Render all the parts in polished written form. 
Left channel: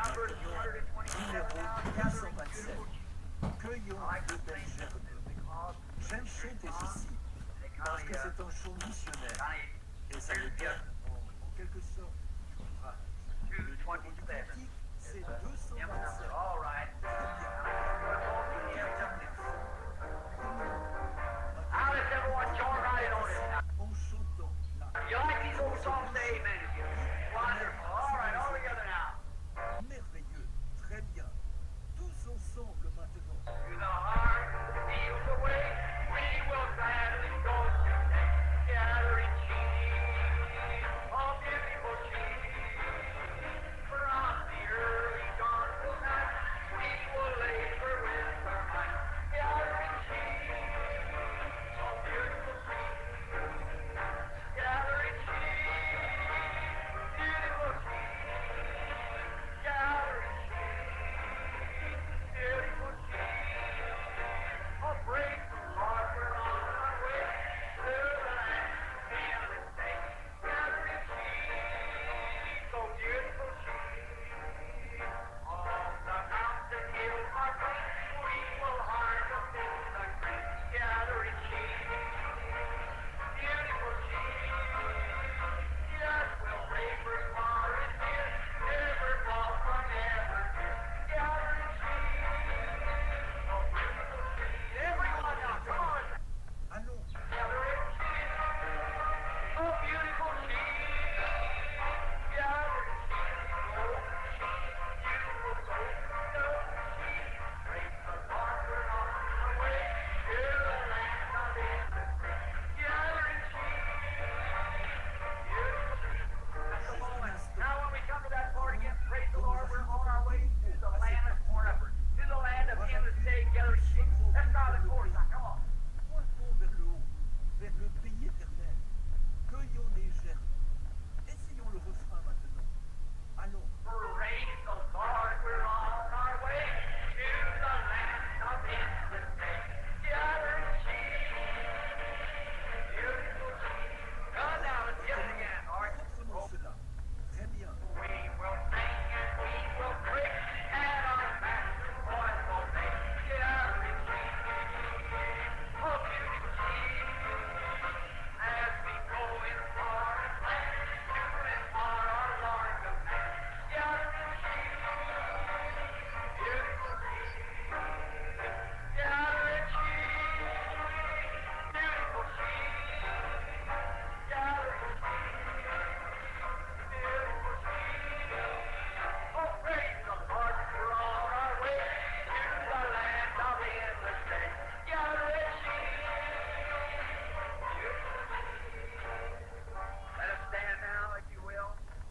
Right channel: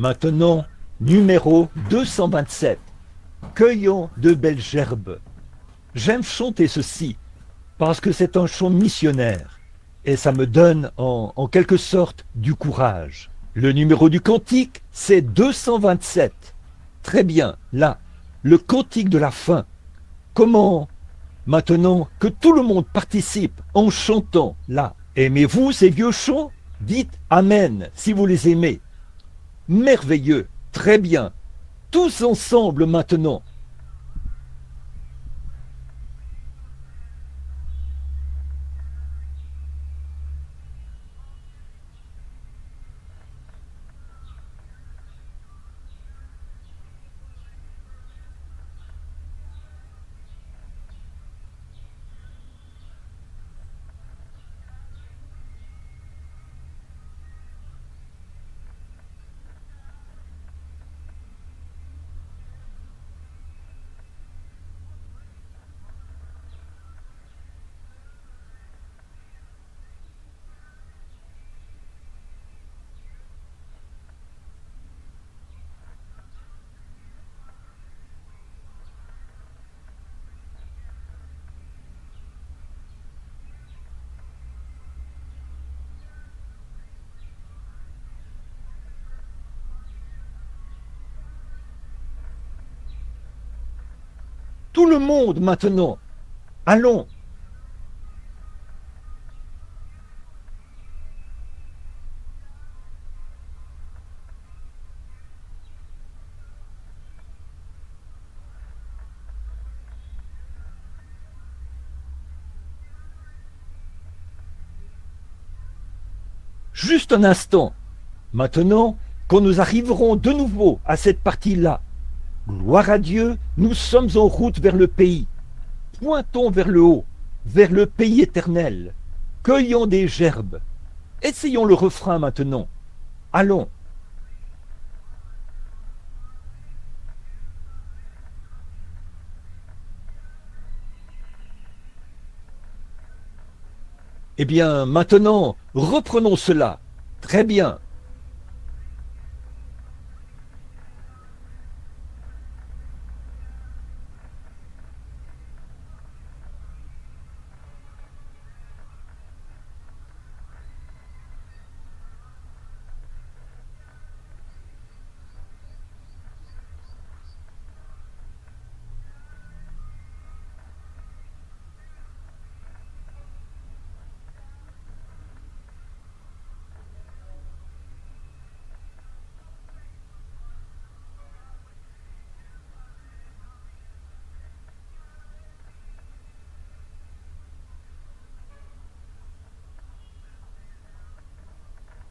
Maintenant, numéro 227. Cueillons de belles gerbes. J'aime chanter ceci parce que c'est un chant missionnaire et ça me donne en quelque sorte du courage. Le numéro du cantique, c'est 227. Très bien, là, le cantique de la fin. Comment maintenant que tout le monde participe en chantant là. Aimez-vous ces vieux chants? Dites Amen si vous les aimez. Merveilleux, très bien. Tous ensemble maintenant. Tout le monde maintenant. Allons. Juste un instant. Maintenant, quand nous arriverons de nouveau à cette partie-là, gloire à Dieu, nous sommes en route vers le pays. Pointons vers le haut, vers le pays éternel. Cueillons des gerbes. Essayons le refrain maintenant. Allons. Eh bien, maintenant, reprenons cela. Très bien.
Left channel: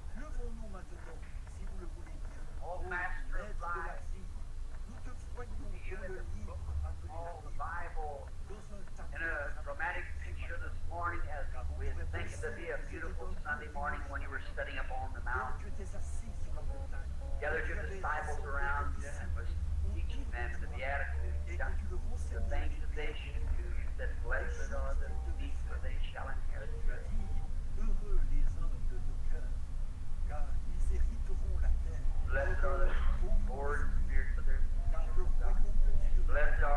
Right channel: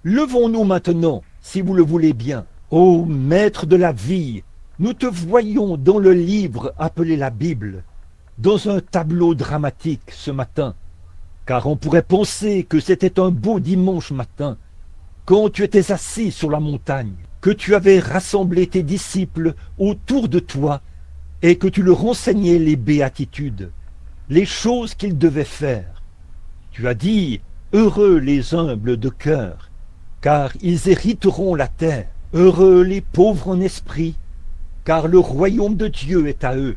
Levons-nous maintenant, si vous le voulez bien. Ô Maître de la vie, nous te voyons dans le livre appelé la Bible, dans un tableau dramatique ce matin, car on pourrait penser que c'était un beau dimanche matin, quand tu étais assis sur la montagne, que tu avais rassemblé tes disciples autour de toi et que tu leur enseignais les béatitudes, les choses qu'ils devaient faire. Tu as dit, heureux les humbles de cœur, car ils hériteront la terre. Heureux les pauvres en esprit, car le royaume de Dieu est à eux.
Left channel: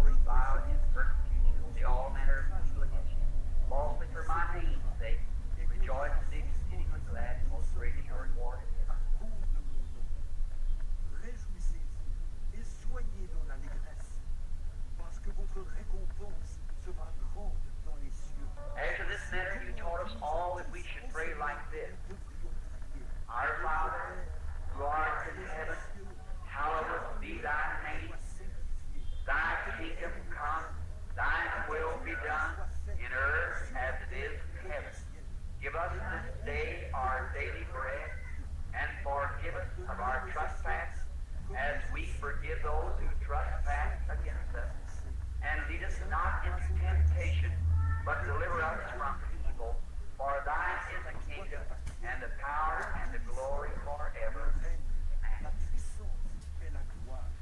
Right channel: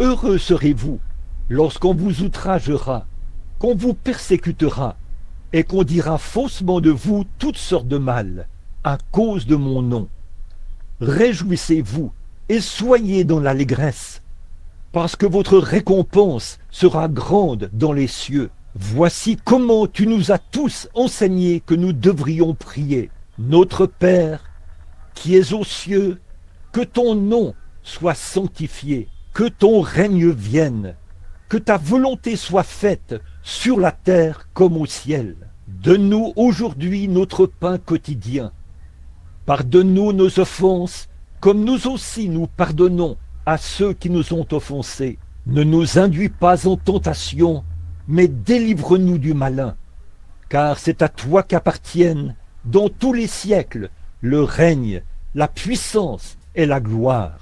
Heureux serez-vous lorsqu'on vous outragera, qu'on vous persécutera, et qu'on dira faussement de vous toutes sortes de mal, à cause de mon nom. Réjouissez-vous et soyez dans l'allégresse, parce que votre récompense sera grande dans les cieux. Voici comment tu nous as tous enseigné que nous devrions prier. Notre Père, qui es aux cieux, que ton nom soit sanctifié, que ton règne vienne, que ta volonté soit faite sur la terre comme au ciel. Donne-nous aujourd'hui notre pain quotidien. Pardonne-nous nos offenses, comme nous aussi nous pardonnons à ceux qui nous ont offensés. Ne nous induis pas en tentation, mais délivre-nous du malin. Car c'est à toi qu'appartiennent, dans tous les siècles, le règne, la puissance et la gloire.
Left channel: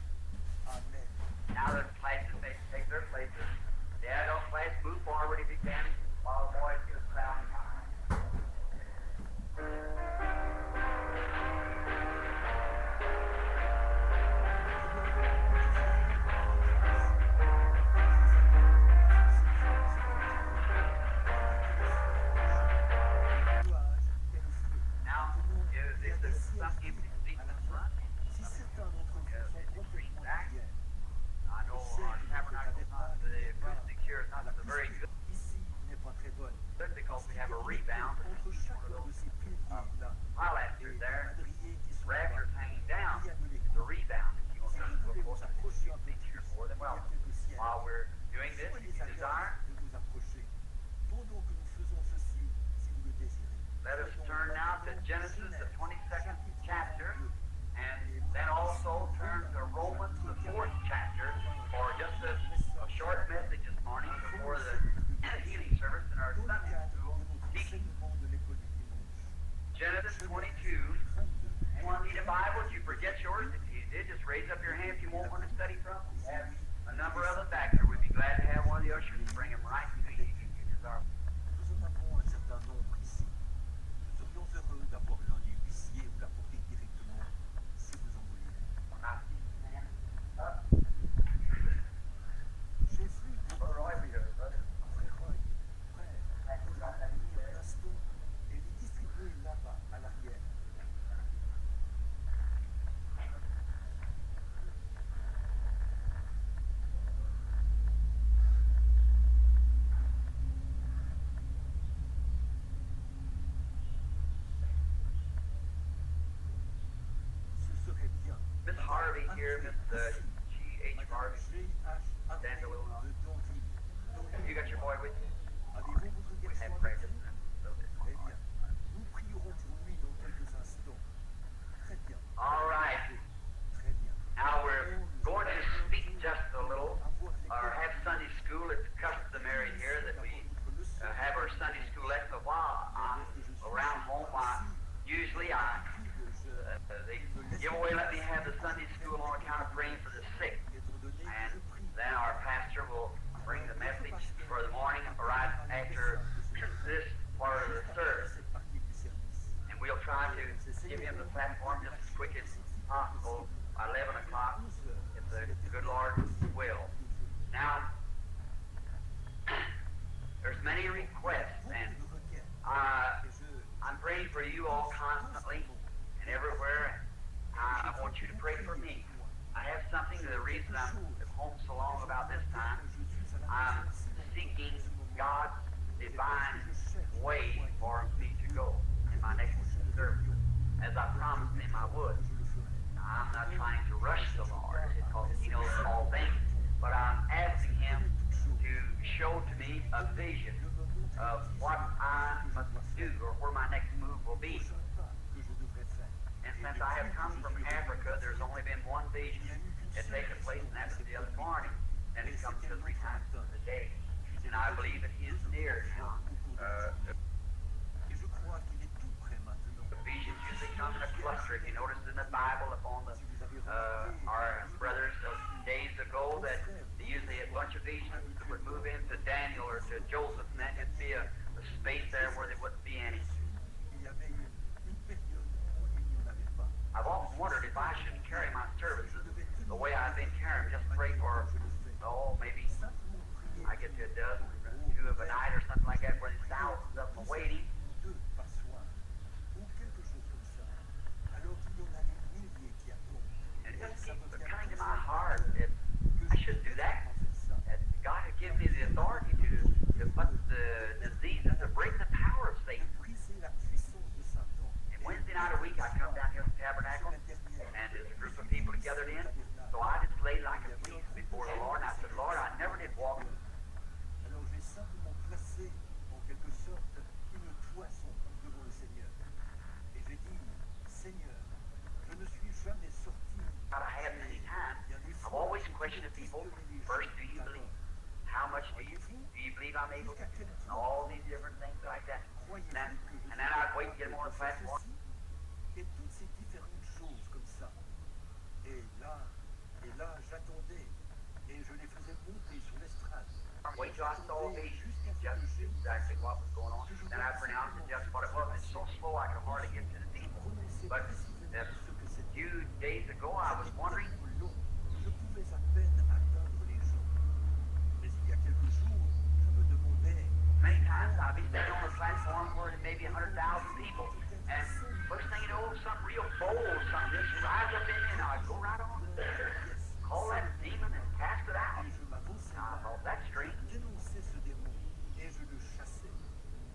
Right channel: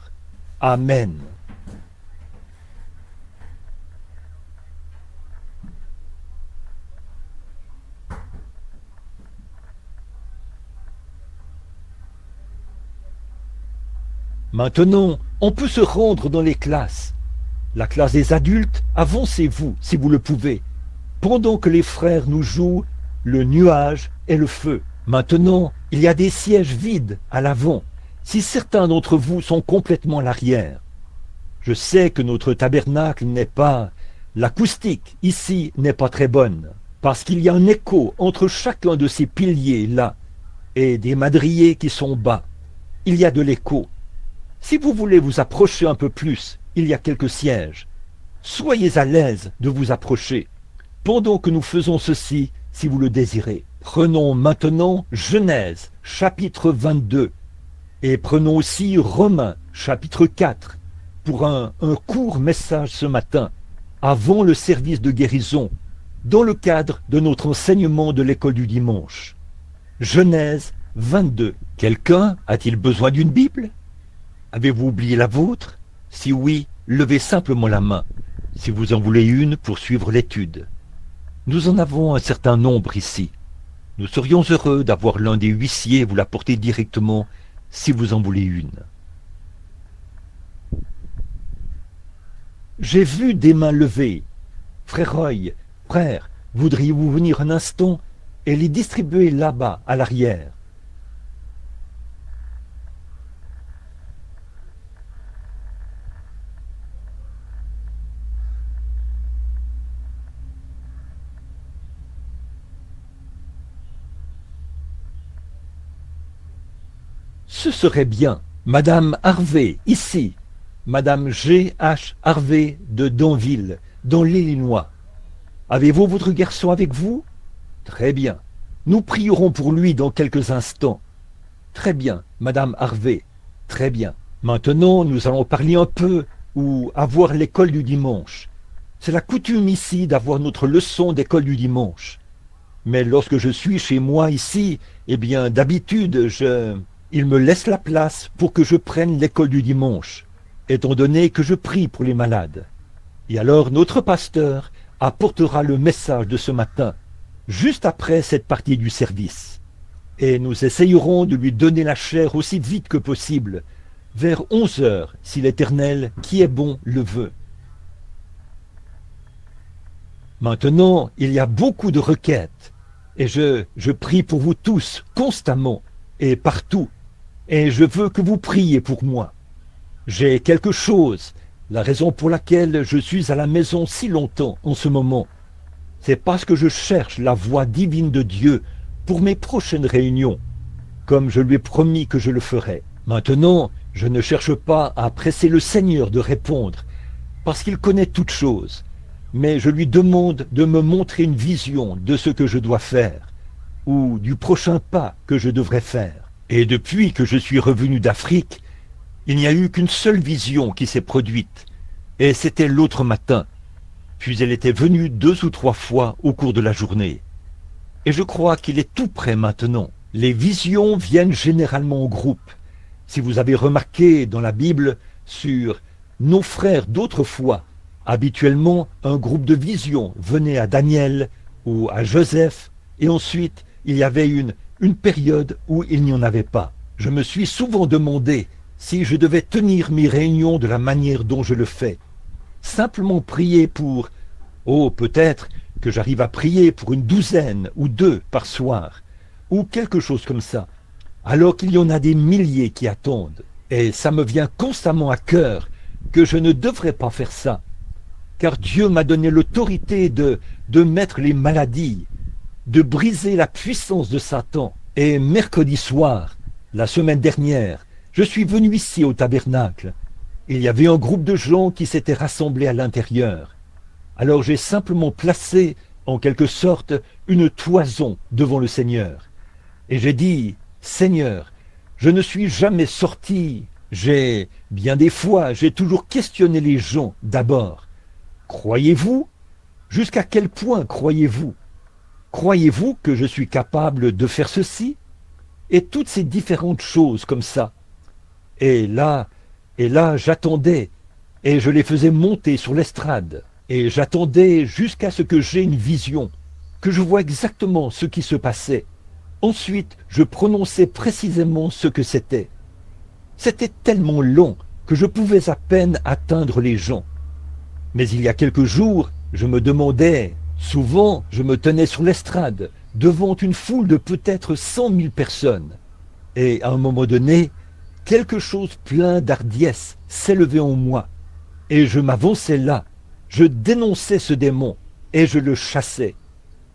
Amen. Maintenant, on peut se rendre dans les classes. La classe des adultes, avancez-vous si vous le pouvez, pendant que les frères nous jouent le nuage et le feu. Maintenant, il y a des sièges vides à l'avant, si certains d'entre vous sont complètement à l'arrière. Je sais que notre tabernacle n'est pas... L'acoustique ici n'est pas très bonne, parce qu'il y a un écho entre chacun de ces piliers là, et des madriers qui sont bas. Il y a de l'écho. Si vous voulez vous approcher un peu plus, il y a quelques sièges. Soyez à l'aise de vous approcher, pendant que nous faisons ceci, si vous le désirez. Prenons maintenant Genèse, chapitre 22, et prenons aussi Romains, chapitre 4, pour un court message ce matin, avant le service de guérison, dans le cadre de notre enseignement de l'école du dimanche. Genèse 22. Quelqu'un a-t-il besoin d'une Bible? Avez-vous oublié la vôtre? Si oui, levez simplement la main, si vous en voulez une pour suivre l'étude. Nous en avons un certain nombre ici. Nous serions heureux d'avoir l'un des huissiers vous l'apporter directement, si vous en voulez une. J'ai vu des mains levées. Frère Roy, frère, voudriez-vous venir un instant et les distribuer là-bas, à l'arrière? Ce serait bien. Madame Harvey, ici. Madame G.H. Harvey de Danville, dans l'Illinois. Avez-vous votre garçon avec vous? Très bien. Nous prierons pour lui dans quelques instants. Très bien, Madame Harvey. Très bien. Maintenant, nous allons parler un peu ou avoir l'école du dimanche. C'est la coutume ici d'avoir notre leçon d'école du dimanche. Mais lorsque je suis chez moi ici, eh bien, d'habitude, il me laisse la place pour que je prenne l'école du dimanche, étant donné que je prie pour les malades. Et alors, notre pasteur apportera le message de ce matin, juste après cette partie du service. Et nous essayerons de lui donner la chair aussi vite que possible, vers 11 heures, si l'Éternel, qui est bon, le veut. Maintenant, il y a beaucoup de requêtes, et je prie pour vous tous, constamment, et partout, et je veux que vous priez pour moi. J'ai quelque chose, la raison pour laquelle je suis à la maison si longtemps en ce moment. C'est parce que je cherche la voix divine de Dieu pour mes prochaines réunions, comme je lui ai promis que je le ferais. Maintenant, je ne cherche pas à presser le Seigneur de répondre, parce qu'il connaît toutes choses, mais je lui demande de me montrer une vision de ce que je dois faire, ou du prochain pas que je devrais faire. Et depuis que je suis revenu d'Afrique, il n'y a eu qu'une seule vision qui s'est produite, et c'était l'autre matin. Puis elle était venue 2 ou 3 fois au cours de la journée. Et je crois qu'il est tout prêt maintenant. Les visions viennent généralement au groupe. Si vous avez remarqué dans la Bible sur nos frères d'autrefois, habituellement un groupe de visions venait à Daniel ou à Joseph, et ensuite il y avait une période où il n'y en avait pas. Je me suis souvent demandé si je devais tenir mes réunions de la manière dont je le fais. Simplement prier pour... Oh, peut-être que j'arrive à prier pour une 12 ou 2 par soir, ou quelque chose comme ça, alors qu'il y en a des milliers qui attendent. Et ça me vient constamment à cœur que je ne devrais pas faire ça, car Dieu m'a donné l'autorité de mettre les maladies, de briser la puissance de Satan. Et mercredi soir, la semaine dernière, je suis venu ici au tabernacle. Il y avait un groupe de gens qui s'étaient rassemblés à l'intérieur. Alors j'ai simplement placé, en quelque sorte, une toison devant le Seigneur. Et j'ai dit, Seigneur, je ne suis jamais sorti. Bien des fois, j'ai toujours questionné les gens d'abord. Croyez-vous? Jusqu'à quel point croyez-vous? Croyez-vous que je suis capable de faire ceci? Et toutes ces différentes choses comme ça. Et là, j'attendais, et je les faisais monter sur l'estrade, et j'attendais jusqu'à ce que j'aie une vision, que je vois exactement ce qui se passait. Ensuite, je prononçais précisément ce que c'était. C'était tellement long que je pouvais à peine atteindre les gens. Mais il y a quelques jours, je me demandais, souvent je me tenais sur l'estrade, devant une foule de peut-être 100 000 personnes. Et à un moment donné, quelque chose plein d'hardiesse s'élevait en moi. Et je m'avançais là, je dénonçais ce démon, et je le chassais.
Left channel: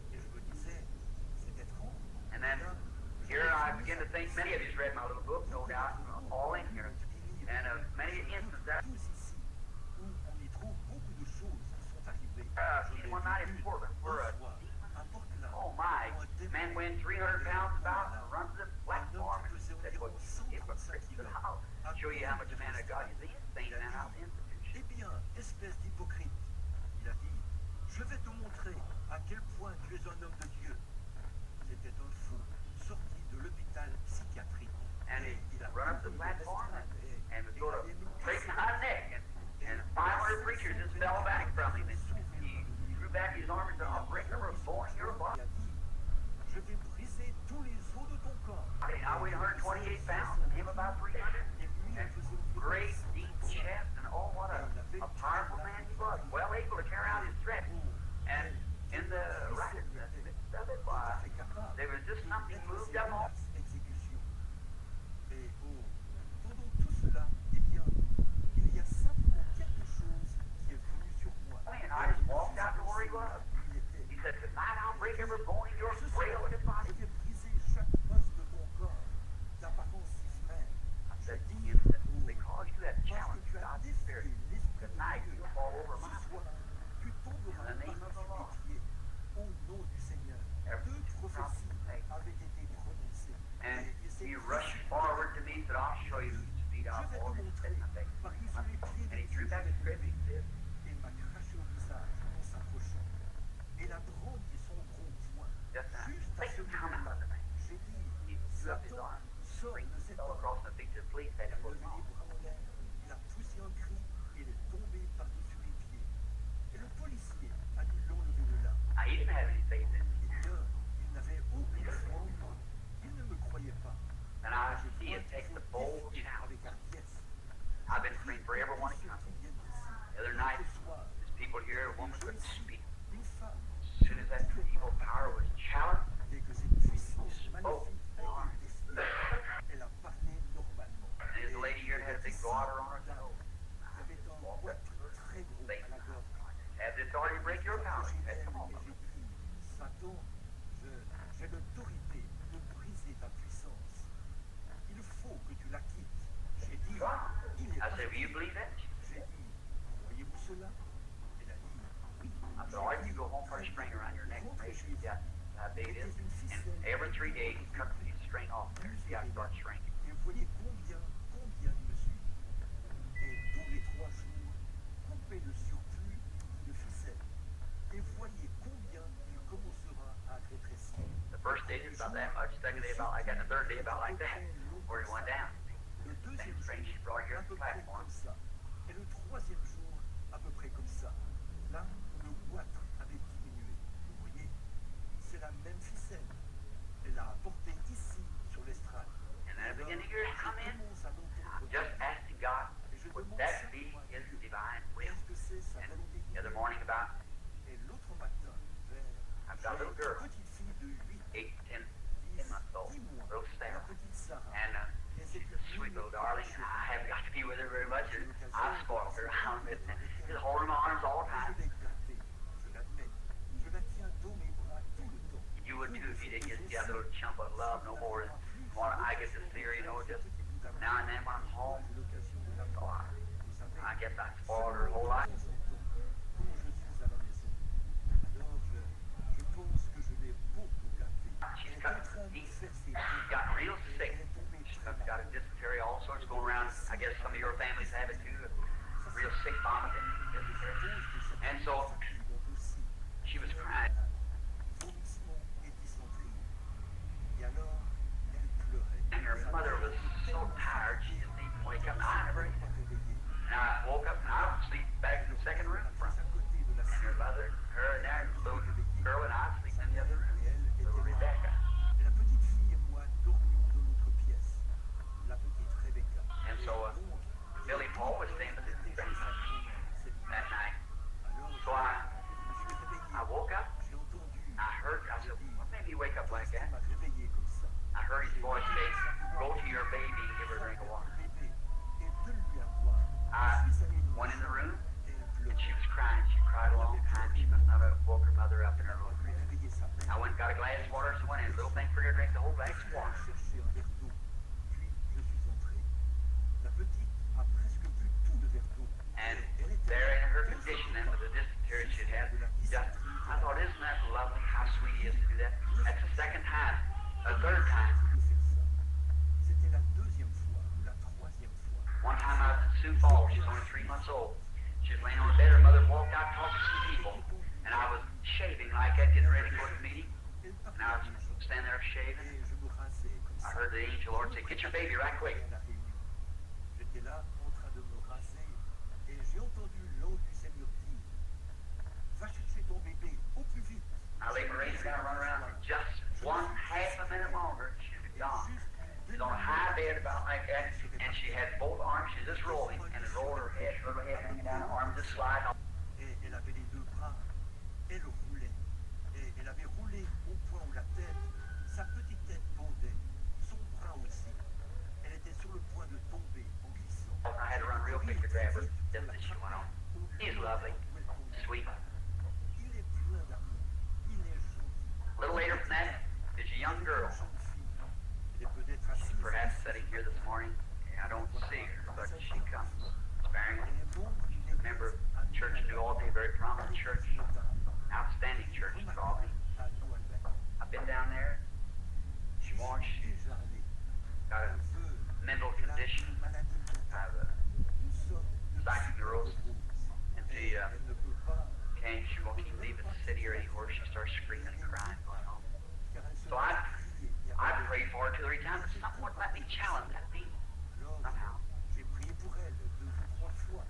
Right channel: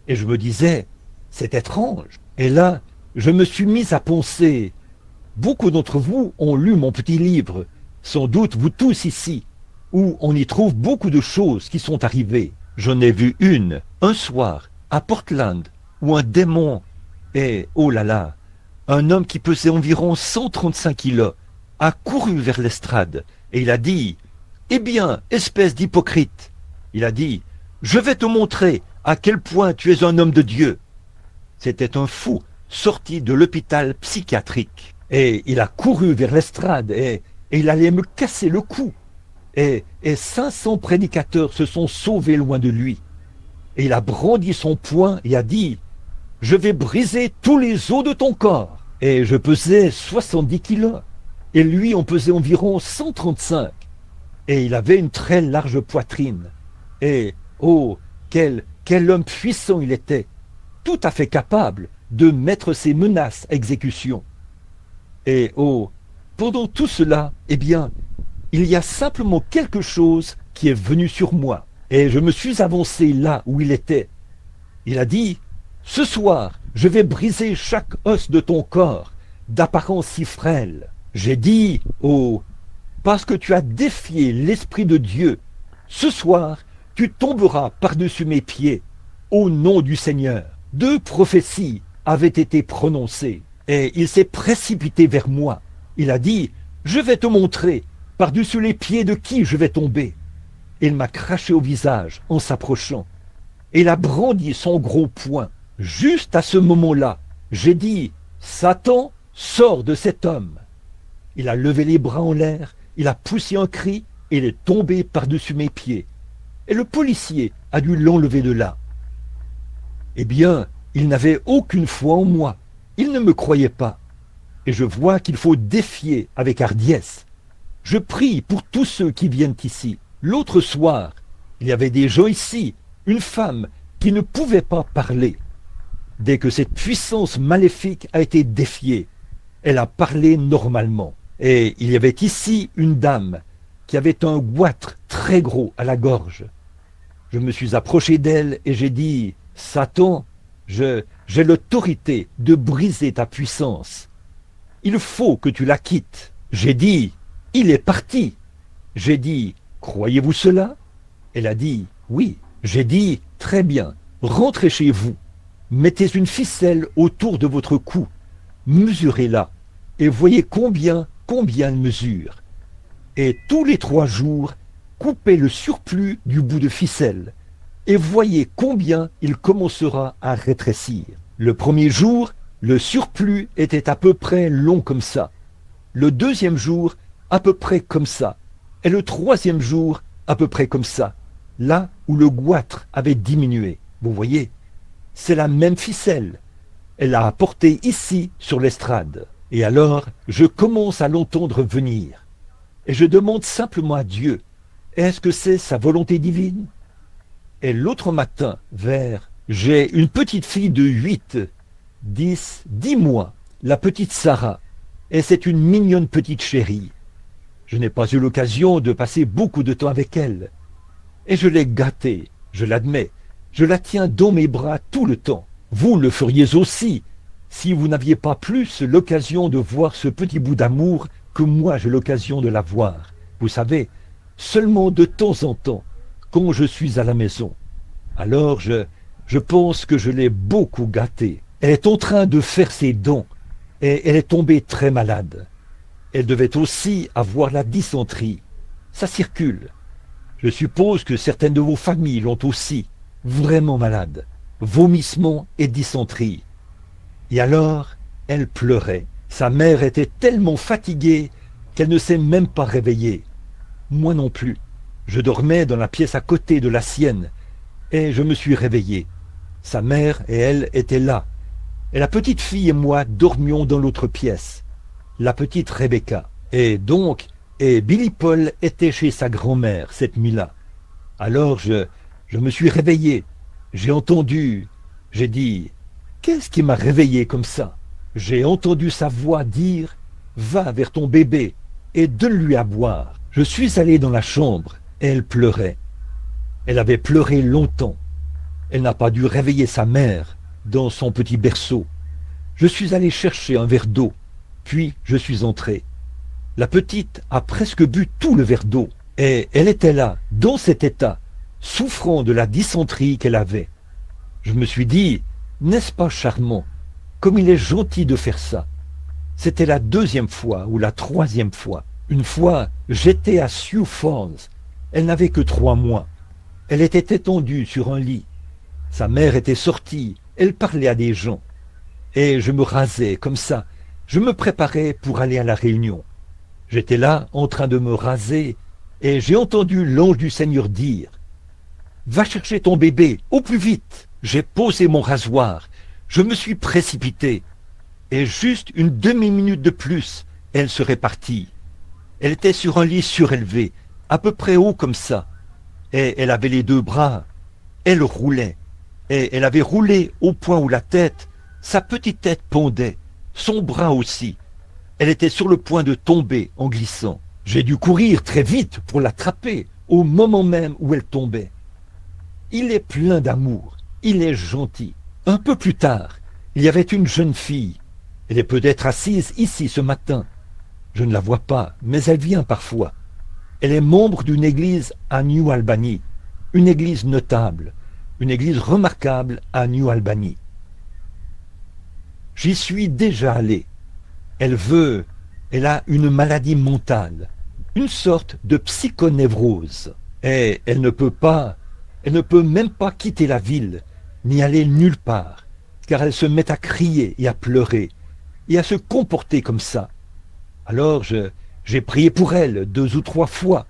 Et je me disais, c'est étrange. Et là, je me suis mis à penser, beaucoup d'entre vous ont lu mon petit livre, sans doute vous tous ici, où on y trouve beaucoup de choses qui sont arrivées. J'en ai vu une, un soir, à Portland, où un démon, et oh là là, un homme qui pesait environ 135 kilos, a couru vers l'estrade, et il a dit, eh bien, espèce d'hypocrite, il a dit, je vais te montrer à quel point tu es un homme de Dieu. C'était un fou sorti de l'hôpital psychiatrique. Et il a couru vers l'estrade et il allait me casser le cou. Et 500 prédicateurs se sont sauvés loin de lui. Et il a brandi son poing et a dit, je vais briser tous les os de ton corps. Et je pesais 70 kilos. Et lui, on pesait environ 135. Et il avait une très large poitrine. Et, oh, quel homme puissant il était, tout à fait capable de mettre ses menaces à exécution. Et, oh, pendant tout cela, eh bien, il y a simplement quelque chose qui est venu sur moi. Et je me suis avancé là où il était. Il a dit, ce soir, je vais briser chaque os de ton corps, d'apparence si frêle. J'ai dit, oh, parce que tu as défié l'Esprit de Dieu, ce soir, tu tomberas par-dessus mes pieds, au nom du Seigneur. 2 prophéties avaient été prononcées, et il s'est précipité vers moi. Il a dit, je vais te montrer par-dessus les pieds de qui je vais tomber. Il m'a craché au visage en s'approchant, et il a brandi son gros poing. Juste à ce moment-là, j'ai dit, Satan, sors de cet homme. Il a levé les bras en l'air, il a poussé un cri, et il est tombé par-dessus mes pieds. Et le policier a dû l'enlever de là. Eh bien, il n'avait aucune foi en moi. Il ne me croyait pas. Et je vois qu'il faut défier avec hardiesse. Je prie pour tous ceux qui viennent ici. L'autre soir, il y avait des gens ici, une femme qui ne pouvait pas parler. Dès que cette puissance maléfique a été défiée, elle a parlé normalement. Et il y avait ici une dame qui avait un goitre très gros à la gorge. Je me suis approché d'elle et j'ai dit, Satan, j'ai l'autorité de briser ta puissance. Il faut que tu la quittes. J'ai dit, il est parti. J'ai dit, croyez-vous cela? Elle a dit, oui. J'ai dit, très bien, rentrez chez vous. Mettez une ficelle autour de votre cou. Mesurez-la et voyez combien elle mesure. Et tous les 3 jours, coupez le surplus du bout de ficelle et voyez combien il commencera à rétrécir. Le premier jour, le surplus était à peu près long comme ça. Le deuxième jour, à peu près comme ça. Et le troisième jour, à peu près comme ça. Là où le goitre avait diminué. Vous voyez, c'est la même ficelle. Elle l'a apportée ici sur l'estrade. Et alors, je commence à l'entendre venir. Et je demande simplement à Dieu, est-ce que c'est sa volonté divine? Et l'autre matin, j'ai une petite fille de 10 mois, la petite Sarah. Et c'est une mignonne petite chérie. Je n'ai pas eu l'occasion de passer beaucoup de temps avec elle. Et je l'ai gâtée, je l'admets. Je la tiens dans mes bras tout le temps. Vous le feriez aussi, si vous n'aviez pas plus l'occasion de voir ce petit bout d'amour que moi j'ai l'occasion de la voir. Vous savez, seulement de temps en temps, quand je suis à la maison. Alors je pense que je l'ai beaucoup gâtée. Elle est en train de faire ses dons et elle est tombée très malade. Elle devait aussi avoir la dysenterie. Ça circule. Je suppose que certaines de vos familles l'ont aussi. Vraiment malade. Vomissements et dysenterie. Et alors, elle pleurait. Sa mère était tellement fatiguée qu'elle ne s'est même pas réveillée. Moi non plus. Je dormais dans la pièce à côté de la sienne et je me suis réveillé. Sa mère et elle étaient là. Et la petite fille et moi dormions dans l'autre pièce. La petite Rebecca. Et donc, et Billy Paul était chez sa grand-mère cette nuit-là. Alors je me suis réveillé. J'ai entendu, j'ai dit, qu'est-ce qui m'a réveillé comme ça? J'ai entendu sa voix dire, va vers ton bébé et donne-lui à boire. Je suis allé dans la chambre et elle pleurait. Elle avait pleuré longtemps. Elle n'a pas dû réveiller sa mère dans son petit berceau. Je suis allé chercher un verre d'eau, puis je suis entré. La petite a presque bu tout le verre d'eau, et elle était là, dans cet état, souffrant de la dysenterie qu'elle avait. Je me suis dit, n'est-ce pas charmant, comme il est gentil de faire ça. C'était la deuxième fois ou la troisième fois. Une fois, j'étais à Sioux Falls. Elle n'avait que 3 mois. Elle était étendue sur un lit. Sa mère était sortie, elle parlait à des gens. Et je me rasais comme ça. Je me préparais pour aller à la réunion. J'étais là en train de me raser et j'ai entendu l'ange du Seigneur dire « Va chercher ton bébé, au plus vite !» J'ai posé mon rasoir. Je me suis précipité. Et juste une demi-minute de plus, elle serait partie. Elle était sur un lit surélevé, à peu près haut comme ça. Et elle avait les 2 bras. Elle roulait. Et elle avait roulé au point où la tête, sa petite tête pendait, son bras aussi. Elle était sur le point de tomber en glissant. J'ai dû courir très vite pour l'attraper, au moment même où elle tombait. Il est plein d'amour, il est gentil. Un peu plus tard, il y avait une jeune fille. Elle est peut-être assise ici ce matin. Je ne la vois pas, mais elle vient parfois. Elle est membre d'une église à New Albany, une église notable, une église remarquable à New Albany. J'y suis déjà allé. Elle a une maladie mentale, une sorte de psychonévrose. Et elle ne peut même pas quitter la ville, ni aller nulle part, car elle se met à crier et à pleurer, et à se comporter comme ça. Alors j'ai prié pour elle 2 ou 3 fois,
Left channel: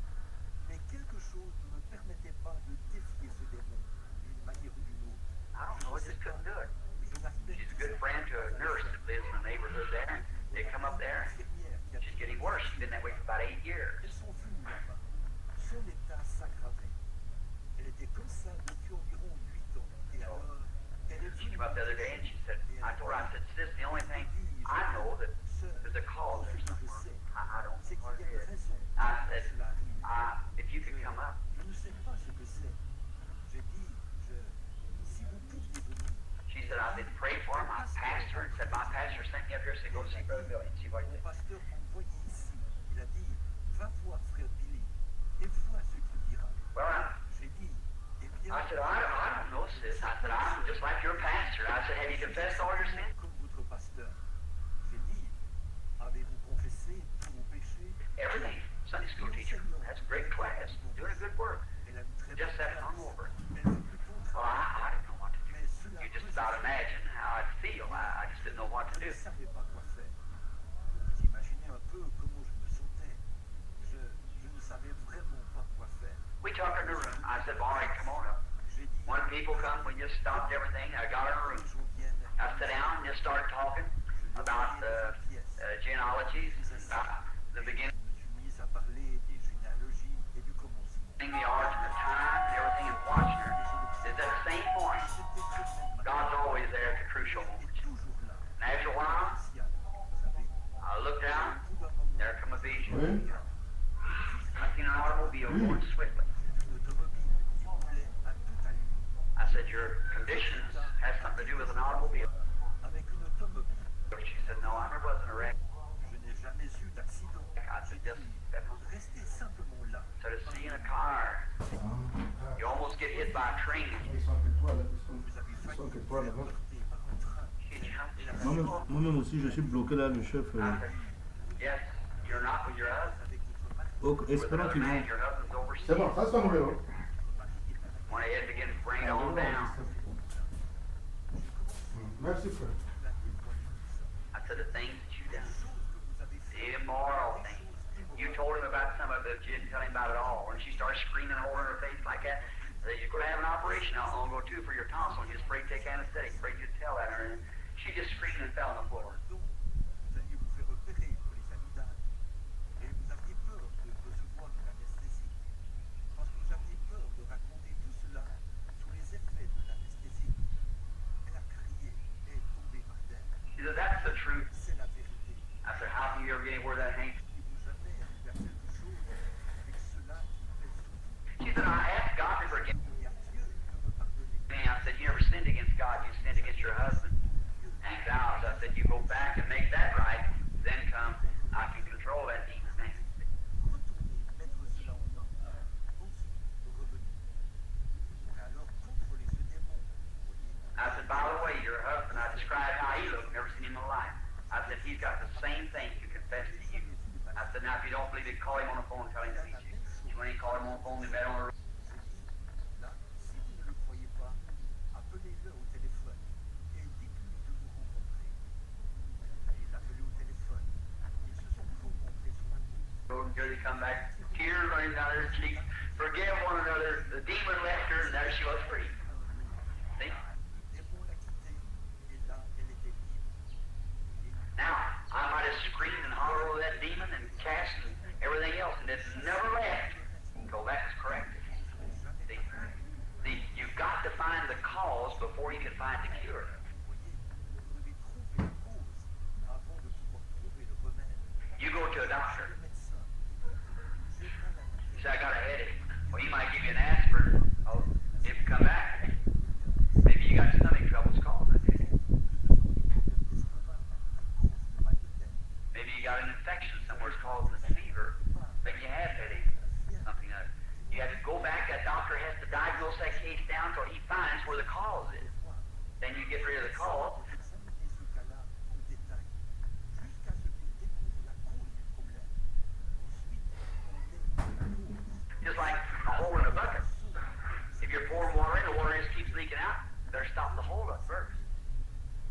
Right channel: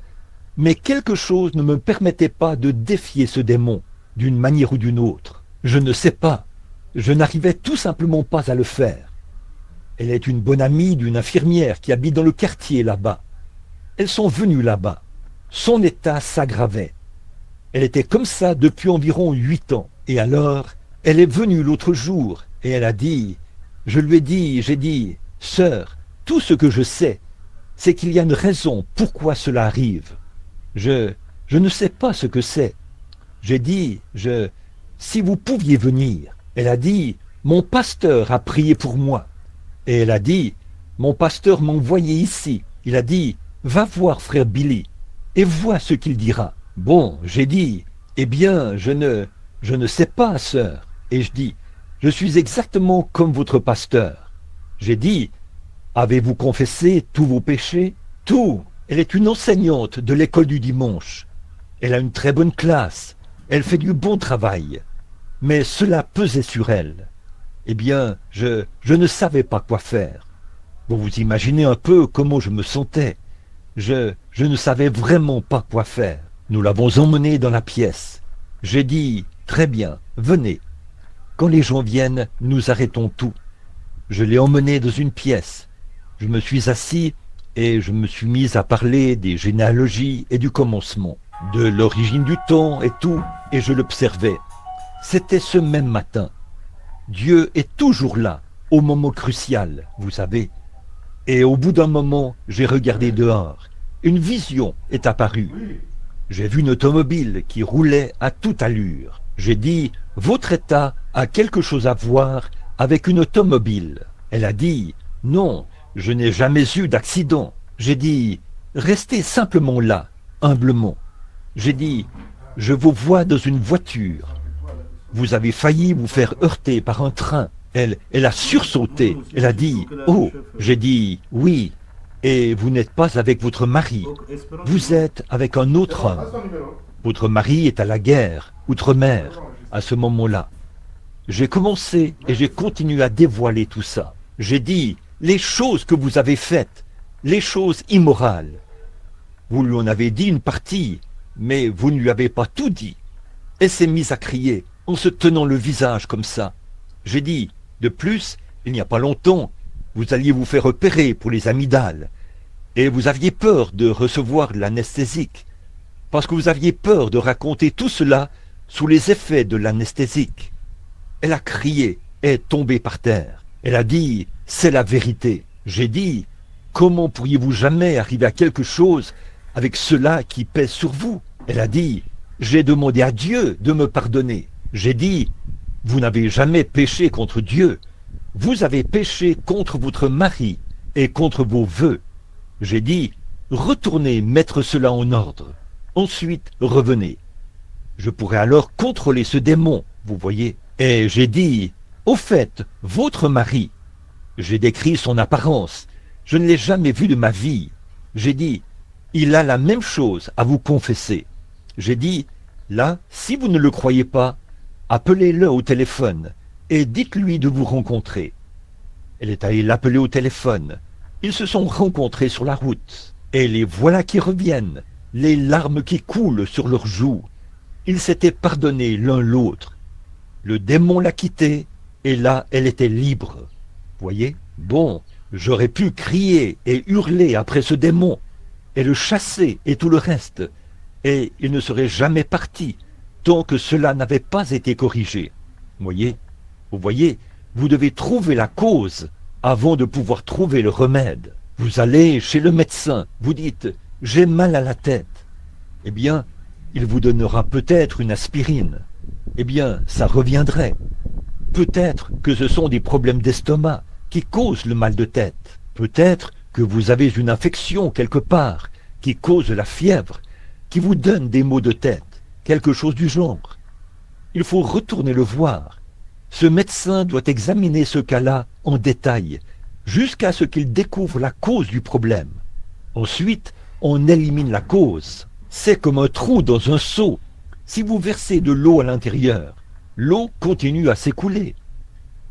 mais quelque chose ne me permettait pas de défier ce démon, d'une manière ou d'une autre. Je ne sais pas, je n'arrivais tout simplement pas à le faire. Elle est une bonne amie d'une infirmière qui habite dans le quartier là-bas. Elles sont venues là-bas. Son état s'aggravait. Elle était comme ça depuis environ 8 ans. Et alors, elle est venue l'autre jour et elle a dit, j'ai dit, sœur, tout ce que je sais, c'est qu'il y a une raison pourquoi cela arrive. Je ne sais pas ce que c'est. J'ai dit, si vous pouviez venir. Elle a dit, mon pasteur a prié pour moi. Et elle a dit, mon pasteur m'a envoyé ici. Il a dit, va voir frère Billy et vois ce qu'il dira. Bon, j'ai dit, eh bien, je ne sais pas, sœur. Et je dis, je suis exactement comme votre pasteur. J'ai dit, avez-vous confessé tous vos péchés? Tout. Elle est une enseignante de l'école du dimanche. Elle a une très bonne classe. Elle fait du bon travail. Mais cela pesait sur elle. Eh bien, je ne savais pas quoi faire. Vous vous imaginez un peu comment je me sentais. Je ne savais vraiment pas quoi faire. Nous l'avons emmenée dans la pièce. J'ai dit, très bien, venez. Quand les gens viennent, nous arrêtons tout. Je l'ai emmenée dans une pièce. Je me suis assis et je me suis mis à parler des généalogies et du commencement, de l'origine du temps et tout, et je l'observais. C'était ce même matin. Dieu est toujours là, au moment crucial, vous savez. Et au bout d'un moment, j'ai regardé dehors. Une vision est apparue. J'ai vu une automobile qui roulait à toute allure. J'ai dit, votre état a quelque chose à voir avec une automobile. Elle a dit, non, je n'ai jamais eu d'accident. J'ai dit, restez simplement là, humblement. J'ai dit, je vous vois dans une voiture. Vous avez failli vous faire heurter par un train. Elle a sursauté. Elle a dit, oh, j'ai dit, oui. Et vous n'êtes pas avec votre mari. Vous êtes avec un autre homme. Votre mari est à la guerre, outre-mer, à ce moment-là. J'ai commencé et j'ai continué à dévoiler tout ça. J'ai dit, les choses que vous avez faites, les choses immorales. Vous lui en avez dit une partie, mais vous ne lui avez pas tout dit. Elle s'est mise à crier, en se tenant le visage comme ça. J'ai dit, de plus, il n'y a pas longtemps, vous alliez vous faire opérer pour les amygdales. Et vous aviez peur de recevoir l'anesthésique, parce que vous aviez peur de raconter tout cela sous les effets de l'anesthésique. Elle a crié et est tombée par terre. Elle a dit, c'est la vérité. J'ai dit, comment pourriez-vous jamais arriver à quelque chose avec cela qui pèse sur vous? Elle a dit, j'ai demandé à Dieu de me pardonner. J'ai dit, vous n'avez jamais péché contre Dieu. Vous avez péché contre votre mari et contre vos vœux. J'ai dit, retournez mettre cela en ordre. Ensuite, revenez. Je pourrais alors contrôler ce démon, vous voyez. Et j'ai dit, au fait, votre mari, j'ai décrit son apparence. Je ne l'ai jamais vu de ma vie. J'ai dit, il a la même chose à vous confesser. J'ai dit, là, si vous ne le croyez pas, appelez-le au téléphone et dites-lui de vous rencontrer. Elle est allée l'appeler au téléphone. Ils se sont rencontrés sur la route. Et les voilà qui reviennent, les larmes qui coulent sur leurs joues. Ils s'étaient pardonnés l'un l'autre. Le démon l'a quittée, et là, elle était libre. Voyez? Bon, j'aurais pu crier et hurler après ce démon, et le chasser et tout le reste, et il ne serait jamais parti, tant que cela n'avait pas été corrigé. Vous voyez, vous devez trouver la cause avant de pouvoir trouver le remède. Vous allez chez le médecin, vous dites « j'ai mal à la tête ». Eh bien, il vous donnera peut-être une aspirine. Eh bien, ça reviendrait. Peut-être que ce sont des problèmes d'estomac qui causent le mal de tête. Peut-être que vous avez une infection quelque part qui cause la fièvre, qui vous donne des maux de tête, quelque chose du genre. Il faut retourner le voir. Ce médecin doit examiner ce cas-là en détail, jusqu'à ce qu'il découvre la cause du problème. Ensuite, on élimine la cause. C'est comme un trou dans un seau. Si vous versez de l'eau à l'intérieur, l'eau continue à s'écouler.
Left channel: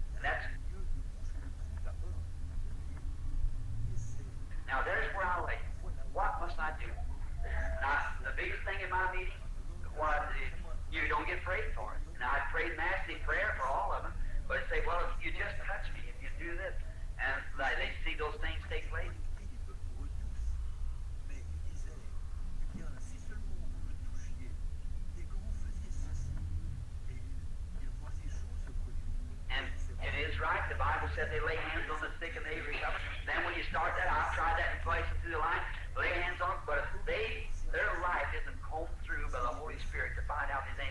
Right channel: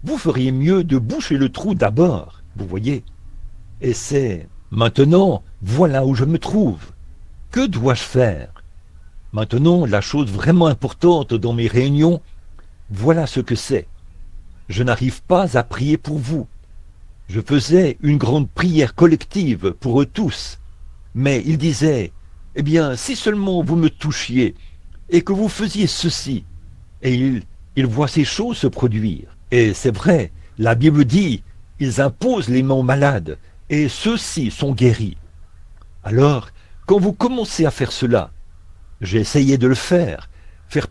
Vous feriez mieux de boucher le trou d'abord, vous voyez. Et c'est maintenant, voilà où je me trouve. Que dois-je faire? Maintenant, la chose vraiment importante dans mes réunions, voilà ce que c'est. Je n'arrive pas à prier pour vous. Je faisais une grande prière collective pour eux tous. Mais ils disaient, eh bien, si seulement vous me touchiez et que vous faisiez ceci. Et ils voient ces choses se produire. Et c'est vrai, la Bible dit, ils imposent les mains aux malades et ceux-ci sont guéris. Alors, quand vous commencez à faire cela, j'ai essayé de le faire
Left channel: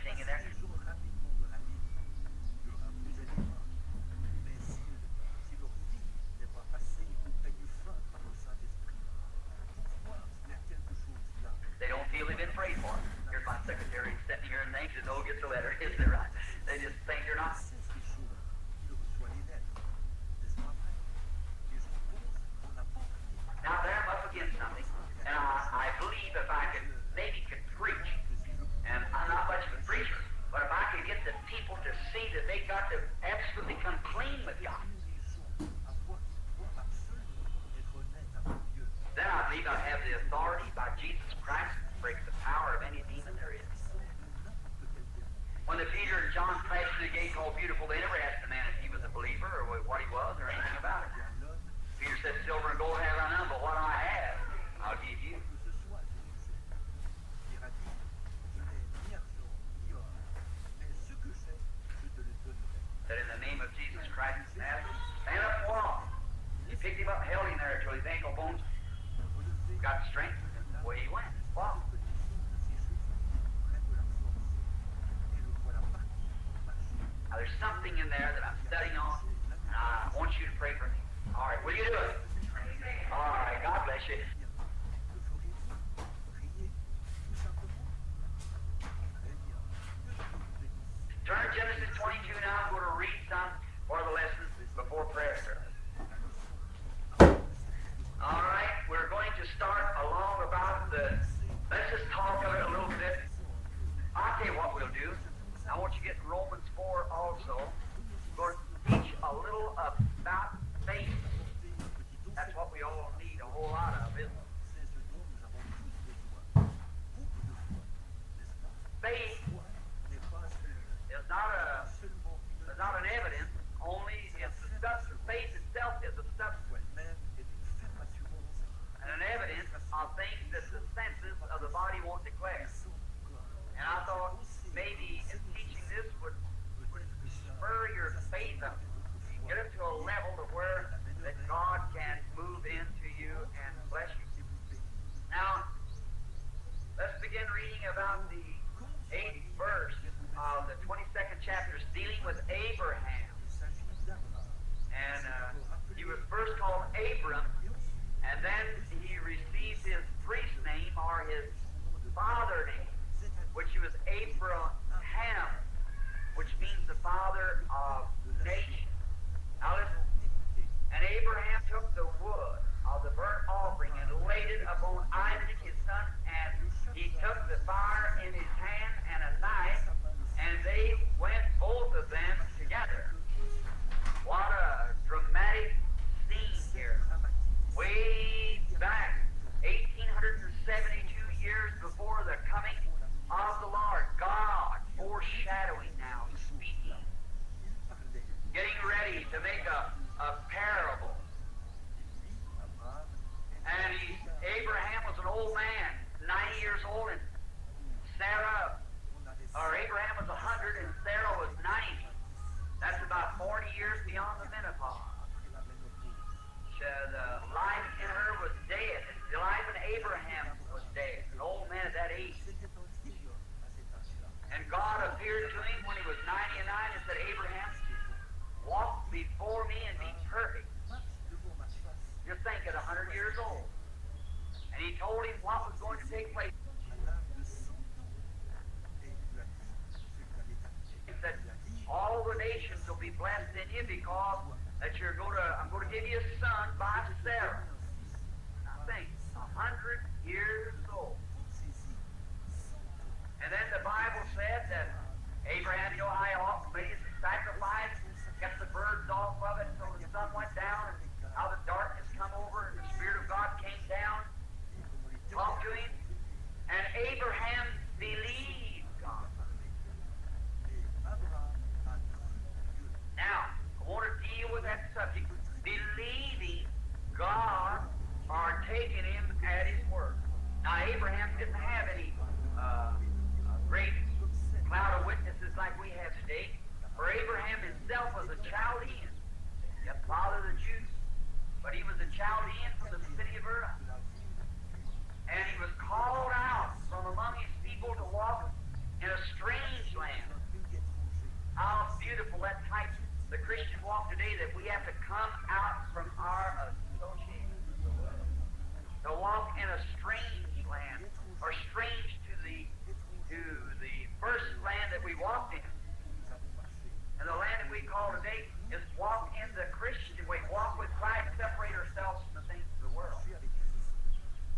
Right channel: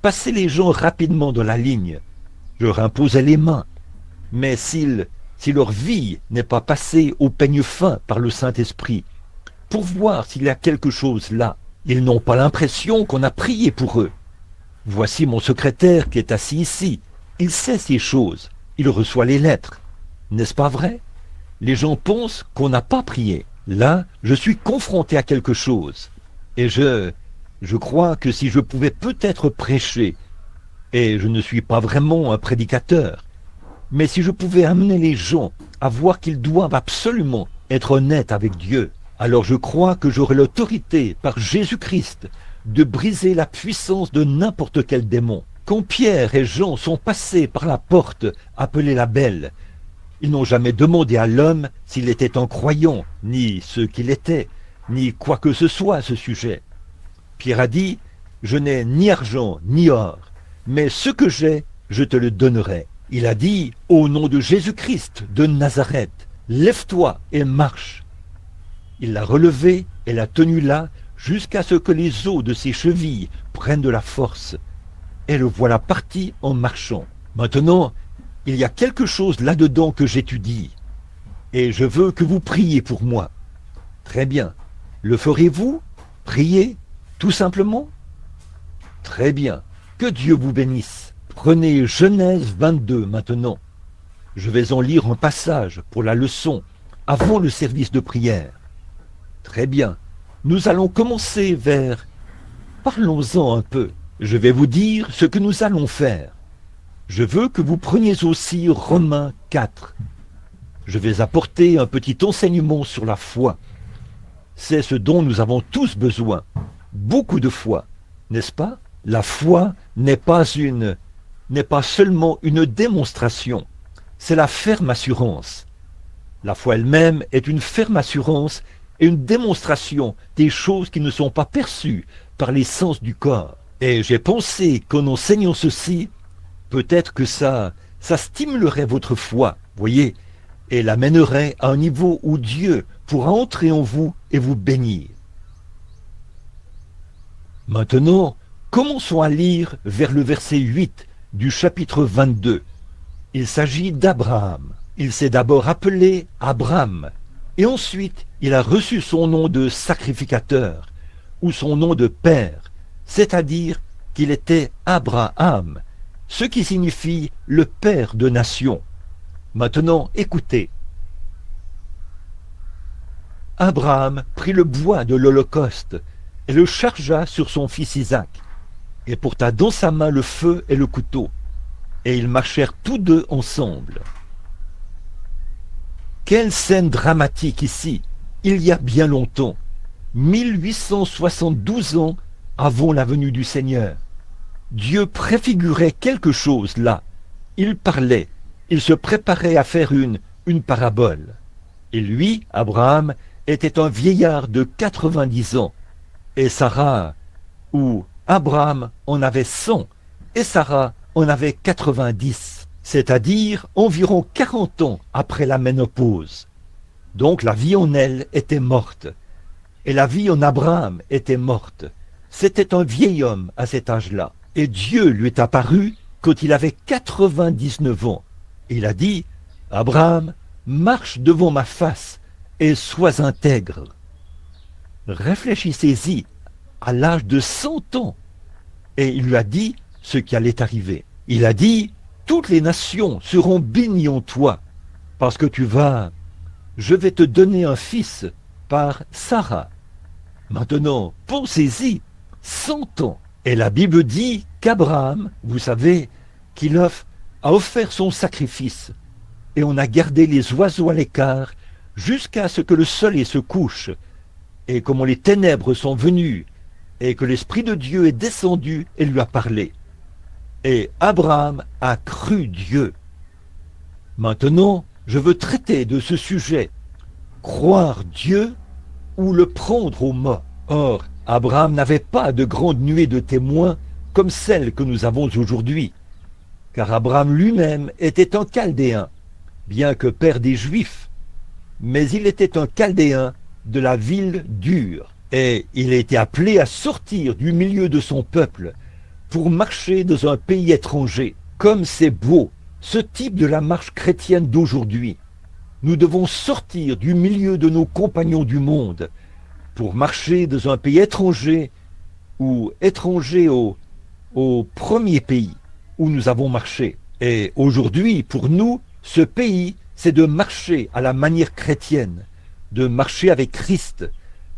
passer les gens rapidement dans la ligne. Je leur imposais les mains. Mais si leur vie n'est pas passée au peigne fin par le Saint-Esprit, pour voir s'il y a quelque chose là, ils n'ont pas l'impression qu'on a prié pour eux. Voici mon secrétaire qui est assis ici. Il sait ces choses. Il reçoit les lettres. N'est-ce pas vrai? Les gens pensent qu'on n'a pas prié. Là, je suis confronté à quelque chose. Et je crois que si je pouvais peut-être prêcher, et je ne suis pas vraiment un prédicateur, mais si je pouvais amener les gens à voir qu'ils doivent absolument être honnêtes avec Dieu, alors je crois que j'aurai l'autorité par Jésus-Christ de briser la puissance de n'importe quel démon. Quand Pierre et Jean sont passés par la porte appelée la Belle, ils n'ont jamais demandé à l'homme s'il était un croyant, ni ce qu'il était, ni quoi que ce soit à ce sujet. Pierre a dit, je n'ai ni argent ni or, mais ce que j'ai, je te le donnerai. Il a dit, au nom de Jésus-Christ de Nazareth, lève-toi et marche. Il l'a relevé et l'a tenu là jusqu'à ce que les os de ses chevilles prennent de la force. Et le voilà parti en marchant. Maintenant, il y a quelque chose là-dedans que j'étudie. Et je veux que vous priez pour moi. Très bien. Le ferez-vous? Prier? Tout simplement? Très bien. Que Dieu vous bénisse. Prenez Genèse 22 maintenant. Je vais en lire un passage pour la leçon, avant le service de prière. Très bien. Nous allons commencer vers... Parlons-en un peu. Je vais vous dire ce que nous allons faire. Je veux que vous preniez aussi Romains 4. Je vais apporter un petit enseignement sur la foi. C'est ce dont nous avons tous besoin. Beaucoup de foi, n'est-ce pas? La foi n'est pas seulement une démonstration. C'est la ferme assurance. La foi elle-même est une ferme assurance et une démonstration des choses qui ne sont pas perçues par les sens du corps. Et j'ai pensé qu'en enseignant ceci, peut-être que ça stimulerait votre foi, voyez, et l'amènerait à un niveau où Dieu pourra entrer en vous et vous bénir. Maintenant, commençons à lire vers le verset 8 du chapitre 22. Il s'agit d'Abraham. Il s'est d'abord appelé Abraham, et ensuite il a reçu son nom de sacrificateur, ou son nom de père, c'est-à-dire qu'il était Abraham, ce qui signifie le père de nations. Maintenant, écoutez. Abraham prit le bois de l'Holocauste et le chargea sur son fils Isaac, et porta dans sa main le feu et le couteau, et ils marchèrent tous deux ensemble. Quelle scène dramatique ici, il y a bien longtemps, 1872 ans avant la venue du Seigneur. Dieu préfigurait quelque chose là. Il parlait, il se préparait à faire une parabole. Et lui, Abraham, était un vieillard de 90 ans. Et Sarah, ou Abraham, en avait 100, et Sarah en avait 90, c'est-à-dire environ 40 ans après la ménopause. Donc la vie en elle était morte, et la vie en Abraham était morte. C'était un vieil homme à cet âge-là, et Dieu lui est apparu quand il avait 99 ans. Il a dit, « Abraham, marche devant ma face et sois intègre. » Réfléchissez-y, à l'âge de 100 ans, et il lui a dit ce qui allait arriver. Il a dit, « Toutes les nations seront bénies en toi, parce que je vais te donner un fils par Sarah. » Maintenant, pensez-y, 100 ans. Et la Bible dit qu'Abraham, vous savez, qu'il a offert son sacrifice. Et on a gardé les oiseaux à l'écart jusqu'à ce que le soleil se couche. Et comment les ténèbres sont venues, et que l'Esprit de Dieu est descendu et lui a parlé. Et Abraham a cru Dieu. Maintenant, je veux traiter de ce sujet. Croire Dieu ou le prendre au mot. Or, Abraham n'avait pas de grande nuée de témoins comme celle que nous avons aujourd'hui. Car Abraham lui-même était un Chaldéen, bien que père des Juifs. Mais il était un Chaldéen de la ville d'Ur. Et il a été appelé à sortir du milieu de son peuple pour marcher dans un pays étranger. Comme c'est beau, ce type de la marche chrétienne d'aujourd'hui. Nous devons sortir du milieu de nos compagnons du monde pour marcher dans un pays étranger ou étranger au premier pays où nous avons marché. Et aujourd'hui, pour nous, ce pays, c'est de marcher à la manière chrétienne, de marcher avec Christ,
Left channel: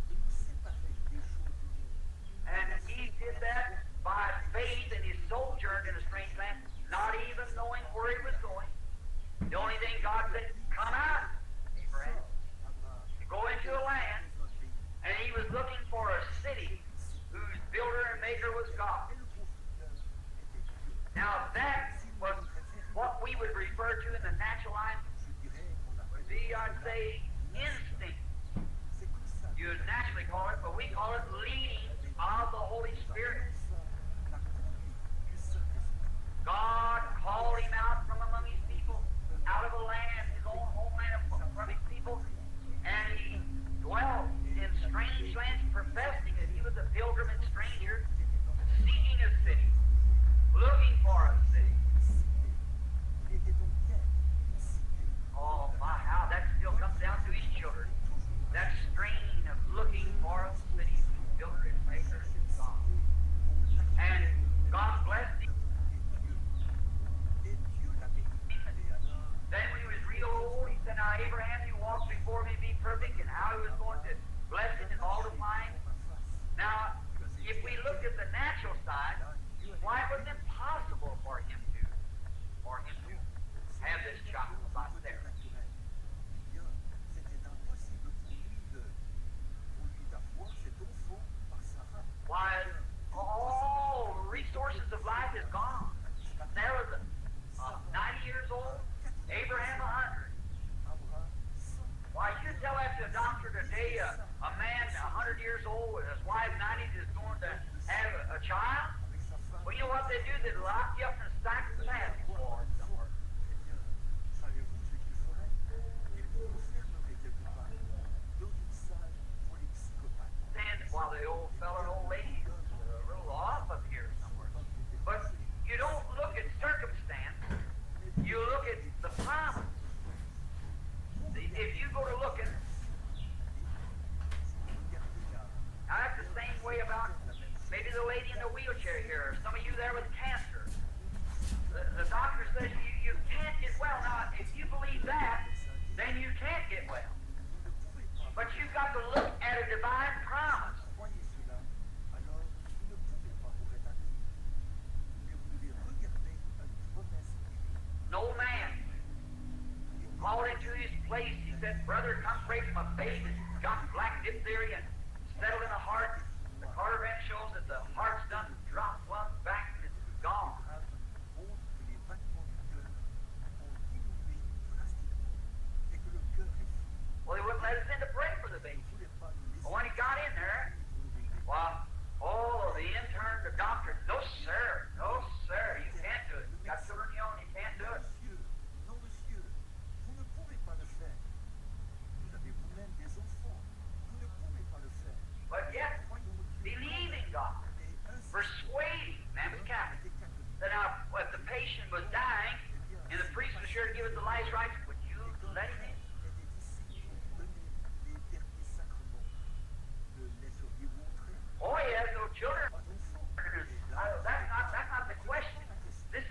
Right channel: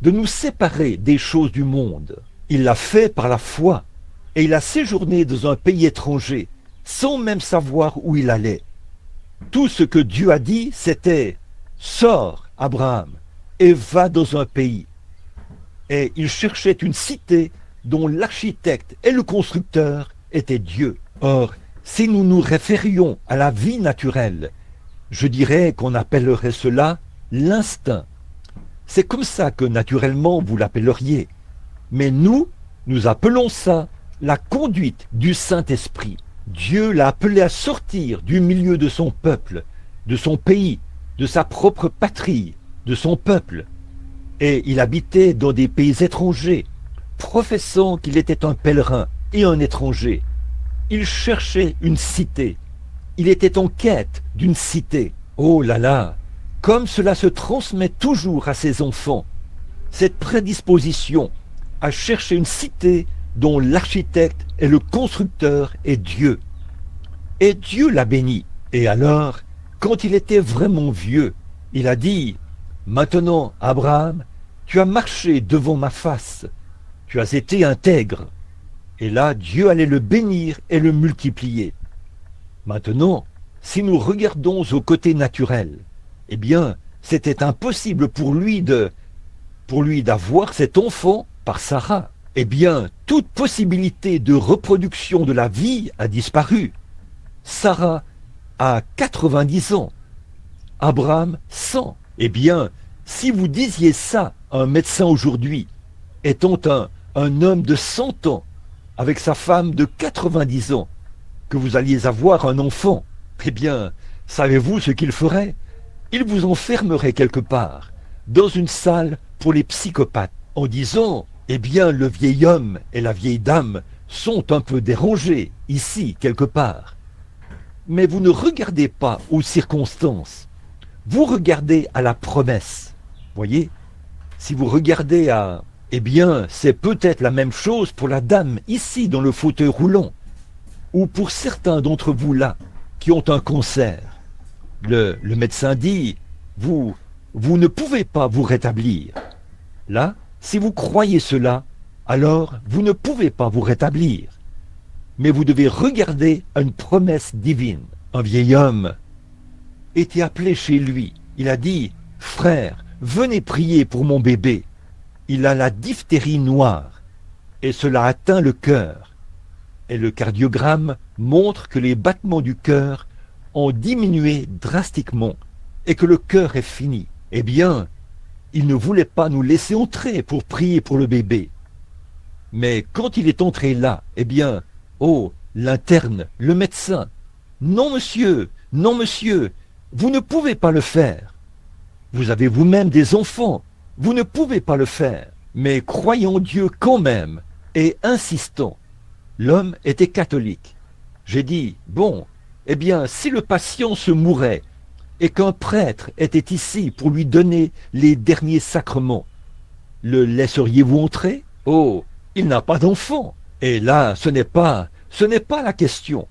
de nous séparer des choses du monde. Il l'a fait par la foi et il a séjourné dans un pays étranger sans même savoir où il allait. Tout ce que Dieu a dit, c'était « Sors, Abraham, et va dans un pays ». Et il cherchait une cité dont l'architecte et le constructeur étaient Dieu. Or, si nous nous référions à la vie naturelle, je dirais qu'on appellerait cela l'instinct. C'est comme ça que naturellement vous l'appelleriez. Mais nous appelons ça la conduite du Saint-Esprit. Dieu l'a appelé à sortir du milieu de son peuple, de son pays, de sa propre patrie, de son peuple. Et il habitait dans des pays étrangers, professant qu'il était un pèlerin et un étranger. Il cherchait une cité. Il était en quête d'une cité. Oh là là, comme cela se transmet toujours à ses enfants, cette prédisposition à chercher une cité dont l'architecte et le constructeur est Dieu. Et Dieu l'a béni. Et alors, quand il était vraiment vieux, il a dit, « Maintenant, Abraham, tu as marché devant ma face, tu as été intègre. » Et là, Dieu allait le bénir et le multiplier. Maintenant, si nous regardons au côté naturel, eh bien, c'était impossible pour lui d'avoir cet enfant par Sarah. Eh bien, toute possibilité de reproduction de la vie a disparu. Sarah a 90 ans, Abraham 100. Eh bien, Si vous disiez ça à un médecin aujourd'hui, étant un homme de 100 ans, avec sa femme de 90 ans, que vous alliez avoir un enfant, eh bien, savez-vous ce qu'il ferait? Il vous enfermerait quelque part, dans une salle pour les psychopathes, en disant, eh bien, le vieil homme et la vieille dame sont un peu dérangés, ici, quelque part. Mais vous ne regardez pas aux circonstances, vous regardez à la promesse. Voyez, si vous regardez à... Eh bien, c'est peut-être la même chose pour la dame ici dans le fauteuil roulant, ou pour certains d'entre vous là qui ont un cancer. Le médecin dit, vous ne pouvez pas vous rétablir. Là, si vous croyez cela, alors vous ne pouvez pas vous rétablir. Mais vous devez regarder à une promesse divine. Un vieil homme était appelé chez lui. Il a dit, frère, venez prier pour mon bébé. Il a la diphtérie noire et cela atteint le cœur. Et le cardiogramme montre que les battements du cœur ont diminué drastiquement et que le cœur est fini. Eh bien, il ne voulait pas nous laisser entrer pour prier pour le bébé. Mais quand il est entré là, eh bien, oh, l'interne, le médecin, non monsieur, vous ne pouvez pas le faire. Vous avez vous-même des enfants, vous ne pouvez pas le faire. Mais croyons Dieu quand même et insistons. L'homme était catholique. J'ai dit, bon, eh bien, si le patient se mourait et qu'un prêtre était ici pour lui donner les derniers sacrements, le laisseriez-vous entrer? Oh, il n'a pas d'enfant. Et là, ce n'est pas la question.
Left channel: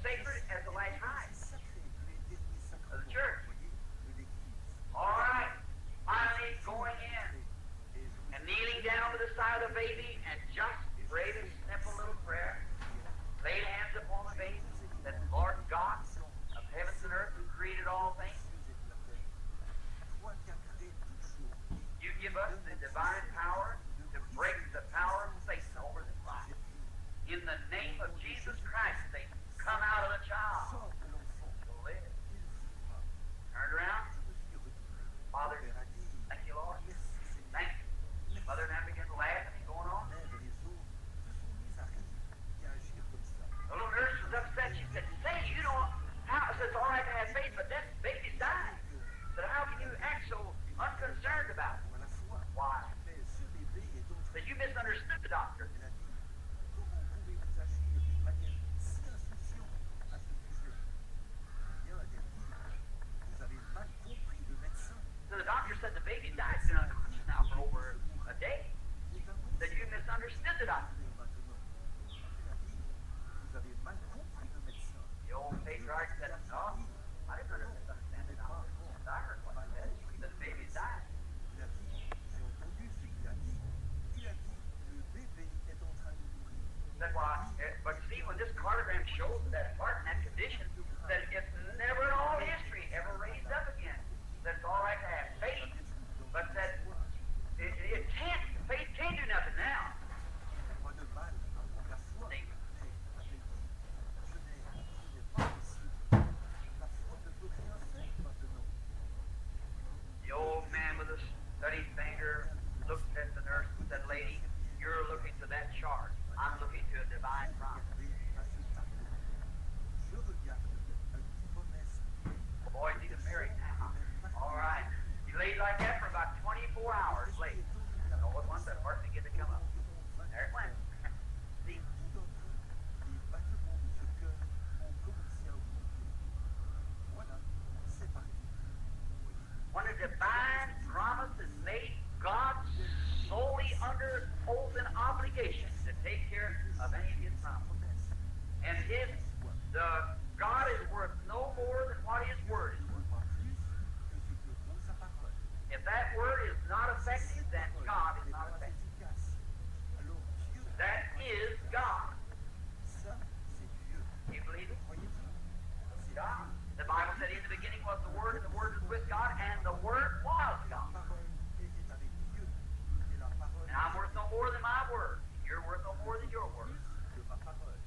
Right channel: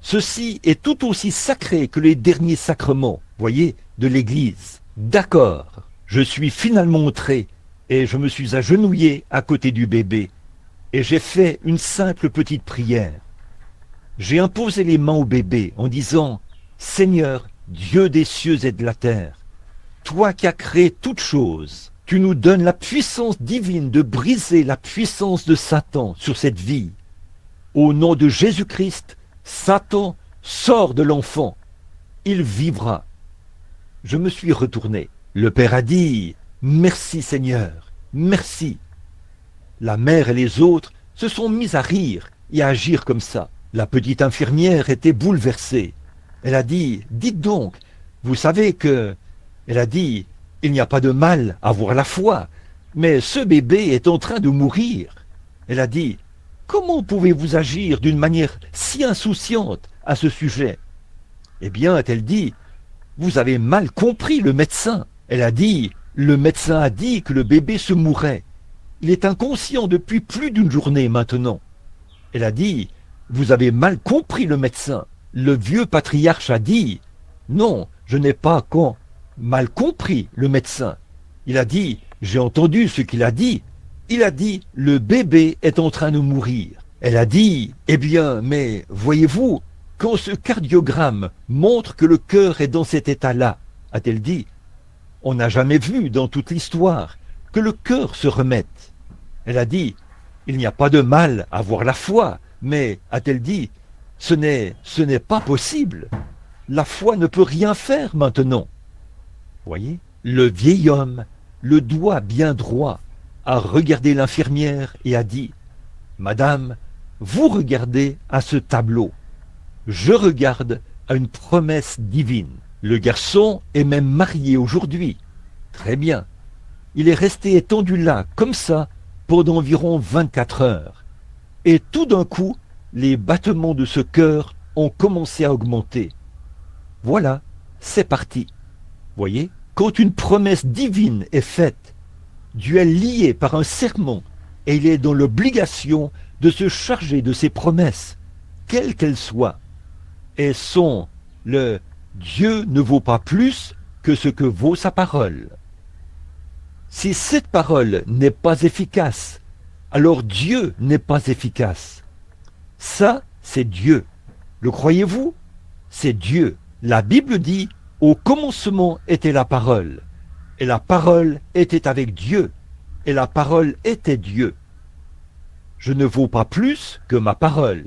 Ceci est tout aussi sacré que les derniers sacrements, voyez, de l'Église. D'accord, je suis finalement entré et je me suis agenouillé à côté du bébé. Et j'ai fait une simple petite prière. J'ai imposé les mains au bébé en disant, Seigneur, Dieu des cieux et de la terre, toi qui as créé toutes choses, tu nous donnes la puissance divine de briser la puissance de Satan sur cette vie. Au nom de Jésus-Christ, Satan sort de l'enfant. Il vivra. Je me suis retourné. Le père a dit, merci Seigneur, merci. La mère et les autres se sont mis à rire et à agir comme ça. La petite infirmière était bouleversée. Elle a dit, dites donc, vous savez que... Elle a dit, il n'y a pas de mal à avoir la foi, mais ce bébé est en train de mourir. Elle a dit, comment pouvez-vous agir d'une manière si insouciante à ce sujet? Eh bien, a-t-elle dit, vous avez mal compris le médecin. Elle a dit, le médecin a dit que le bébé se mourait. Il est inconscient depuis plus d'une journée maintenant. Elle a dit, vous avez mal compris le médecin. Le vieux patriarche a dit, non, je n'ai pas mal compris le médecin. Il a dit, j'ai entendu ce qu'il a dit. Il a dit, le bébé est en train de mourir. Elle a dit, eh bien, mais voyez-vous, quand ce cardiogramme montre que le cœur est dans cet état-là, a-t-elle dit, on n'a jamais vu dans toute l'histoire que le cœur se remette. Elle a dit, il n'y a pas de mal à avoir la foi, mais, a-t-elle dit, ce n'est pas possible. La foi ne peut rien faire maintenant. Voyez, le vieil homme, le doigt bien droit, a regardé l'infirmière et a dit, Madame, vous regardez à ce tableau. Je regarde à une promesse divine. Le garçon est même marié aujourd'hui. Très bien. Il est resté étendu là, comme ça, pendant environ 24 heures. Et tout d'un coup, les battements de ce cœur ont commencé à augmenter. Voilà, c'est parti. Voyez, quand une promesse divine est faite, Dieu est lié par un serment et il est dans l'obligation de se charger de ses promesses, quelles qu'elles soient. Et le Dieu ne vaut pas plus que ce que vaut sa parole. Si cette parole n'est pas efficace, alors Dieu n'est pas efficace. Ça, c'est Dieu. Le croyez-vous? C'est Dieu. La Bible dit, au commencement était la parole, et la parole était avec Dieu, et la parole était Dieu. Je ne vaux pas plus que ma parole,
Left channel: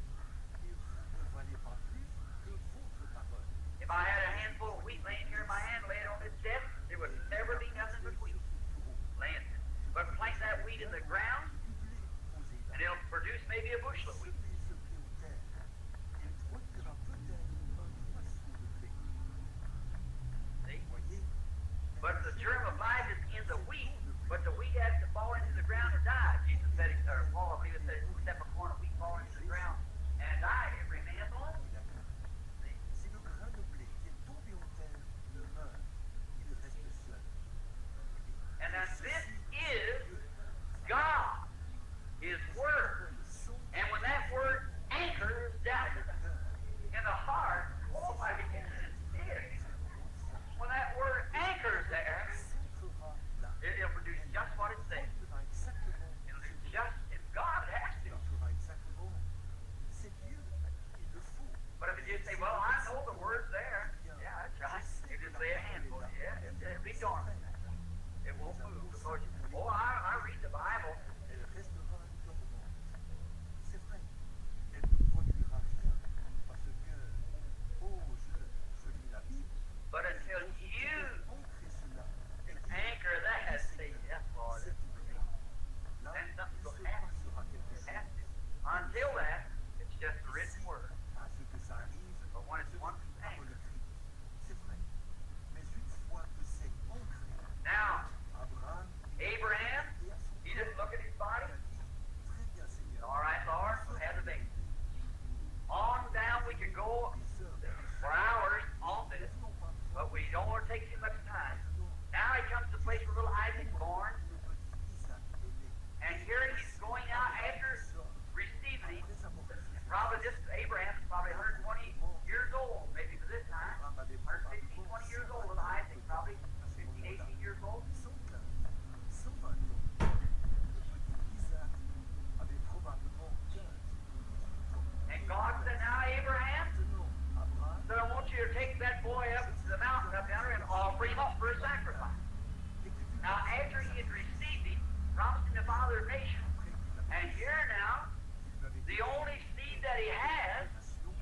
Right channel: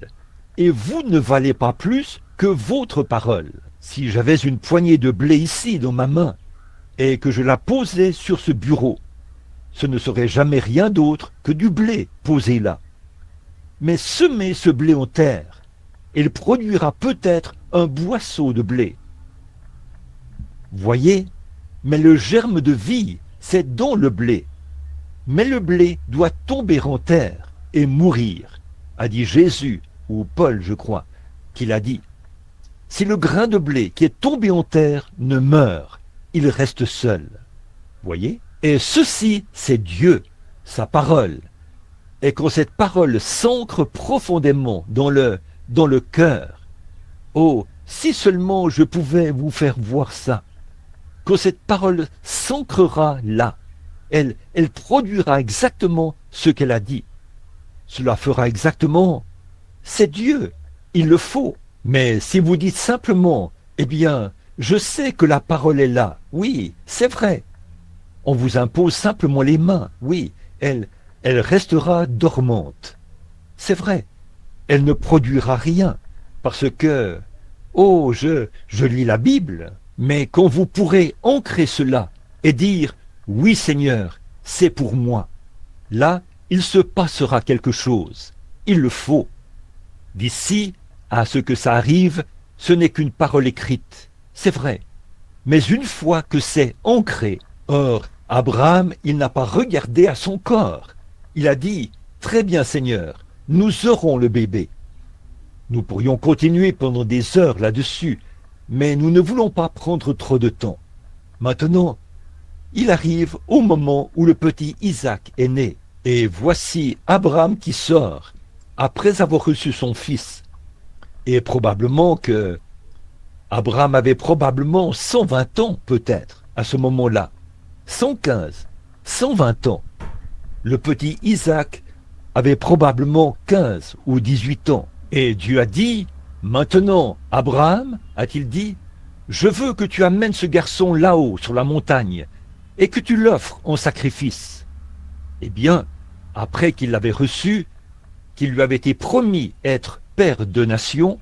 et vous ne valez pas plus que votre parole. Si j'avais une poignée de blé ici dans ma main, et que je la posais sur ce bureau, ce ne serait jamais rien d'autre que du blé posé là. Mais semez ce blé en terre, et il produira peut-être un boisseau de blé. Voyez, mais le germe de vie, c'est dans le blé. Mais le blé doit tomber en terre et mourir, a dit Jésus, ou Paul, je crois, qu'il a dit. Si le grain de blé qui est tombé en terre ne meurt, il reste seul. Voyez? Et ceci, c'est Dieu, sa parole. Et quand cette parole s'ancre profondément dans le cœur, oh, si seulement je pouvais vous faire voir ça, quand cette parole s'ancrera là, elle produira exactement ce qu'elle a dit. Cela fera exactement, c'est Dieu, il le faut. Mais si vous dites simplement, eh bien, je sais que la parole est là, oui, c'est vrai. On vous impose simplement les mains, oui, elle restera dormante. C'est vrai, elle ne produira rien, parce que, oh, je lis la Bible, mais quand vous pourrez ancrer cela et dire, oui Seigneur, c'est pour moi, là, il se passera quelque chose, il le faut. D'ici à ce que ça arrive, ce n'est qu'une parole écrite, c'est vrai. Mais une fois que c'est ancré, or, Abraham, il n'a pas regardé à son corps. Il a dit, très bien Seigneur, nous aurons le bébé. Nous pourrions continuer pendant des heures là-dessus, mais nous ne voulons pas prendre trop de temps. Maintenant, il arrive au moment où le petit Isaac est né. Et voici Abraham qui sort, après avoir reçu son fils. Et probablement que Abraham avait probablement 120 ans peut-être à ce moment-là. 115, 120 ans. Le petit Isaac avait probablement 15 ou 18 ans. Et Dieu a dit, maintenant, Abraham, a-t-il dit, je veux que tu amènes ce garçon là-haut sur la montagne et que tu l'offres en sacrifice. Eh bien, après qu'il l'avait reçu, qu'il lui avait été promis être père de nation,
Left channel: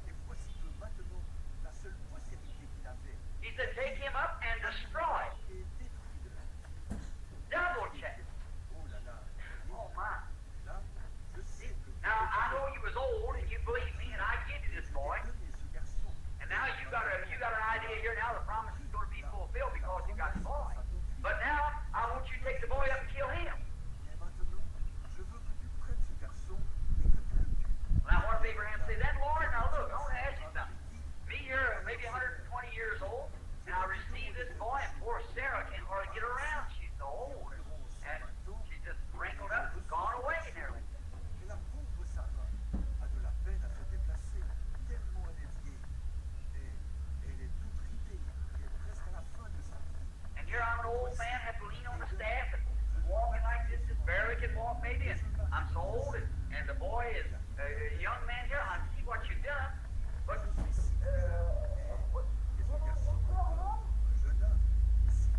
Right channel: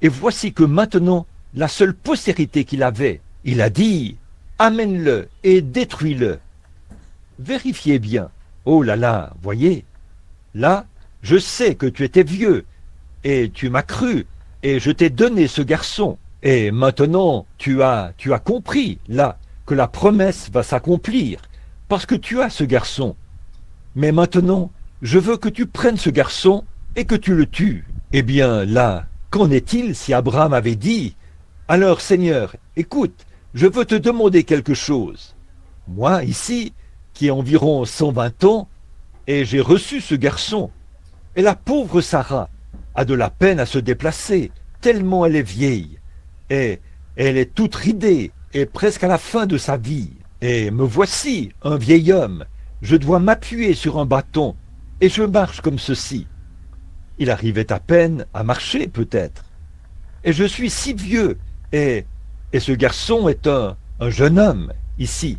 et voici que maintenant, la seule postérité qu'il avait, il a dit, amène-le et détruis-le. Vérifiez bien. Oh là là, voyez, là, je sais que tu étais vieux, et tu m'as cru, et je t'ai donné ce garçon. Et maintenant, tu as compris, là, que la promesse va s'accomplir, parce que tu as ce garçon. Mais maintenant, je veux que tu prennes ce garçon et que tu le tues. Eh bien, là, qu'en est-il si Abraham avait dit, alors Seigneur, écoute, je veux te demander quelque chose. Moi, ici, qui ai environ 120 ans, et j'ai reçu ce garçon, et la pauvre Sarah a de la peine à se déplacer, tellement elle est vieille, et elle est toute ridée, et presque à la fin de sa vie. Et me voici, un vieil homme, je dois m'appuyer sur un bâton, et je marche comme ceci. Il arrivait à peine à marcher, peut-être. Et je suis si vieux, et ce garçon est un jeune homme, ici.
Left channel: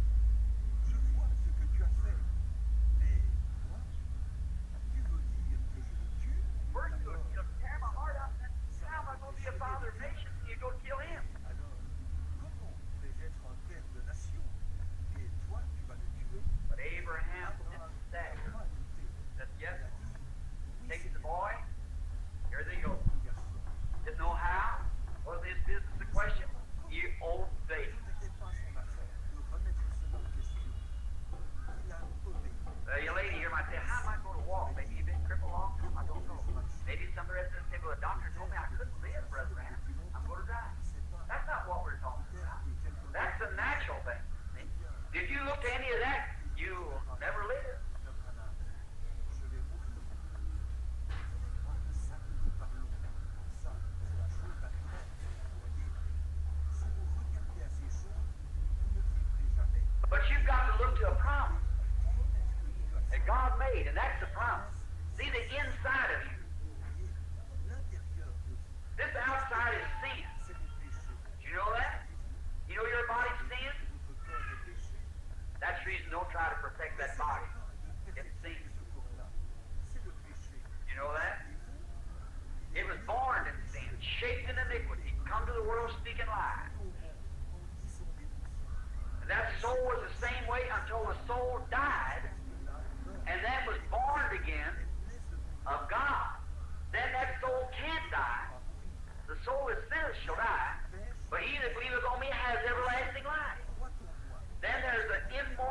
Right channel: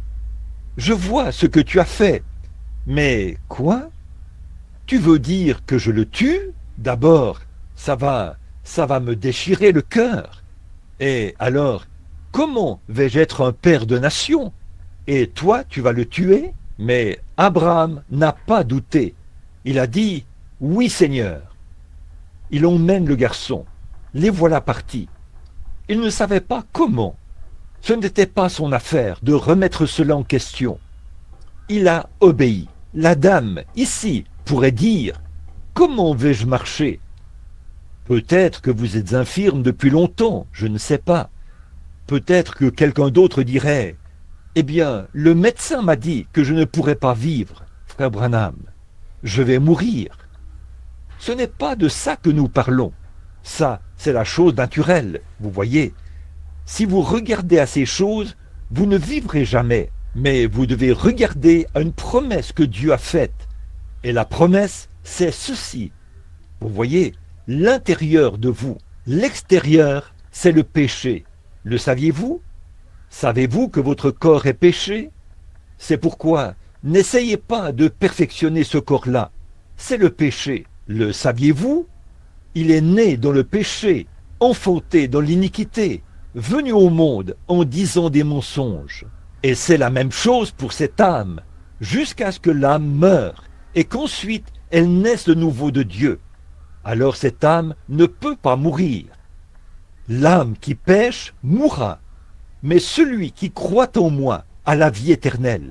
Je vois ce que tu as fait. Mais quoi? Tu veux dire que je le tue? D'abord, ça va me déchirer le cœur. Et alors, comment vais-je être un père de nation? Et toi, tu vas le tuer? Mais Abraham n'a pas douté. Il a dit, oui Seigneur. Il emmène le garçon. Les voilà partis. Il ne savait pas comment. Ce n'était pas son affaire de remettre cela en question. Il a obéi. La dame, ici, pourrait dire, comment vais-je marcher? Peut-être que vous êtes infirme depuis longtemps, je ne sais pas. Peut-être que quelqu'un d'autre dirait, eh bien, le médecin m'a dit que je ne pourrais pas vivre, frère Branham. Je vais mourir. Ce n'est pas de ça que nous parlons. Ça, c'est la chose naturelle, vous voyez. Si vous regardez à ces choses, vous ne vivrez jamais. Mais vous devez regarder à une promesse que Dieu a faite. Et la promesse, c'est ceci. Vous voyez, l'intérieur de vous, l'extérieur, c'est le péché. Le saviez-vous? Savez-vous que votre corps est péché? C'est pourquoi n'essayez pas de perfectionner ce corps-là. C'est le péché. Le saviez-vous? Il est né dans le péché, enfanté dans l'iniquité, venu au monde en disant des mensonges. Et c'est la même chose pour cette âme, jusqu'à ce que l'âme meure et qu'ensuite elle naisse de nouveau de Dieu. Alors cette âme ne peut pas mourir. L'âme qui pêche mourra, mais celui qui croit en moi a la vie éternelle.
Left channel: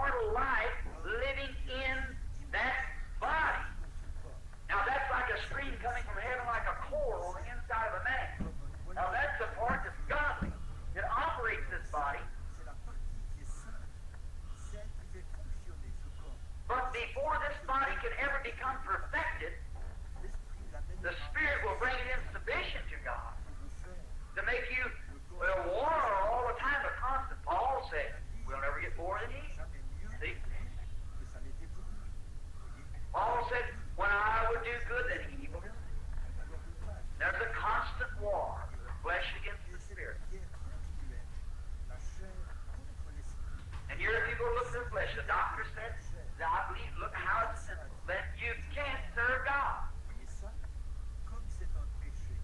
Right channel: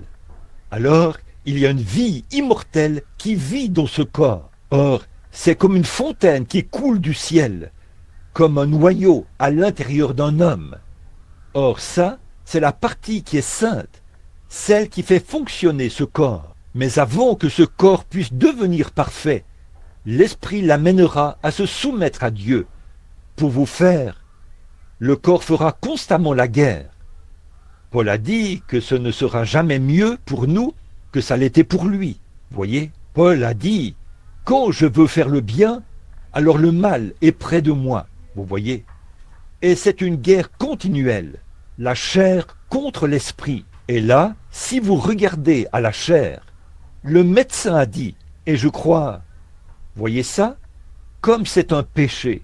Alors il y a une vie immortelle qui vit dans ce corps. Or, c'est comme une fontaine qui coule du ciel, comme un noyau à l'intérieur d'un homme. Or ça, c'est la partie qui est sainte, celle qui fait fonctionner ce corps. Mais avant que ce corps puisse devenir parfait, l'Esprit l'amènera à se soumettre à Dieu. Pour vous faire, le corps fera constamment la guerre. Paul a dit que ce ne sera jamais mieux pour nous que ça l'était pour lui. Voyez, Paul a dit, quand je veux faire le bien, alors le mal est près de moi. Vous voyez. Et c'est une guerre continuelle, la chair contre l'esprit. Et là, si vous regardez à la chair, le médecin a dit, et je crois, voyez ça, comme c'est un péché,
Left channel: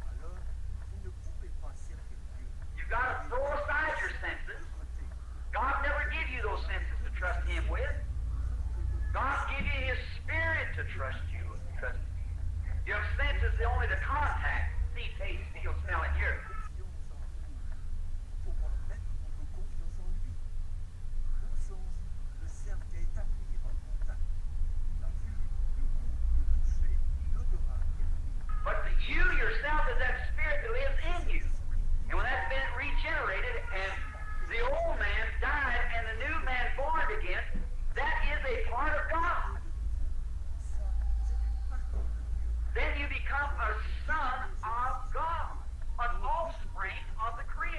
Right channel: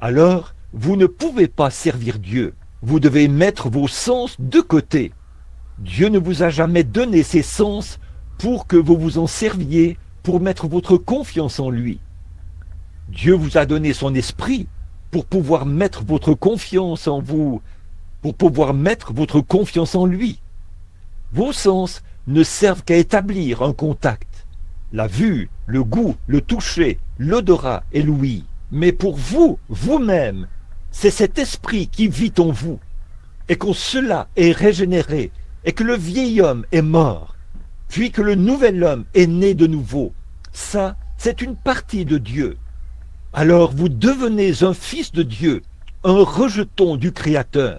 alors vous ne pouvez pas servir Dieu. Vous devez mettre vos sens de côté. Dieu ne vous a jamais donné ces sens pour que vous vous en serviez pour mettre votre confiance en lui. Dieu vous a donné son esprit pour pouvoir mettre votre confiance en vous, pour pouvoir mettre votre confiance en lui. Vos sens ne servent qu'à établir un contact. La vue, le goût, le toucher, l'odorat et l'ouïe. Mais pour vous, vous-même, c'est cet esprit qui vit en vous. Et quand cela est régénéré, et que le vieil homme est mort, puis que le nouvel homme est né de nouveau, ça, c'est une partie de Dieu. Alors vous devenez un fils de Dieu, un rejeton du Créateur.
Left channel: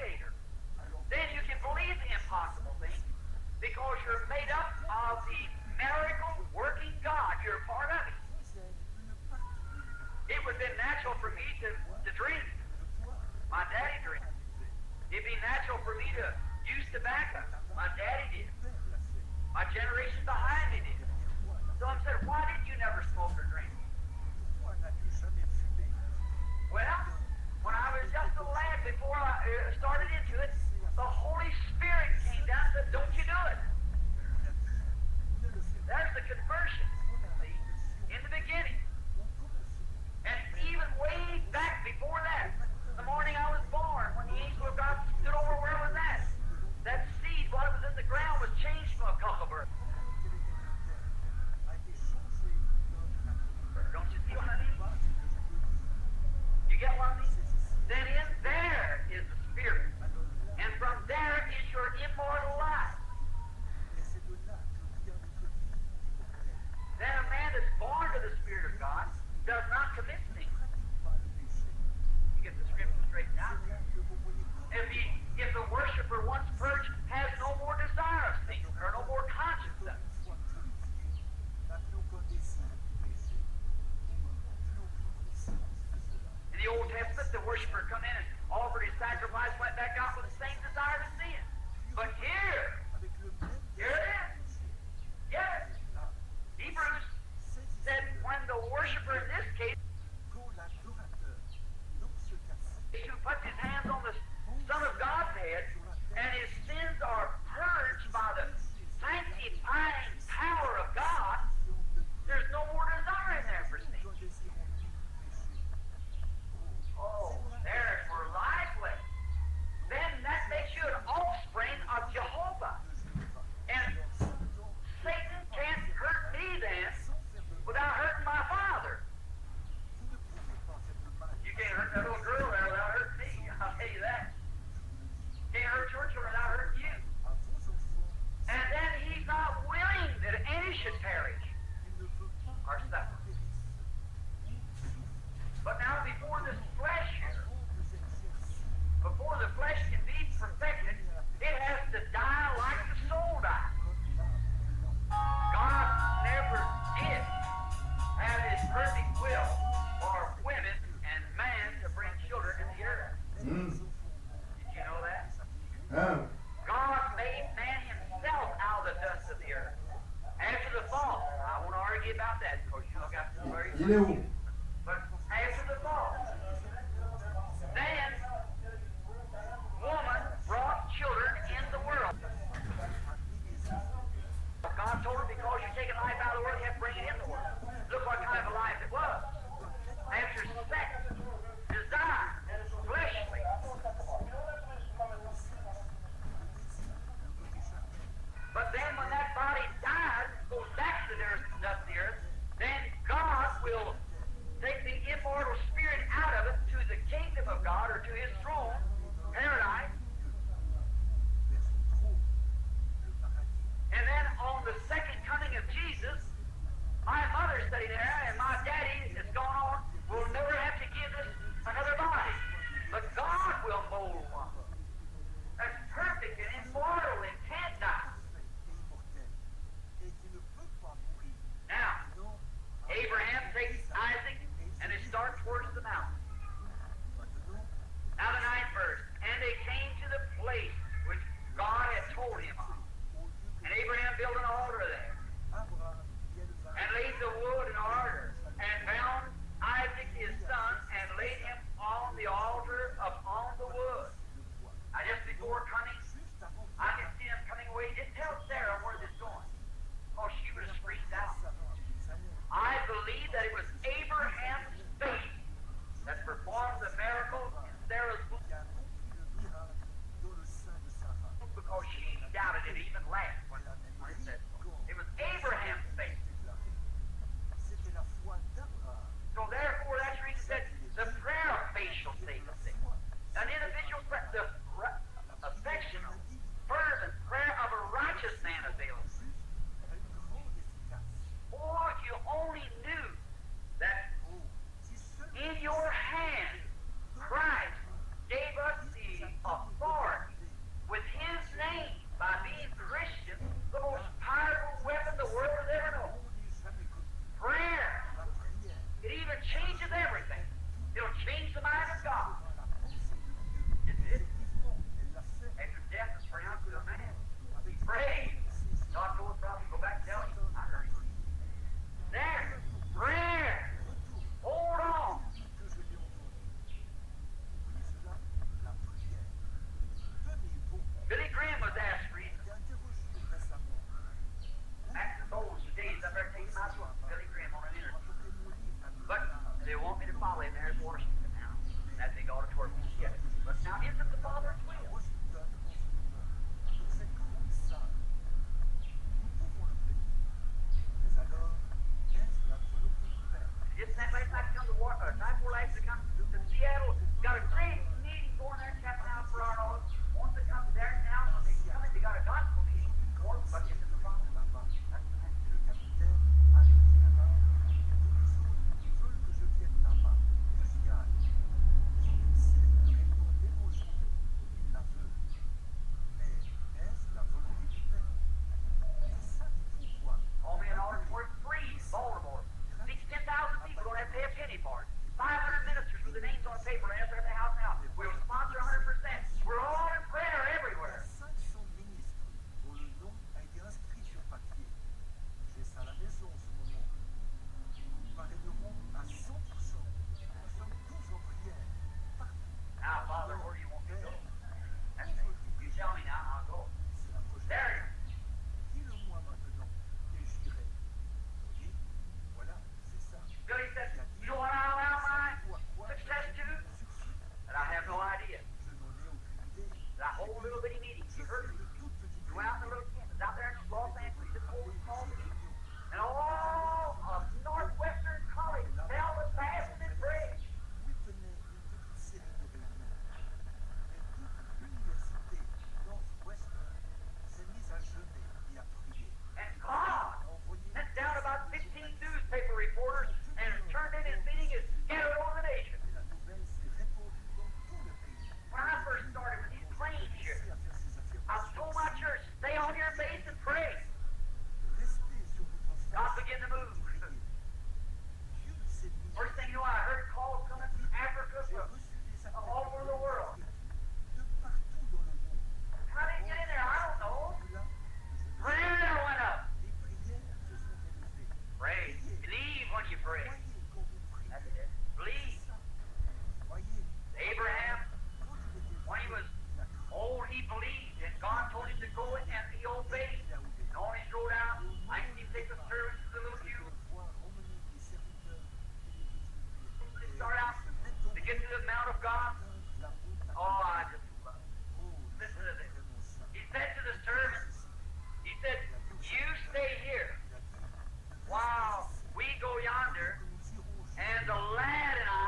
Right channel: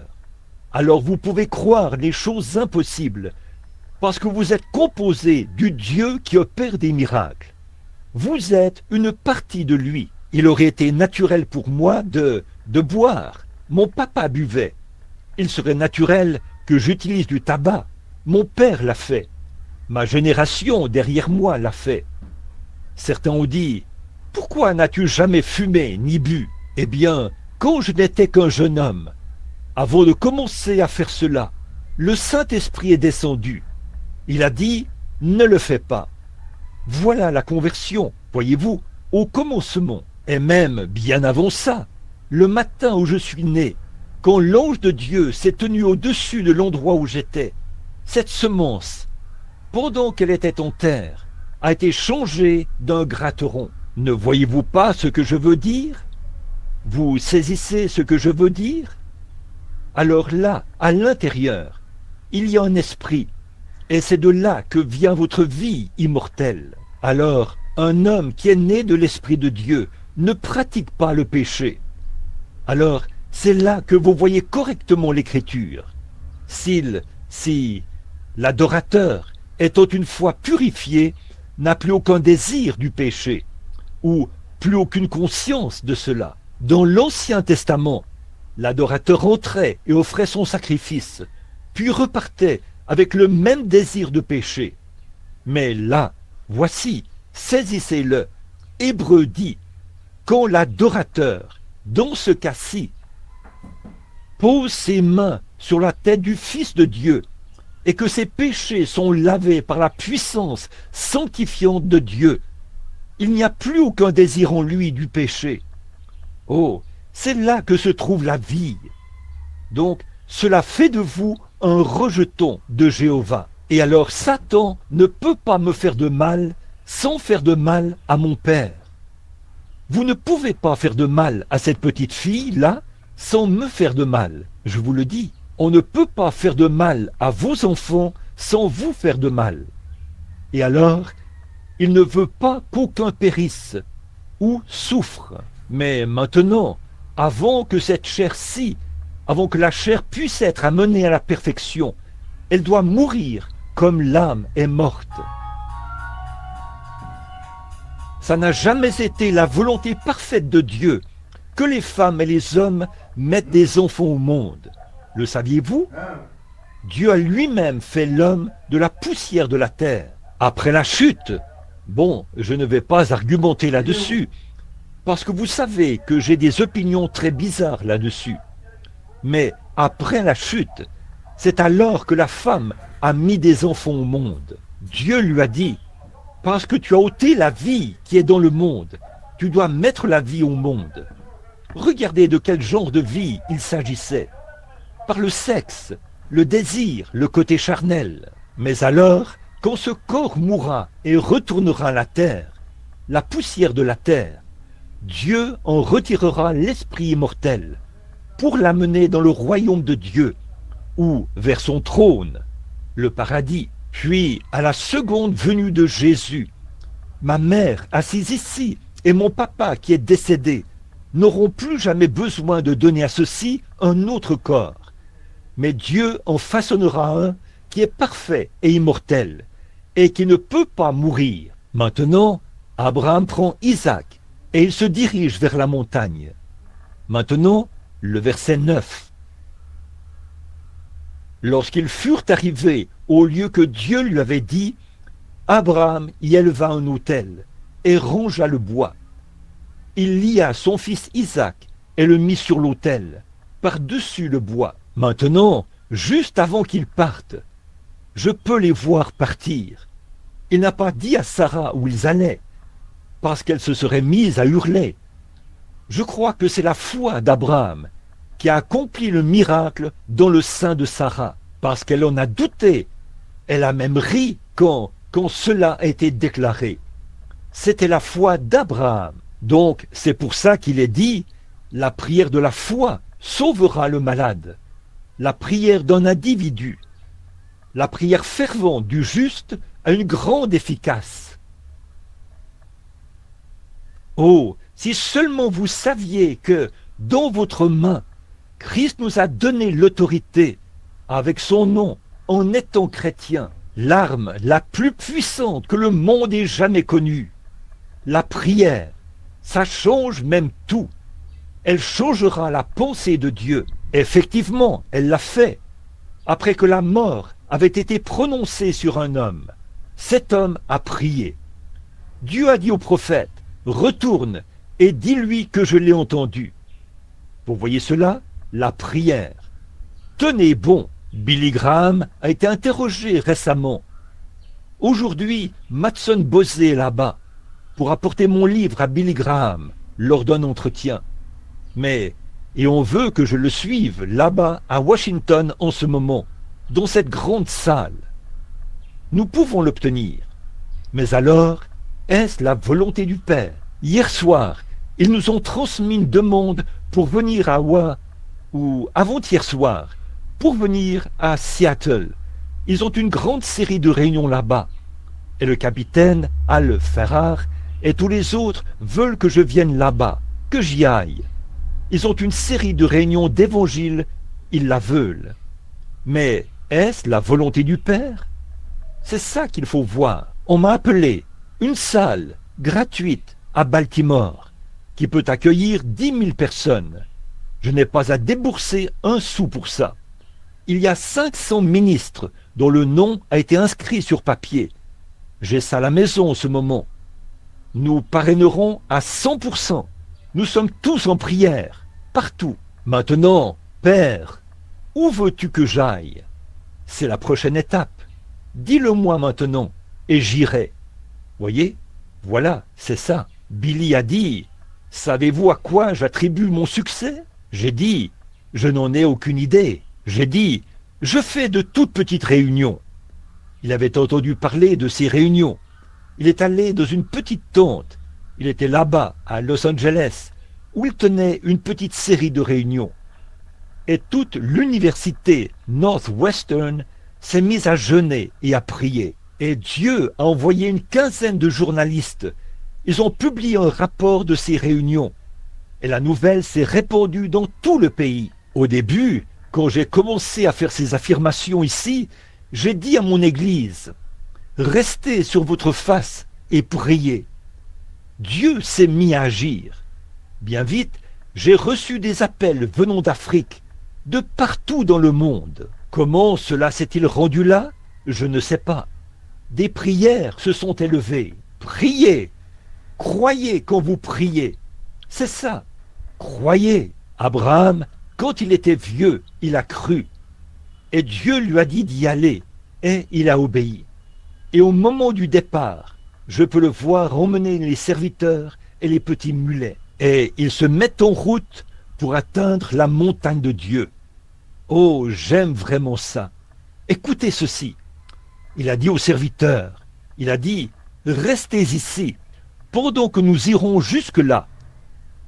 Alors vous pouvez croire les choses impossibles, parce que vous êtes composé du Dieu qui opère des miracles. Vous êtes une partie de lui. Il aurait été naturel pour moi de boire. Mon papa buvait. Il serait naturel que j'utilise du tabac. Mon père l'a fait. Ma génération derrière moi l'a fait. Certains ont dit, « Pourquoi n'as-tu jamais fumé ni bu ?» Eh bien, quand je n'étais qu'un jeune homme, avant de commencer à faire cela, le Saint-Esprit est descendu. Il a dit, « Ne le fais pas. » Voilà la conversion, voyez-vous, au commencement. Et même bien avant ça, le matin où je suis né, quand l'ange de Dieu s'est tenu au-dessus de l'endroit où j'étais, cette semence, pendant qu'elle était en terre, a été changée d'un gratteron. Ne voyez-vous pas ce que je veux dire? Vous saisissez ce que je veux dire? Alors là, à l'intérieur, il y a un esprit, et c'est de là que vient votre vie immortelle. Alors, un homme qui est né de l'Esprit de Dieu ne pratique pas le péché. Alors, c'est là que vous voyez correctement l'Écriture. Si l'adorateur, étant une fois purifié, n'a plus aucun désir du péché, ou plus aucune conscience de cela. Dans l'Ancien Testament, l'adorateur entrait et offrait son sacrifice, puis repartait avec le même désir de péché. Mais là, voici, saisissez-le. Hébreu dit, quand l'adorateur, dans ce cas-ci, pose ses mains sur la tête du Fils de Dieu et que ses péchés sont lavés par la puissance sanctifiante de Dieu, il n'y a plus aucun désir en lui du péché. Oh, c'est là que se trouve la vie. Donc, cela fait de vous un rejeton de Jéhovah. Et alors Satan ne peut pas me faire de mal sans faire de mal à mon Père. Vous ne pouvez pas faire de mal à cette petite fille-là sans me faire de mal. Je vous le dis, on ne peut pas faire de mal à vos enfants sans vous faire de mal. Et alors, il ne veut pas qu'aucun périsse ou souffre. Mais maintenant, avant que cette chair-ci, avant que la chair puisse être amenée à la perfection, elle doit mourir comme l'âme est morte. Ça n'a jamais été la volonté parfaite de Dieu que les femmes et les hommes mettent des enfants au monde. Le saviez-vous? Dieu a lui-même fait l'homme de la poussière de la terre. Après la chute, bon, je ne vais pas argumenter là-dessus, parce que vous savez que j'ai des opinions très bizarres là-dessus. Mais après la chute, C'est alors que la femme a mis des enfants au monde. Dieu lui a dit, parce que tu as ôté la vie qui est dans le monde, tu dois mettre la vie au monde. Regardez de quel genre de vie il s'agissait. Par le sexe, le désir, le côté charnel. Mais alors, quand ce corps mourra et retournera à la terre, la poussière de la terre, Dieu en retirera l'esprit immortel pour l'amener dans le royaume de Dieu ou vers son trône, le paradis. Puis, à la seconde venue de Jésus, ma mère assise ici et mon papa qui est décédé n'auront plus jamais besoin de donner à ceci un autre corps. Mais Dieu en façonnera un qui est parfait et immortel et qui ne peut pas mourir. Maintenant, Abraham prend Isaac et il se dirige vers la montagne. Maintenant, le verset 9. Lorsqu'ils furent arrivés au lieu que Dieu lui avait dit, Abraham y éleva un autel et rongea le bois. Il lia son fils Isaac et le mit sur l'autel, par-dessus le bois. Maintenant, juste avant qu'ils partent, je peux les voir partir. Il n'a pas dit à Sarah où ils allaient, parce qu'elle se serait mise à hurler. Je crois que c'est la foi d'Abraham qui a accompli le miracle dans le sein de Sarah, parce qu'elle en a douté. Elle a même ri quand cela a été déclaré. C'était la foi d'Abraham. Donc, c'est pour ça qu'il est dit, la prière de la foi sauvera le malade. La prière d'un individu, la prière fervente du juste a une grande efficace. Oh, si seulement vous saviez que dans votre main, Christ nous a donné l'autorité avec son nom en étant chrétien, l'arme la plus puissante que le monde ait jamais connue. La prière, ça change même tout. Elle changera la pensée de Dieu. Effectivement, elle l'a fait. Après que la mort avait été prononcée sur un homme, cet homme a prié. Dieu a dit au prophète, retourne et dis-lui que je l'ai entendu. Vous voyez cela? La prière. Tenez bon, Billy Graham a été interrogé récemment. Aujourd'hui, Matson Bosé est là-bas pour apporter mon livre à Billy Graham lors d'un entretien. Et on veut que je le suive là-bas à Washington en ce moment, dans cette grande salle. Nous pouvons l'obtenir. Mais alors, est-ce la volonté du Père? Hier soir, ils nous ont transmis une demande pour venir à ou avant-hier soir, pour venir à Seattle. Ils ont une grande série de réunions là-bas. Et le capitaine Al Ferrar et tous les autres veulent que je vienne là-bas, que j'y aille. Ils ont une série de réunions d'évangile, ils la veulent. Mais est-ce la volonté du Père? C'est ça qu'il faut voir. On m'a appelé une salle gratuite à Baltimore qui peut accueillir 10 000 personnes. Je n'ai pas à débourser un sou pour ça. Il y a 500 ministres dont le nom a été inscrit sur papier. J'ai ça à la maison en ce moment. Nous parrainerons à 100%. Nous sommes tous en prière, partout. Maintenant, Père, où veux-tu que j'aille? C'est la prochaine étape. Dis-le-moi maintenant, et j'irai. Voyez? Voilà, c'est ça. Billy a dit, savez-vous à quoi j'attribue mon succès? J'ai dit, je n'en ai aucune idée. J'ai dit, je fais de toutes petites réunions. Il avait entendu parler de ces réunions. Il est allé dans une petite tente. Il était là-bas, à Los Angeles, où il tenait une petite série de réunions. Et toute l'université Northwestern s'est mise à jeûner et à prier. Et Dieu a envoyé une quinzaine de journalistes. Ils ont publié un rapport de ces réunions. Et la nouvelle s'est répandue dans tout le pays. Au début, quand j'ai commencé à faire ces affirmations ici, j'ai dit à mon église, restez sur votre face et priez. Dieu s'est mis à agir. Bien vite, j'ai reçu des appels venant d'Afrique, de partout dans le monde. Comment cela s'est-il rendu là? Je ne sais pas. Des prières se sont élevées. Priez. Croyez quand vous priez. C'est ça. Croyez. Abraham, quand il était vieux, il a cru. Et Dieu lui a dit d'y aller, et il a obéi. Et au moment du départ, je peux le voir emmener les serviteurs et les petits mulets. Et ils se mettent en route pour atteindre la montagne de Dieu. Oh, j'aime vraiment ça. Écoutez ceci. Il a dit aux serviteurs, il a dit, restez ici, pendant que nous irons jusque-là.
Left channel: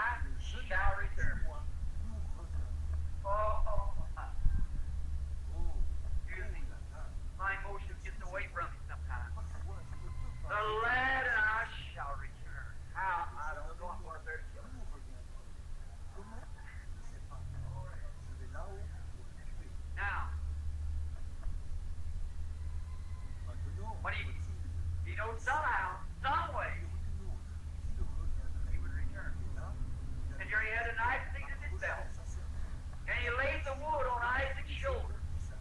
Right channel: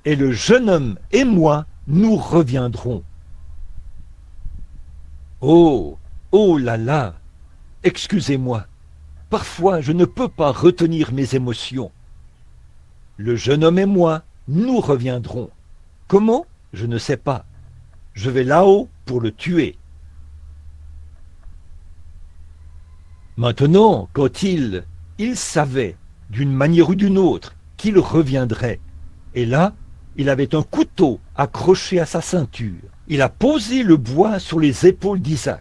Et le jeune homme et moi, nous reviendrons. Oh, oh là là, excusez-moi. Parfois, je ne peux pas retenir mes émotions. Le jeune homme et moi, nous reviendrons. Comment? Je ne sais pas. Je vais là-haut pour le tuer. Maintenant, quand il savait, d'une manière ou d'une autre, qu'il reviendrait. Et là, il avait un couteau accroché à sa ceinture. Il a posé le bois sur les épaules d'Isaac.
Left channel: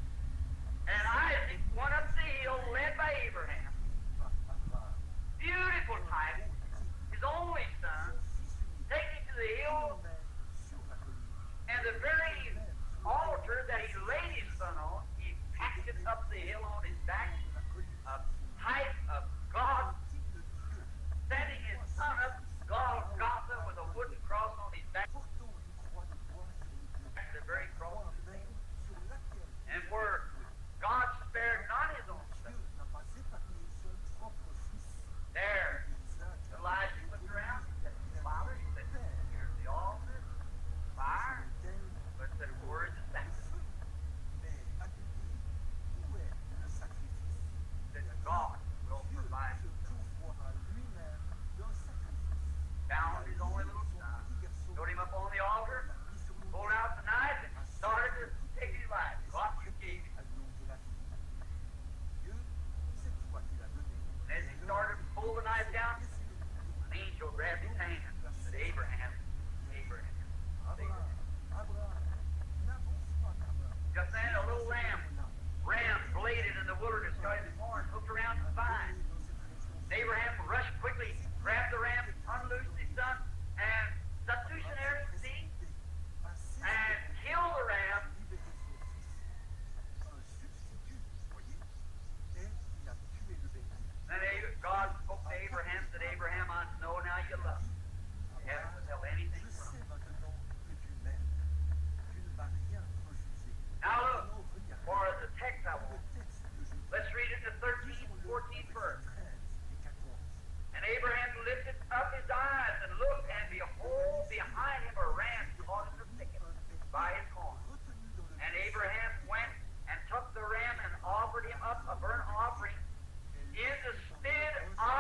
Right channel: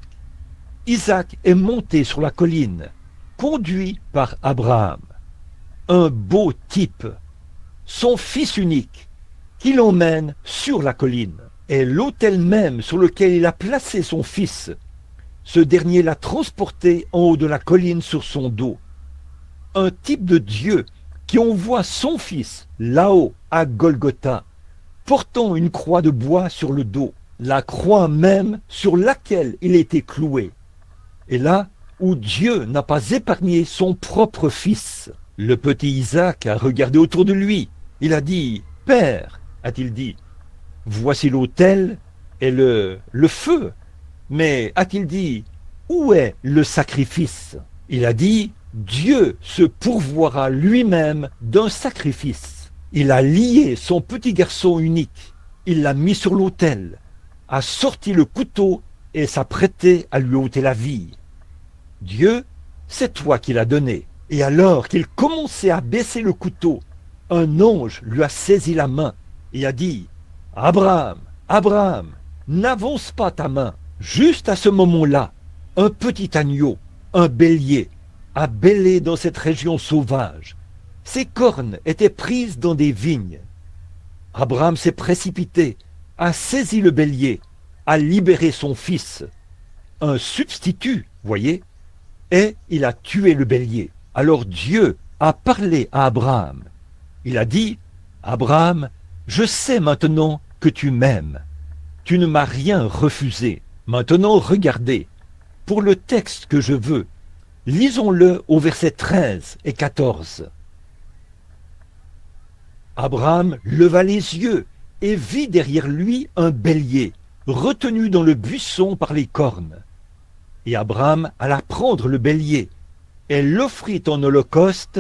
Isaac est monté sur la colline, conduit par Abraham. Un beau type, son fils unique, qui l'emmène sur la colline. Et l'autel même sur lequel il a placé son fils, ce dernier l'a transporté en haut de la colline sur son dos. Un type de Dieu qui envoie son fils là-haut à Golgotha, portant une croix de bois sur le dos, la croix même sur laquelle il était cloué. Et là où Dieu n'a pas épargné son propre fils, le petit Isaac a regardé autour de lui. Il a dit, « Père, a-t-il dit, voici l'autel et le feu. » Mais a-t-il dit, où est le sacrifice? Il a dit, Dieu se pourvoira lui-même d'un sacrifice. Il a lié son petit garçon unique. Il l'a mis sur l'autel, a sorti le couteau et s'apprêtait à lui ôter la vie. Dieu, c'est toi qui l'as donné. Et alors qu'il commençait à baisser le couteau, un ange lui a saisi la main et a dit, Abraham, Abraham, n'avance pas ta main. Juste à ce moment-là, un petit agneau, un bélier, a bêlé dans cette région sauvage. Ses cornes étaient prises dans des vignes. Abraham s'est précipité, a saisi le bélier, a libéré son fils. Un substitut, voyez, et il a tué le bélier. Alors Dieu a parlé à Abraham. Il a dit, Abraham, je sais maintenant que tu m'aimes. Tu ne m'as rien refusé. Maintenant, regardez, pour le texte que je veux, lisons-le au verset 13 et 14. Abraham leva les yeux et vit derrière lui un bélier, retenu dans le buisson par les cornes. Et Abraham alla prendre le bélier et l'offrit en holocauste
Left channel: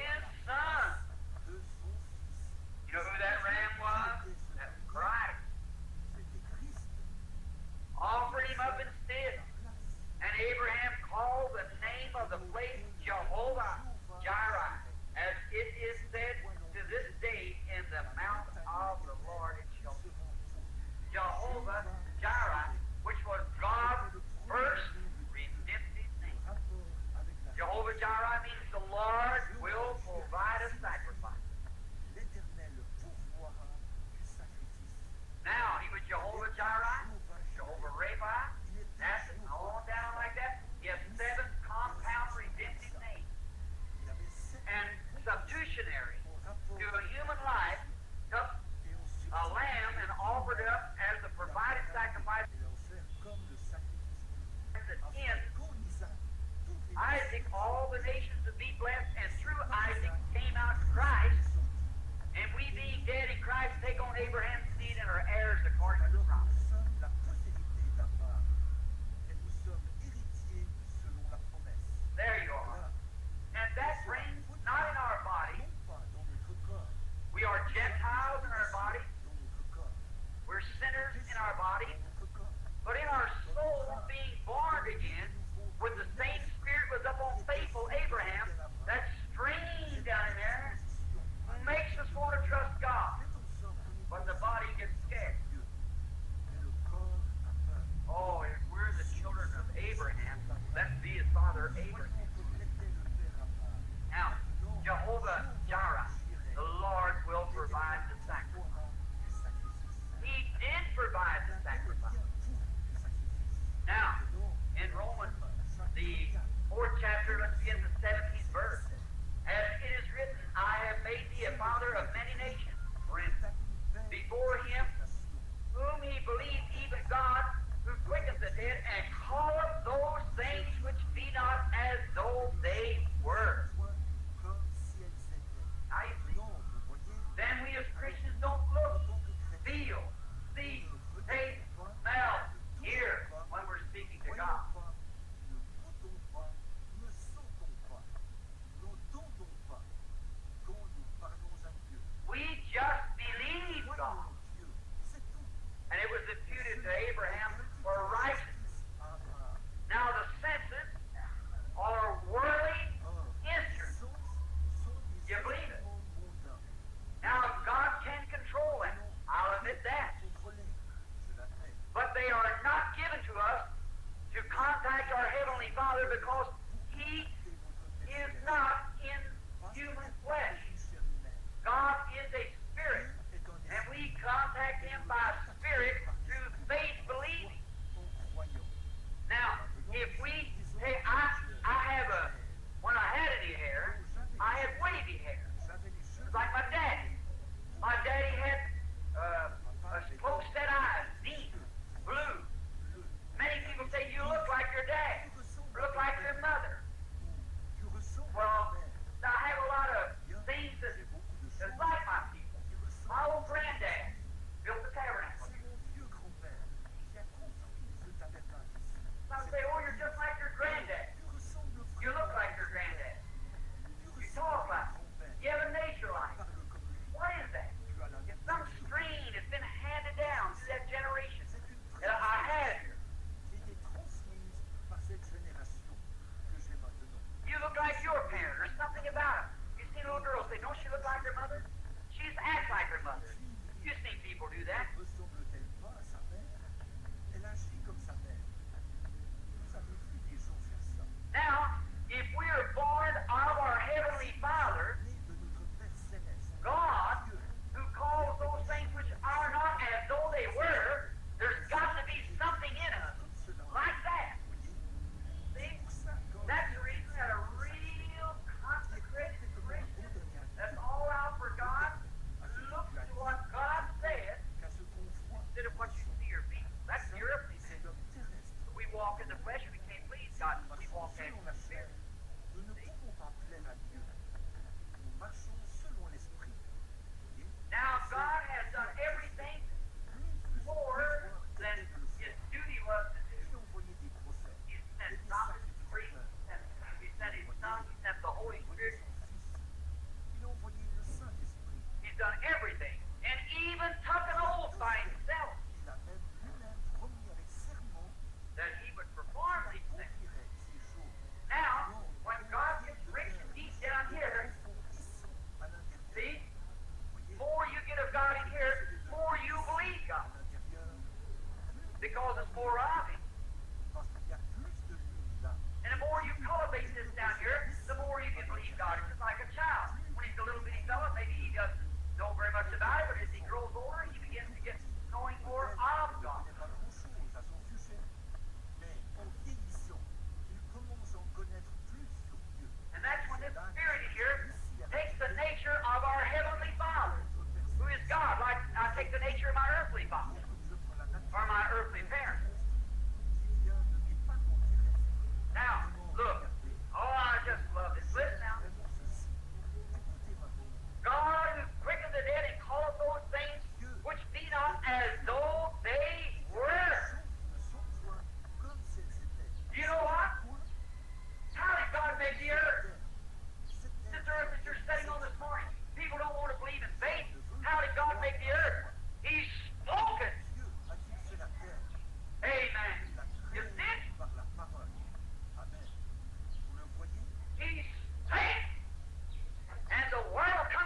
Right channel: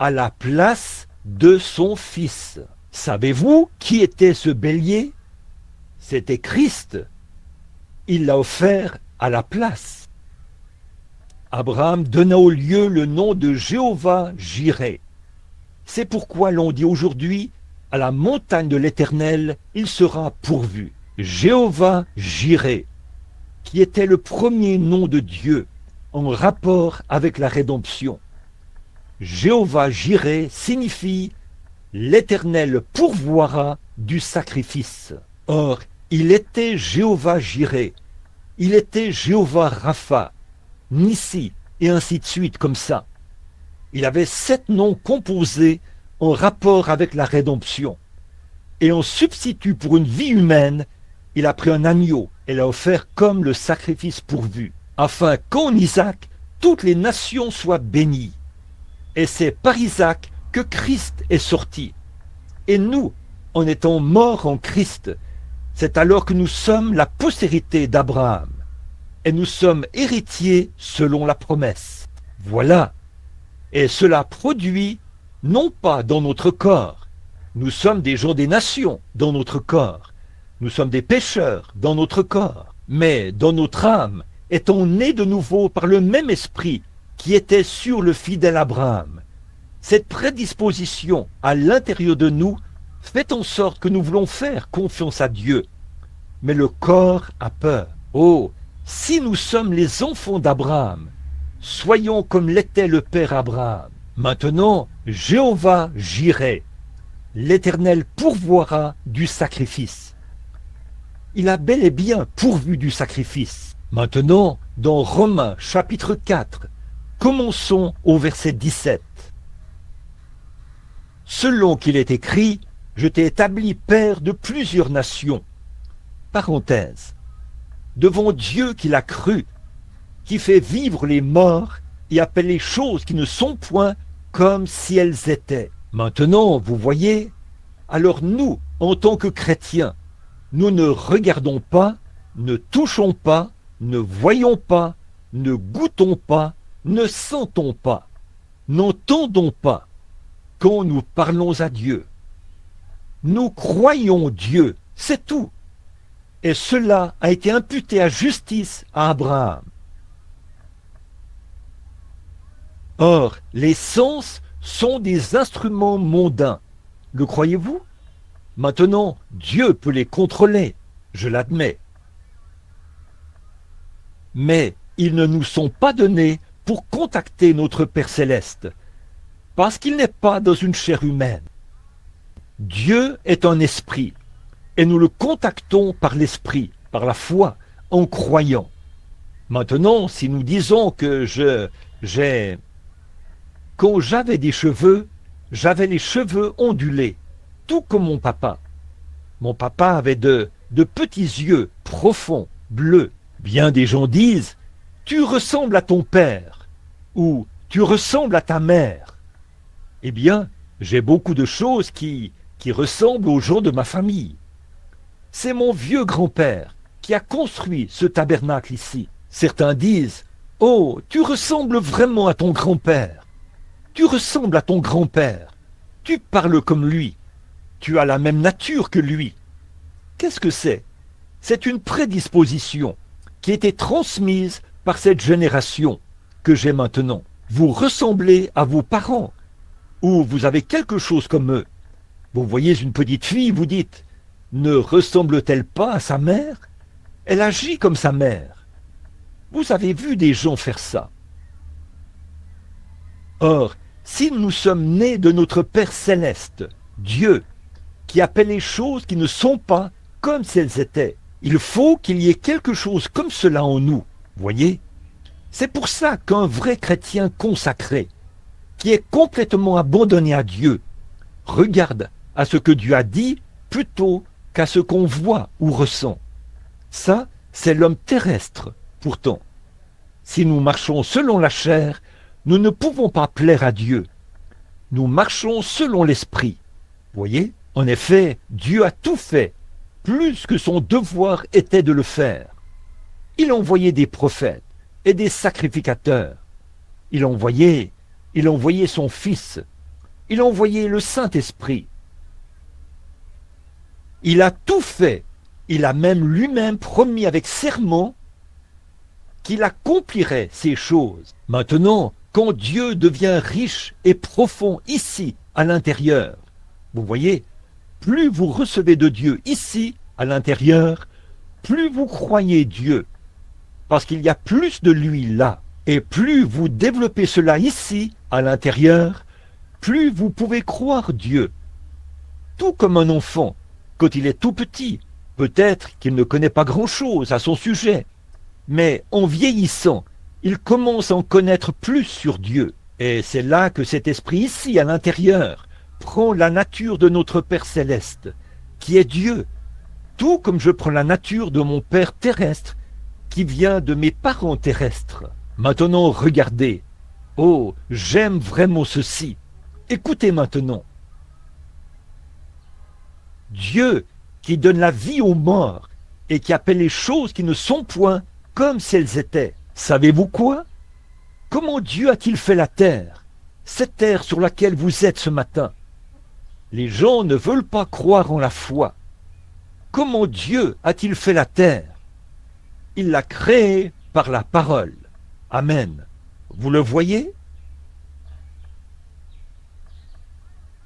à la place de son fils. Savez-vous qui était ce bélier? C'était Christ. Il l'a offert à la place. Abraham donna au lieu le nom de Jéhovah-Jireh. C'est pourquoi l'on dit aujourd'hui, à la montagne de l'Éternel, il sera pourvu. Jéhovah-Jireh, qui était le premier nom de Dieu en rapport avec la rédemption. Jéhovah-Jireh signifie l'Éternel pourvoira du sacrifice. Or, il était Jéhovah-Jireh, il était Jéhovah-Rapha, Nissi, et ainsi de suite comme ça. Il avait 7 noms composés en rapport avec la rédemption. Et en substitut pour une vie humaine, il a pris un agneau et l'a offert comme le sacrifice pourvu, afin qu'en Isaac, toutes les nations soient bénies. Et c'est par Isaac que Christ est sorti. Et nous, en étant morts en Christ, c'est alors que nous sommes la postérité d'Abraham. Et nous sommes héritiers selon la promesse. Voilà. Et cela produit, non pas dans notre corps. Nous sommes des gens des nations dans notre corps. Nous sommes des pécheurs dans notre corps. Mais dans notre âme, étant nés de nouveau par le même esprit qui était sur le fidèle Abraham. Cette prédisposition à l'intérieur de nous fait en sorte que nous voulons faire confiance à Dieu. Mais le corps a peur. Oh, si nous sommes les enfants d'Abraham, soyons comme l'était le père Abraham. Maintenant, Jéhovah-Jireh, l'Éternel pourvoira du sacrifice. Il a bel et bien pourvu du sacrifice. Maintenant, dans Romains chapitre 4, commençons au verset 17. Selon qu'il est écrit, je t'ai établi père de plusieurs nations. Parenthèse. Devant Dieu qui l'a cru, qui fait vivre les morts et appelle les choses qui ne sont point comme si elles étaient. Maintenant, vous voyez, alors nous, en tant que chrétiens, nous ne regardons pas, ne touchons pas, ne voyons pas, ne goûtons pas, ne sentons pas, n'entendons pas. Quand nous parlons à Dieu, nous croyons Dieu, c'est tout. Et cela a été imputé à justice à Abraham. Or, les sens sont des instruments mondains. Le croyez-vous? Maintenant, Dieu peut les contrôler, je l'admets. Mais ils ne nous sont pas donnés pour contacter notre Père Céleste, parce qu'il n'est pas dans une chair humaine. Dieu est un esprit, et nous le contactons par l'esprit, par la foi, en croyant. Maintenant, si nous disons que quand j'avais des cheveux, j'avais les cheveux ondulés, tout comme mon papa. Mon papa avait de petits yeux profonds, bleus. Bien des gens disent, tu ressembles à ton père, ou tu ressembles à ta mère. Eh bien, j'ai beaucoup de choses qui ressemblent aux gens de ma famille. C'est mon vieux grand-père qui a construit ce tabernacle ici. Certains disent, oh, tu ressembles vraiment à ton grand-père. Tu ressembles à ton grand-père. Tu parles comme lui. Tu as la même nature que lui. Qu'est-ce que c'est? C'est une prédisposition qui a été transmise par cette génération que j'ai maintenant. Vous ressemblez à vos parents, ou vous avez quelque chose comme eux. Vous voyez une petite fille, vous dites, ne ressemble-t-elle pas à sa mère? Elle agit comme sa mère. Vous avez vu des gens faire ça. Or, si nous sommes nés de notre Père Céleste, Dieu, qui appelle les choses qui ne sont pas comme si elles étaient, il faut qu'il y ait quelque chose comme cela en nous, voyez? C'est pour ça qu'un vrai chrétien consacré, qui est complètement abandonné à Dieu, regarde à ce que Dieu a dit plutôt qu'à ce qu'on voit ou ressent. Ça, c'est l'homme terrestre, pourtant. Si nous marchons selon la chair, nous ne pouvons pas plaire à Dieu. Nous marchons selon l'esprit. Voyez? En effet, Dieu a tout fait, plus que son devoir était de le faire. Il envoyait des prophètes et des sacrificateurs. Il envoyait son Fils. Il envoyait le Saint-Esprit. Il a tout fait. Il a même lui-même promis avec serment qu'il accomplirait ces choses. Maintenant, quand Dieu devient riche et profond ici, à l'intérieur, vous voyez, plus vous recevez de Dieu ici, à l'intérieur, plus vous croyez Dieu, parce qu'il y a plus de lui là. Et plus vous développez cela ici, à l'intérieur, plus vous pouvez croire Dieu. Tout comme un enfant, quand il est tout petit, peut-être qu'il ne connaît pas grand-chose à son sujet, mais en vieillissant, il commence à en connaître plus sur Dieu. Et c'est là que cet esprit ici, à l'intérieur, prend la nature de notre Père Céleste, qui est Dieu, tout comme je prends la nature de mon Père terrestre, qui vient de mes parents terrestres. Maintenant, regardez. Oh, j'aime vraiment ceci. Écoutez maintenant. Dieu qui donne la vie aux morts et qui appelle les choses qui ne sont point comme si elles étaient. Savez-vous quoi? Comment Dieu a-t-il fait la terre? Cette terre sur laquelle vous êtes ce matin. Les gens ne veulent pas croire en la foi. Comment Dieu a-t-il fait la terre? Il l'a créée par la parole. Amen. Vous le voyez?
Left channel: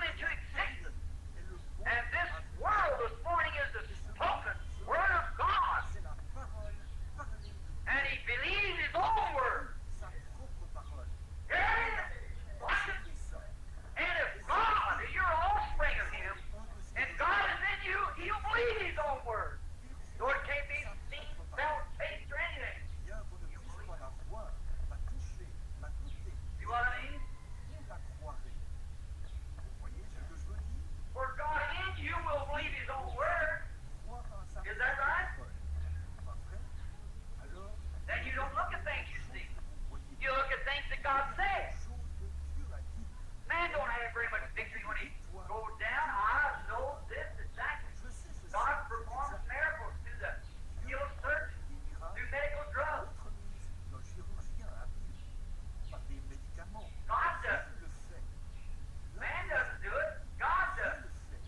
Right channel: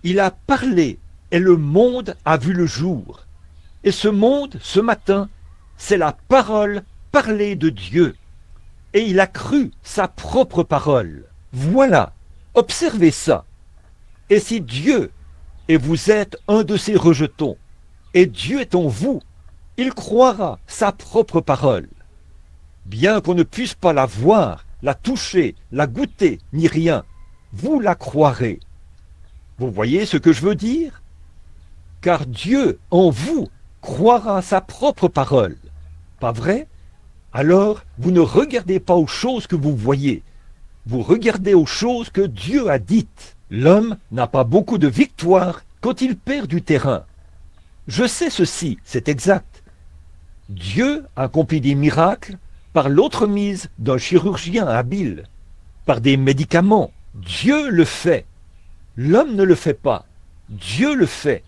Il a parlé et le monde a vu le jour. Et ce monde, ce matin, c'est la parole parlée de Dieu. Et il a cru sa propre parole. Voilà, observez ça. Et si Dieu, et vous êtes un de ces rejetons, et Dieu est en vous, il croira sa propre parole. bien qu'on ne puisse pas la voir, la toucher, la goûter, ni rien, vous la croirez. Vous voyez ce que je veux dire? Car Dieu, en vous, croira à sa propre parole. Pas vrai? Alors, vous ne regardez pas aux choses que vous voyez. Vous regardez aux choses que Dieu a dites. L'homme n'a pas beaucoup de victoire quand il perd du terrain. Je sais ceci, c'est exact. Dieu accomplit des miracles par l'entremise d'un chirurgien habile, par des médicaments. Dieu le fait. L'homme ne le fait pas. Dieu le fait.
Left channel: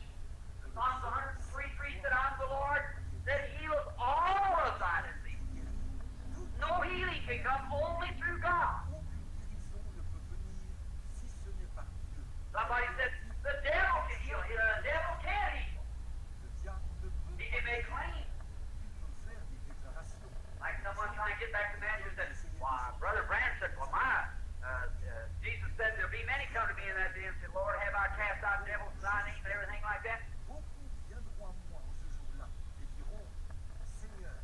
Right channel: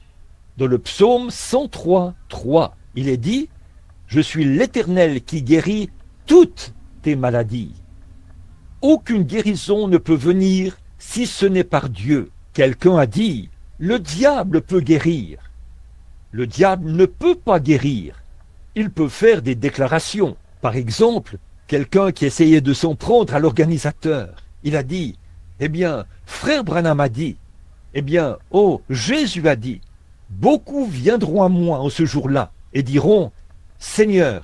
Dans le psaume 103, 3, il est dit « Je suis l'Éternel qui guérit toutes tes maladies ». Aucune guérison ne peut venir si ce n'est par Dieu. Quelqu'un a dit « Le diable peut guérir ». Le diable ne peut pas guérir. Il peut faire des déclarations. Par exemple, quelqu'un qui essayait de s'en prendre à l'organisateur. Il a dit « Eh bien, frère Branham a dit, eh bien, oh, Jésus a dit, beaucoup viendront à moi en ce jour-là et diront, Seigneur,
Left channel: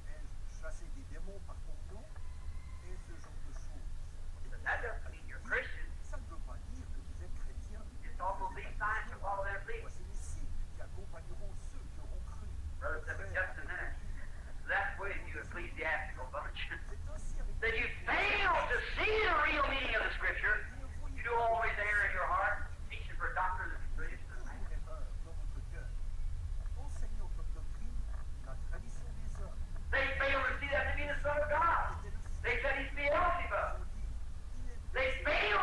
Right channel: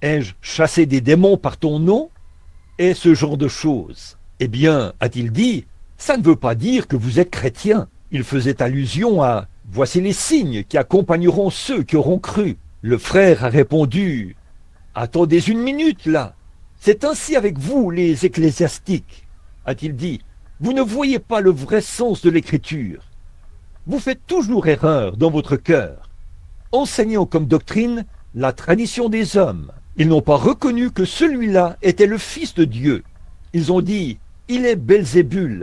ai-je chassé des démons par ton nom? Et ce genre de choses. Eh bien, a-t-il dit, ça ne veut pas dire que vous êtes chrétien. Il faisait allusion à, voici les signes qui accompagneront ceux qui auront cru. Le frère a répondu, attendez une minute là. C'est ainsi avec vous, les ecclésiastiques, a-t-il dit. Vous ne voyez pas le vrai sens de l'écriture. Vous faites toujours erreur dans votre cœur, enseignant comme doctrine la tradition des hommes. Ils n'ont pas reconnu que celui-là était le Fils de Dieu. Ils ont dit, il est Belzébul.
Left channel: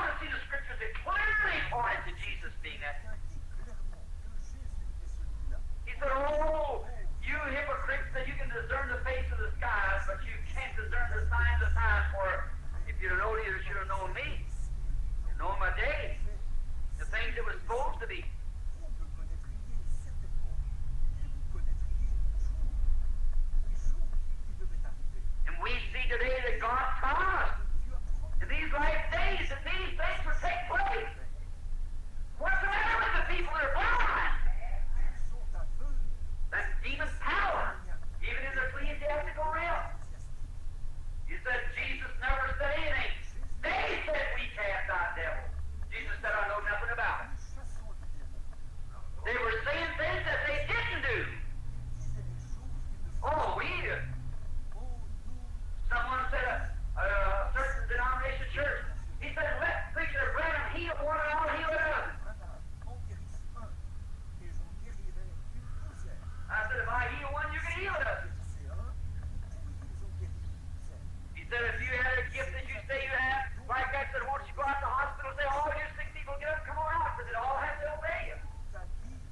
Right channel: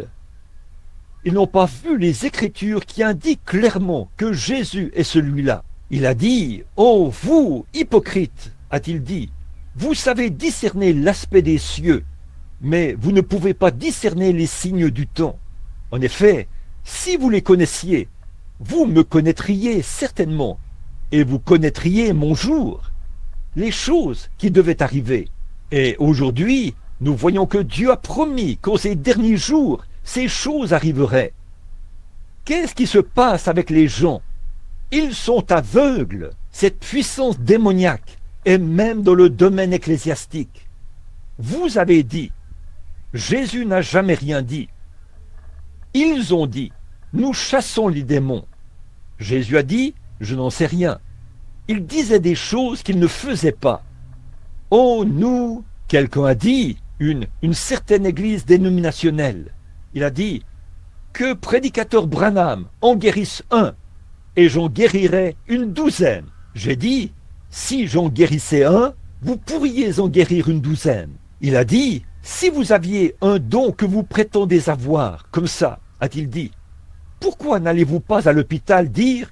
Ils n'ont pas vu les Écritures qui indiquent clairement que Jésus est celui-là. Il a dit, oh vous, hypocrites, a-t-il dit, vous savez discerner l'aspect des cieux, mais vous ne pouvez pas discerner les signes du temps. En effet, si vous les connaissiez, vous me connaîtriez certainement, et vous connaîtriez mon jour, les choses qui devaient arriver. Et aujourd'hui, nous voyons que Dieu a promis qu'en ces derniers jours, ces choses arriveraient. Qu'est-ce qui se passe avec les gens? Ils sont aveugles, cette puissance démoniaque, et même dans le domaine ecclésiastique. Vous avez dit, Jésus n'a jamais rien dit. Ils ont dit, nous chassons les démons. Jésus a dit, je n'en sais rien. Ils disaient des choses qu'ils ne faisaient pas. Oh, nous, quelqu'un a dit, une certaine église dénominationnelle. Il a dit, que prédicateur Branham en guérisse un, et j'en guérirais une douzaine. J'ai dit, si j'en guérissais un, vous pourriez en guérir une douzaine. Il a dit, si vous aviez un don que vous prétendez avoir, comme ça, a-t-il dit, pourquoi n'allez-vous pas à l'hôpital dire,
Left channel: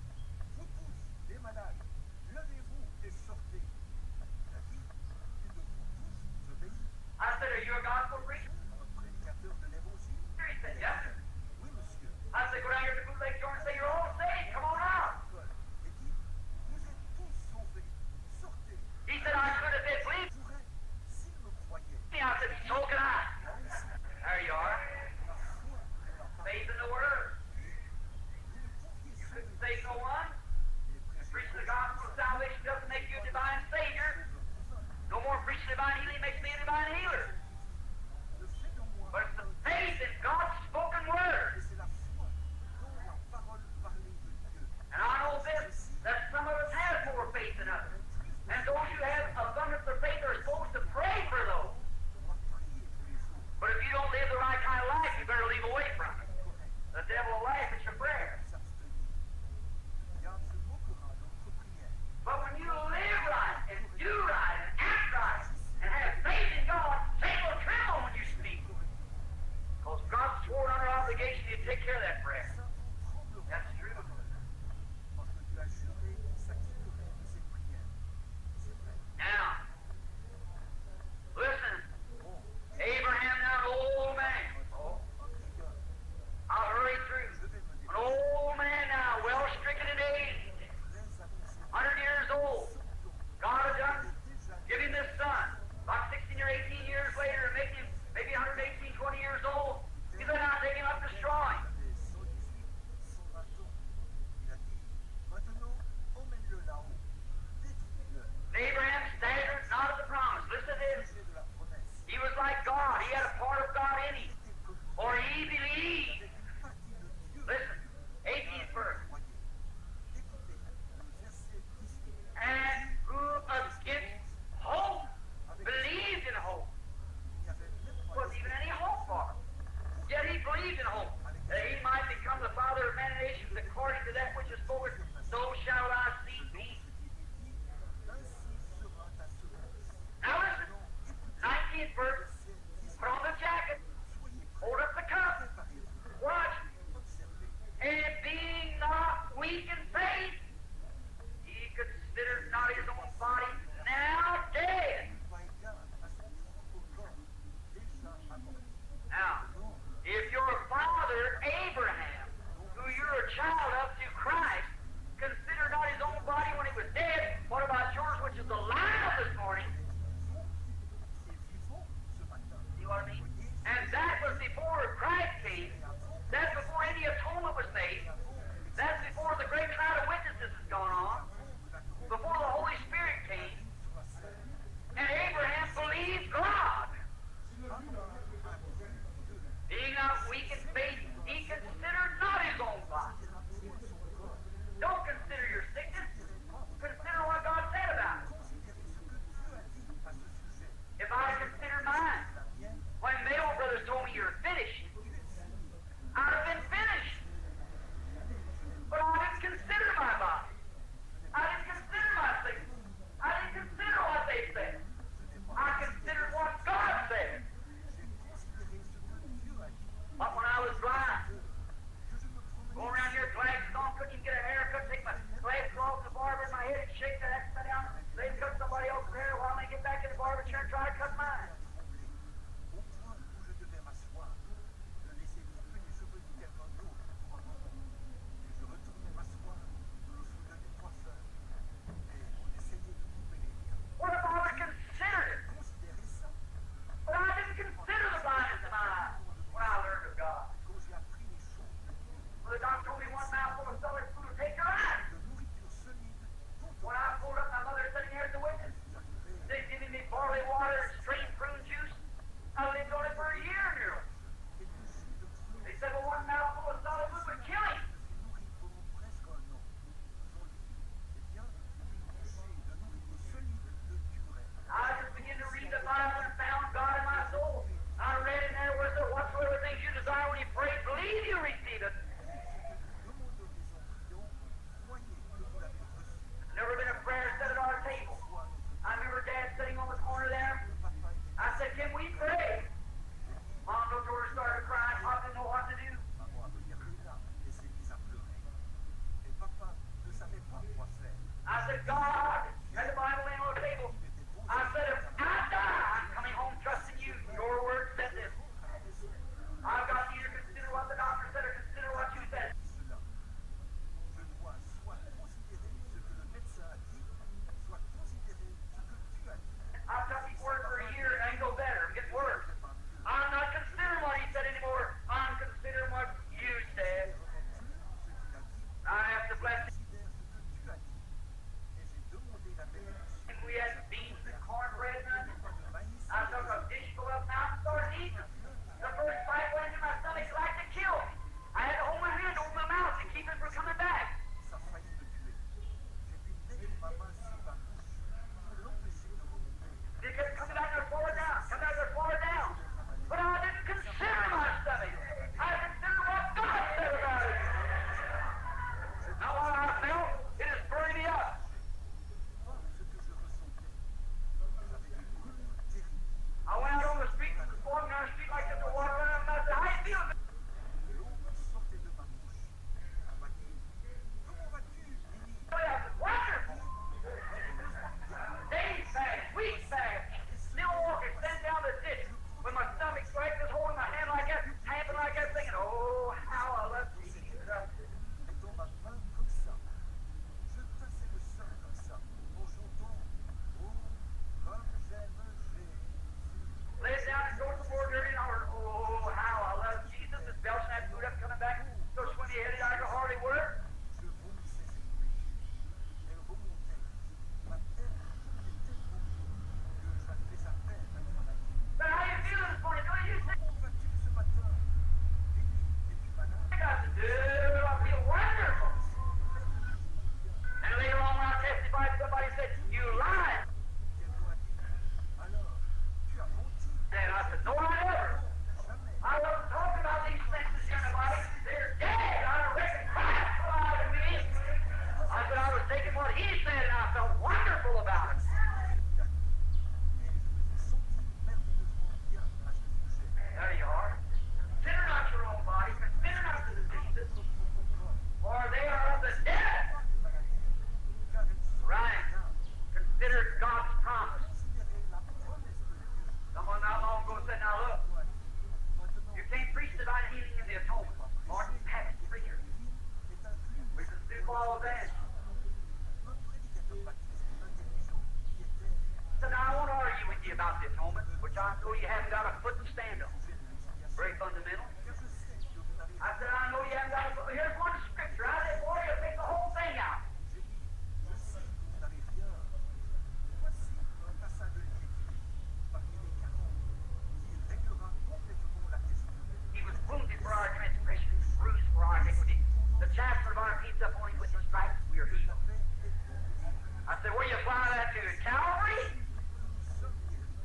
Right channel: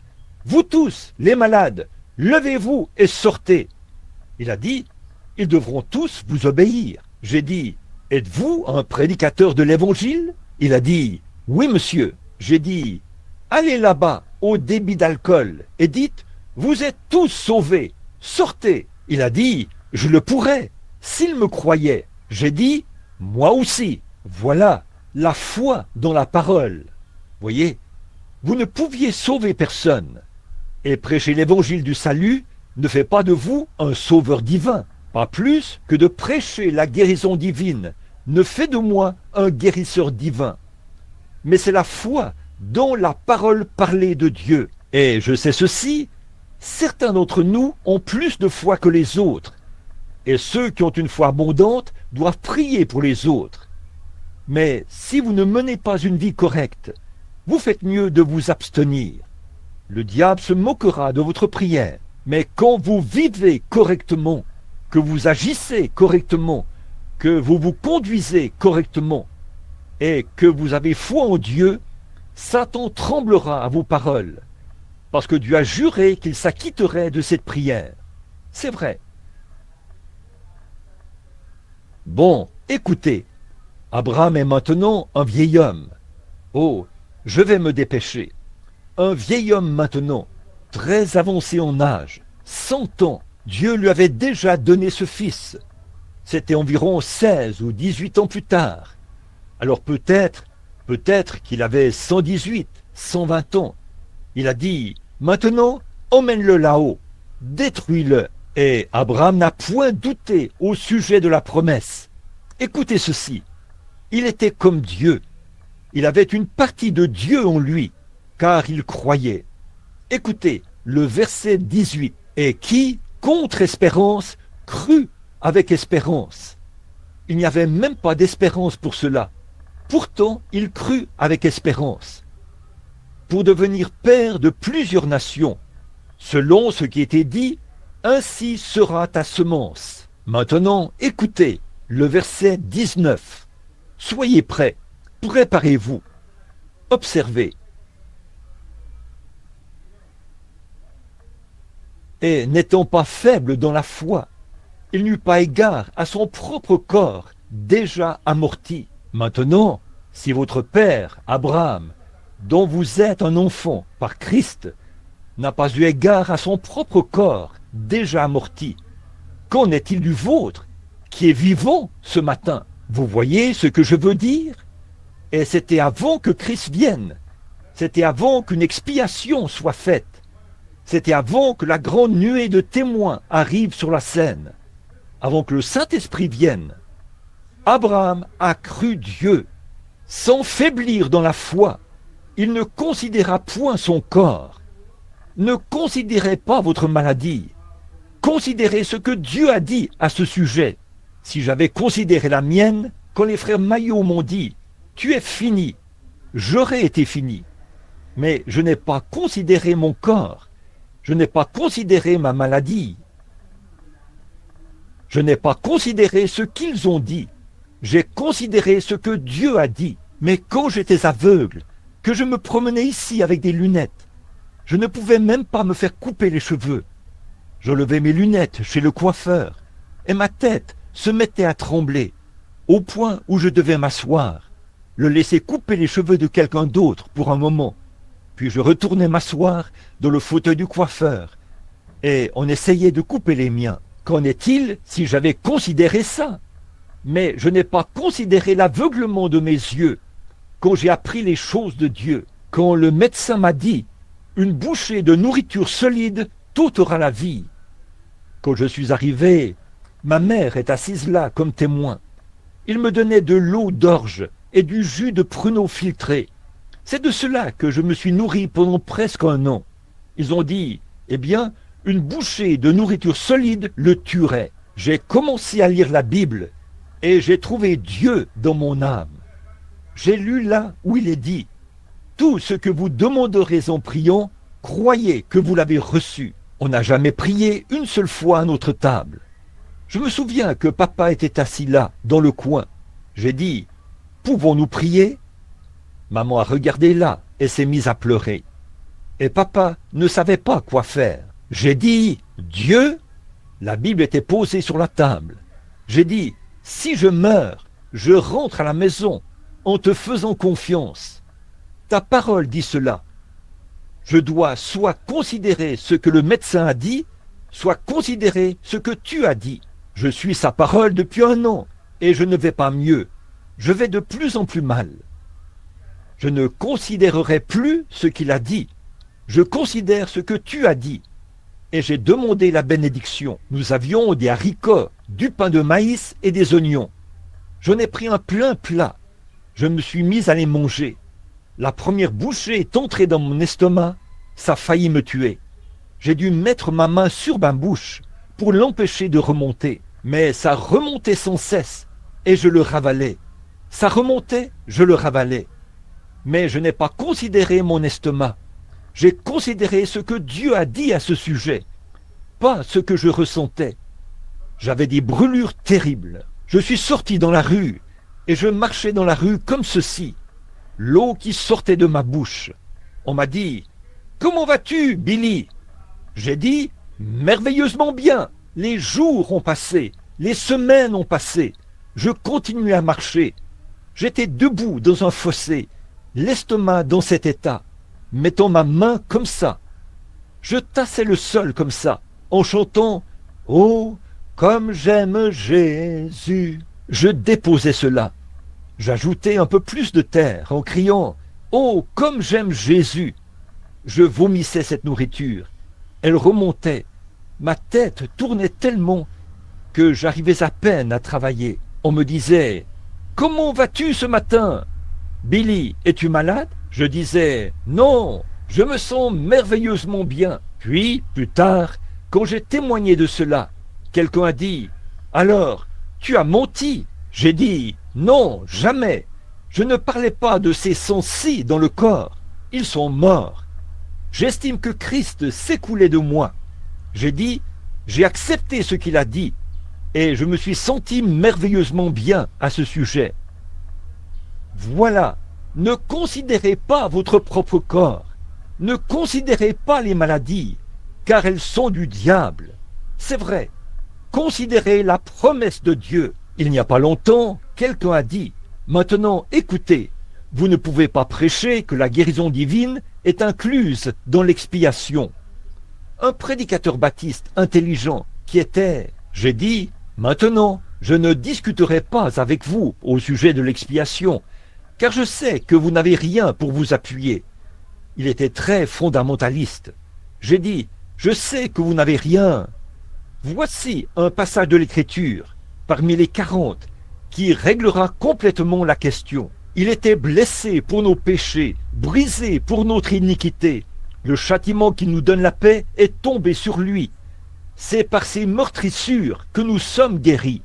vous tous, les malades, levez-vous et sortez. Il a dit, ils devront tous vous obéir. J'ai dit, êtes-vous un prédicateur de l'évangile? Il a dit, oui monsieur. J'ai dit, allez là-bas au débit d'alcool et dites, vous êtes tous sauvés, sortez. Il a dit, je le pourrais, s'il me croyait. J'ai dit, moi aussi. Voilà la foi dans la parole. Voyez, vous ne pouviez sauver personne. Et prêcher l'évangile du salut ne fait pas de vous un sauveur divin. Pas plus que de prêcher la guérison divine ne fait de moi un guérisseur divin. Mais c'est la foi dans la parole parlée de Dieu. Et je sais ceci, certains d'entre nous ont plus de foi que les autres. Et ceux qui ont une foi abondante doivent prier pour les autres. Mais si vous ne menez pas une vie correcte, vous faites mieux de vous abstenir. Le diable se moquera de votre prière. Mais quand vous vivez correctement, que vous agissez correctement, que vous vous conduisez correctement, et que vous avez foi en Dieu, Satan tremblera à vos paroles, parce que Dieu a juré qu'il s'acquitterait de cette prière. C'est vrai. Bon, écoutez, Abraham est maintenant un vieil homme. Oh, je vais me dépêcher. Un vieil homme maintenant, très avancé en âge, 100 ans, Dieu lui avait déjà donné ce fils. C'était environ 16 ou 18 ans plus tard. Alors peut-être qu'il avait 118, 120 ans. Il a dit, maintenant, emmène-le là-haut, détruis-le, Et Abraham n'a point douté au sujet de la promesse. Écoutez ceci, il était comme Dieu. Il avait une partie de Dieu en lui, car il croyait. Écoutez le verset 18. Et qui, contre espérance, crut avec espérance. Il n'y avait même pas d'espérance pour cela. Pourtant, il crut avec espérance. Pour devenir père de plusieurs nations, selon ce qui était dit, ainsi sera ta semence. Maintenant, écoutez le verset 19. Soyez prêts, préparez-vous, observez. Et n'étant pas faible dans la foi, il n'eut pas égard à son propre corps, déjà amorti. Maintenant, si votre père, Abraham, dont vous êtes un enfant par Christ, n'a pas eu égard à son propre corps, déjà amorti, qu'en est-il du vôtre, qui est vivant ce matin? Vous voyez ce que je veux dire? Et c'était avant que Christ vienne. C'était avant qu'une expiation soit faite. C'était avant que la grande nuée de témoins arrive sur la scène. Avant que le Saint-Esprit vienne. Abraham a cru Dieu, sans faiblir dans la foi. Il ne considéra point son corps. Ne considérez pas votre maladie. Considérez ce que Dieu a dit à ce sujet. Si j'avais considéré la mienne, quand les frères Maillot m'ont dit « Tu es fini », j'aurais été fini. Mais je n'ai pas considéré mon corps. Je n'ai pas considéré ma maladie. Je n'ai pas considéré ce qu'ils ont dit. J'ai considéré ce que Dieu a dit. Mais quand j'étais aveugle, que je me promenais ici avec des lunettes, je ne pouvais même pas me faire couper les cheveux. Je levais mes lunettes chez le coiffeur et ma tête se mettait à trembler au point où je devais m'asseoir, le laisser couper les cheveux de quelqu'un d'autre pour un moment. Puis je retournais m'asseoir dans le fauteuil du coiffeur et on essayait de couper les miens. Qu'en est-il si j'avais considéré ça? Mais je n'ai pas considéré l'aveuglement de mes yeux quand j'ai appris les choses de Dieu. Quand le médecin m'a dit « Une bouchée de nourriture solide t'ôtera la vie ». Quand je suis arrivé, ma mère est assise là comme témoin. Il me donnait de l'eau d'orge et du jus de pruneau filtré. C'est de cela que je me suis nourri pendant presque un an. Ils ont dit « Eh bien, une bouchée de nourriture solide le tuerait ». J'ai commencé à lire la Bible et j'ai trouvé Dieu dans mon âme. J'ai lu là où il est dit « Tout ce que vous demanderez en priant, croyez que vous l'avez reçu ». On n'a jamais prié une seule fois à notre table. Je me souviens que papa était assis là, dans le coin. J'ai dit « Pouvons-nous prier ?» Maman a regardé là et s'est mise à pleurer. Et papa ne savait pas quoi faire. J'ai dit « Dieu ?» La Bible était posée sur la table. J'ai dit « Si je meurs, je rentre à la maison en te faisant confiance. Ta parole dit cela. Je dois soit considérer ce que le médecin a dit, soit considérer ce que tu as dit. Je suis sa parole depuis un an et je ne vais pas mieux. Je vais de plus en plus mal. Je ne considérerai plus ce qu'il a dit. Je considère ce que tu as dit. Et j'ai demandé la bénédiction. Nous avions des haricots, du pain de maïs et des oignons. J'en ai pris un plein plat. Je me suis mis à les manger. La première bouchée est entrée dans mon estomac. Ça a failli me tuer. J'ai dû mettre ma main sur ma bouche pour l'empêcher de remonter. Mais ça remontait sans cesse et je le ravalais. Ça remontait, je le ravalais. Mais je n'ai pas considéré mon estomac. J'ai considéré ce que Dieu a dit à ce sujet, pas ce que je ressentais. J'avais des brûlures terribles. Je suis sorti dans la rue et je marchais dans la rue comme ceci. L'eau qui sortait de ma bouche. On m'a dit « Comment vas-tu, Billy ?» J'ai dit « Merveilleusement bien. Les jours ont passé, les semaines ont passé. Je continuais à marcher. J'étais debout dans un fossé, l'estomac dans cet état, mettant ma main comme ça. Je tassais le sol comme ça, en chantant « Oh, comme j'aime Jésus ». Je déposais cela. J'ajoutais un peu plus de terre en criant « Oh, comme j'aime Jésus ». Je vomissais cette nourriture. Elle remontait. Ma tête tournait tellement que j'arrivais à peine à travailler. On me disait « Comment vas-tu ce matin ? Billy, es-tu malade ?» Je disais « Non, je me sens merveilleusement bien. » Puis, plus tard, quand j'ai témoigné de cela, quelqu'un a dit « Alors, tu as menti ?» J'ai dit « Non, jamais. Je ne parlais pas de ces sens-ci dans le corps. Ils sont morts. J'estime que Christ s'écoulait de moi. » J'ai dit « J'ai accepté ce qu'il a dit et je me suis senti merveilleusement bien à ce sujet. » Voilà, ne considérez pas votre propre corps. Ne considérez pas les maladies, car elles sont du diable. C'est vrai. Considérez la promesse de Dieu. Il n'y a pas longtemps, quelqu'un a dit « Maintenant, écoutez, vous ne pouvez pas prêcher que la guérison divine est incluse dans l'expiation. » Un prédicateur baptiste intelligent qui était, j'ai dit « Maintenant, je ne discuterai pas avec vous au sujet de l'expiation, car je sais que vous n'avez rien pour vous appuyer. » Il était très fondamentaliste. J'ai dit « Je sais que vous n'avez rien. Voici un passage de l'Écriture, parmi les 40, qui réglera complètement la question. Il était blessé pour nos péchés, brisé pour notre iniquité. Le châtiment qui nous donne la paix est tombé sur lui. C'est par ses meurtrissures que nous sommes guéris. »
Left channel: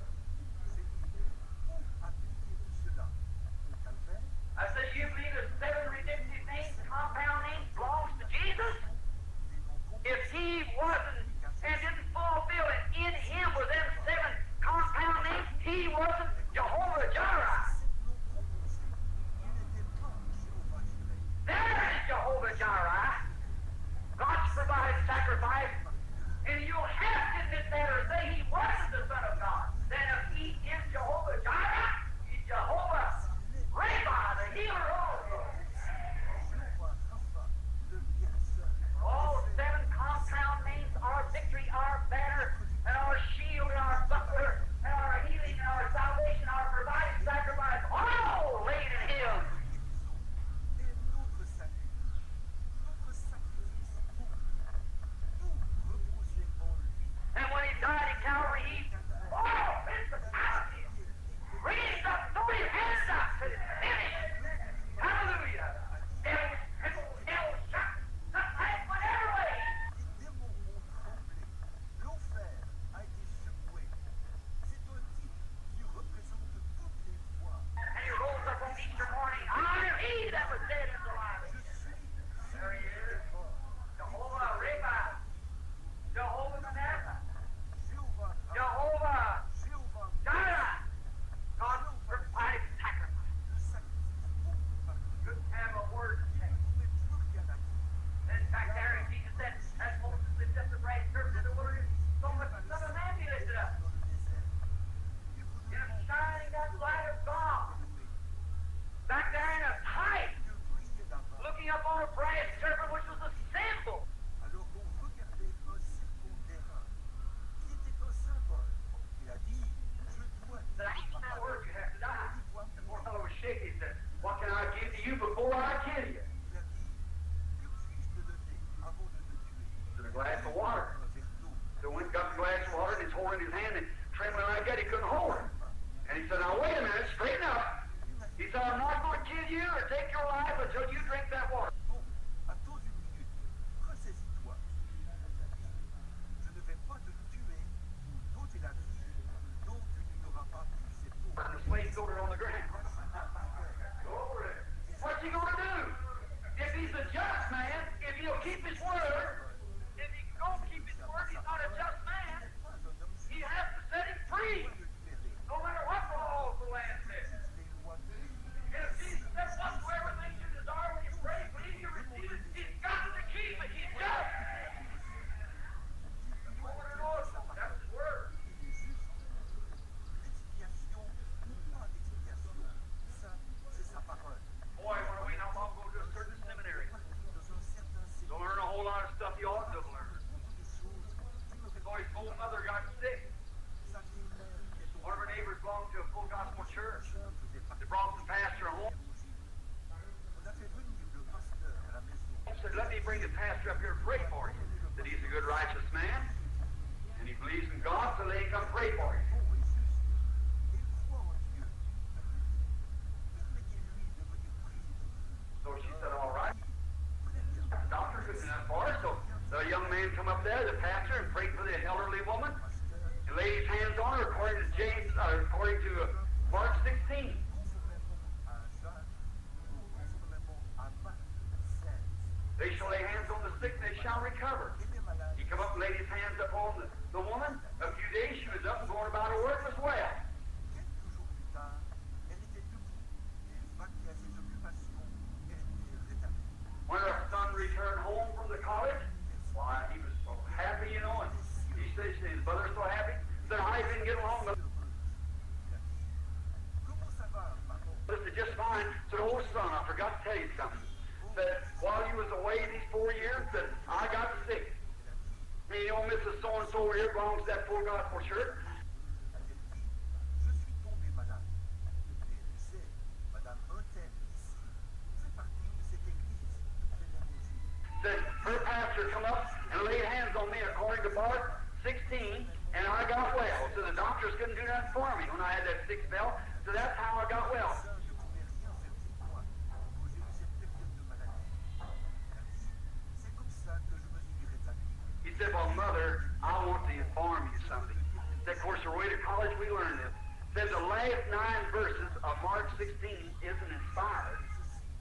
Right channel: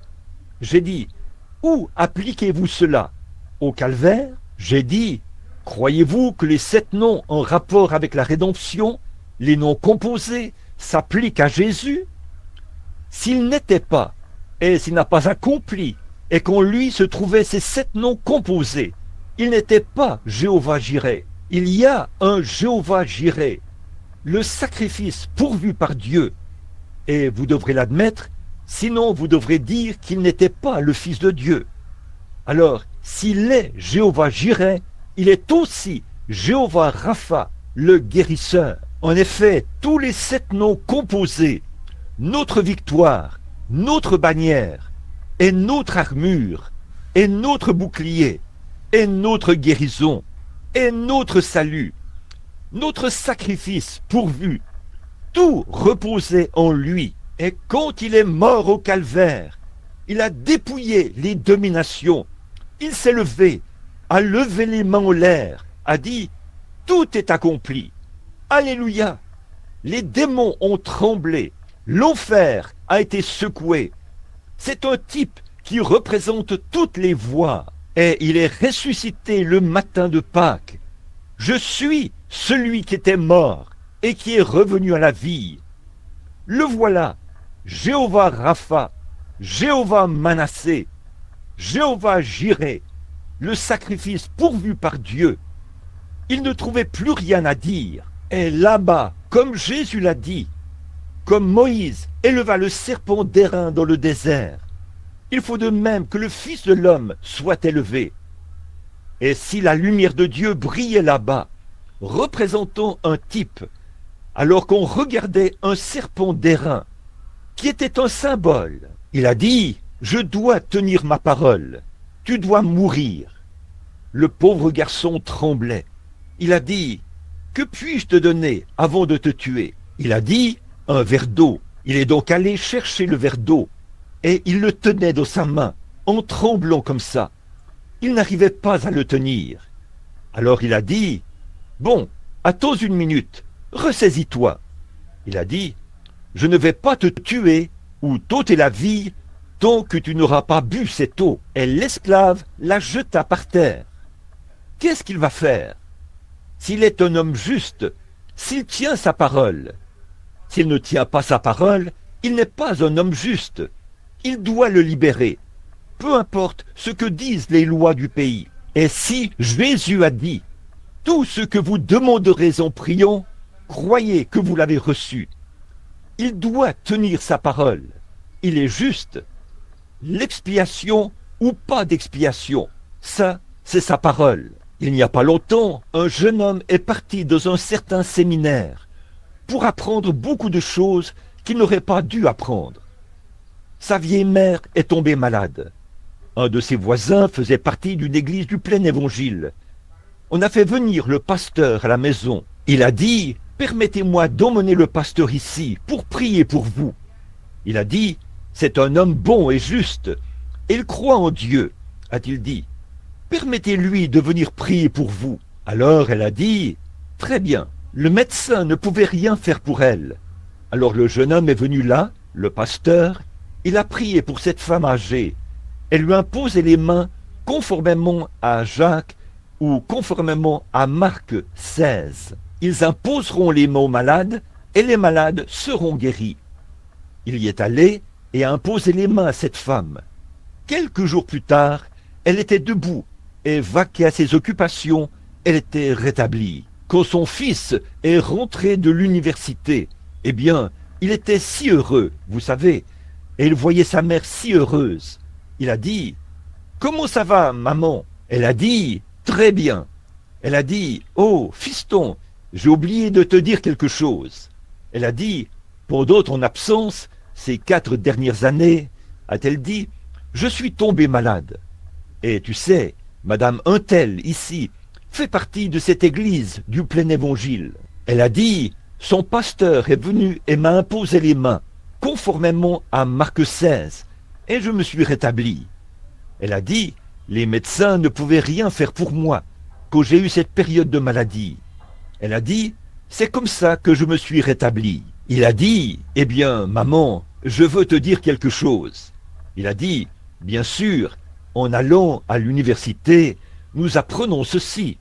J'ai dit « Où appliquez-vous cela ? Au calvaire ?» J'ai dit « Croyez-vous que les 7 noms en rapport avec la rédemption, les noms composés, s'appliquent à Jésus ? S'il n'était pas, et s'il n'a pas accompli, et qu'en lui se trouvaient ces 7 noms composés, il n'était pas Jéhovah Jireh. Il y a un Jéhovah Jireh, le sacrifice pourvu par Dieu. Et vous devrez l'admettre, sinon vous devrez dire qu'il n'était pas le Fils de Dieu. Alors, s'il est Jéhovah Jireh, il est aussi Jéhovah Rapha, le guérisseur. En effet, tous les 7 noms composés, notre victoire, notre bannière, et notre armure, et notre bouclier, et notre guérison, et notre salut, notre sacrifice pourvu, tout reposait en lui. Et quand il est mort au calvaire, il a dépouillé les dominations. Il s'est levé, a levé les mains en l'air, a dit « Tout est accompli. Alléluia !» Les démons ont tremblé, l'enfer a été secoué. C'est un type qui représente toutes les voies. Et il est ressuscité le matin de Pâques. Je suis celui qui était mort et qui est revenu à la vie. Le voilà, Jéhovah Rapha, Jéhovah Manassé, Jéhovah Jireh, le sacrifice pourvu par Dieu. Il ne trouvait plus rien à dire. Et là-bas, comme Jésus l'a dit, comme Moïse éleva le serpent d'airain dans le désert, il faut de même que le Fils de l'homme soit élevé. Et si la lumière de Dieu brillait là-bas, représentant un type, alors qu'on regardait un serpent d'airain, qui était un symbole, il a dit « Je dois tenir ma parole, tu dois mourir. » Le pauvre garçon tremblait. Il a dit « Que puis-je te donner avant de te tuer ?» Il a dit « Un verre d'eau. » Il est donc allé chercher le verre d'eau. Et il le tenait dans sa main, en tremblant comme ça. Il n'arrivait pas à le tenir. Alors il a dit, « Bon, attends une minute, ressaisis-toi. » Il a dit, « Je ne vais pas te tuer ou t'ôter la vie tant que tu n'auras pas bu cette eau. » Et l'esclave la jeta par terre. Qu'est-ce qu'il va faire? S'il est un homme juste, s'il tient sa parole. S'il ne tient pas sa parole, il n'est pas un homme juste. Il doit le libérer, peu importe ce que disent les lois du pays. Et si Jésus a dit, « Tout ce que vous demanderez en priant, croyez que vous l'avez reçu. » Il doit tenir sa parole. Il est juste. L'expiation ou pas d'expiation, ça, c'est sa parole. Il n'y a pas longtemps, un jeune homme est parti dans un certain séminaire pour apprendre beaucoup de choses qu'il n'aurait pas dû apprendre. Sa vieille mère est tombée malade. Un de ses voisins faisait partie d'une église du plein évangile. On a fait venir le pasteur à la maison. Il a dit, permettez-moi d'emmener le pasteur ici pour prier pour vous. Il a dit, c'est un homme bon et juste. Et il croit en Dieu, a-t-il dit. Permettez-lui de venir prier pour vous. Alors elle a dit, très bien. Le médecin ne pouvait rien faire pour elle. Alors le jeune homme est venu là, le pasteur. Il a prié pour cette femme âgée. Elle lui a imposé les mains conformément à Jacques ou conformément à Marc 16. Ils imposeront les mains aux malades et les malades seront guéris. Il y est allé et a imposé les mains à cette femme. Quelques jours plus tard, elle était debout et vaquait à ses occupations, elle était rétablie. Quand son fils est rentré de l'université, eh bien, il était si heureux, vous savez, et il voyait sa mère si heureuse. Il a dit, « Comment ça va, maman ?» Elle a dit, « Très bien. » Elle a dit, « Oh, fiston, j'ai oublié de te dire quelque chose. » Elle a dit, « Pendant ton absence, ces 4 dernières années, a-t-elle dit, je suis tombée malade. Et tu sais, Madame Untel, ici, fait partie de cette église du plein évangile. Elle a dit, son pasteur est venu et m'a imposé les mains, conformément à Marc 16, et je me suis rétablie. Elle a dit, les médecins ne pouvaient rien faire pour moi, quand j'ai eu cette période de maladie. Elle a dit, c'est comme ça que je me suis rétablie. Il a dit, eh bien, maman, je veux te dire quelque chose. Il a dit, bien sûr, en allant à l'université, nous apprenons ceci.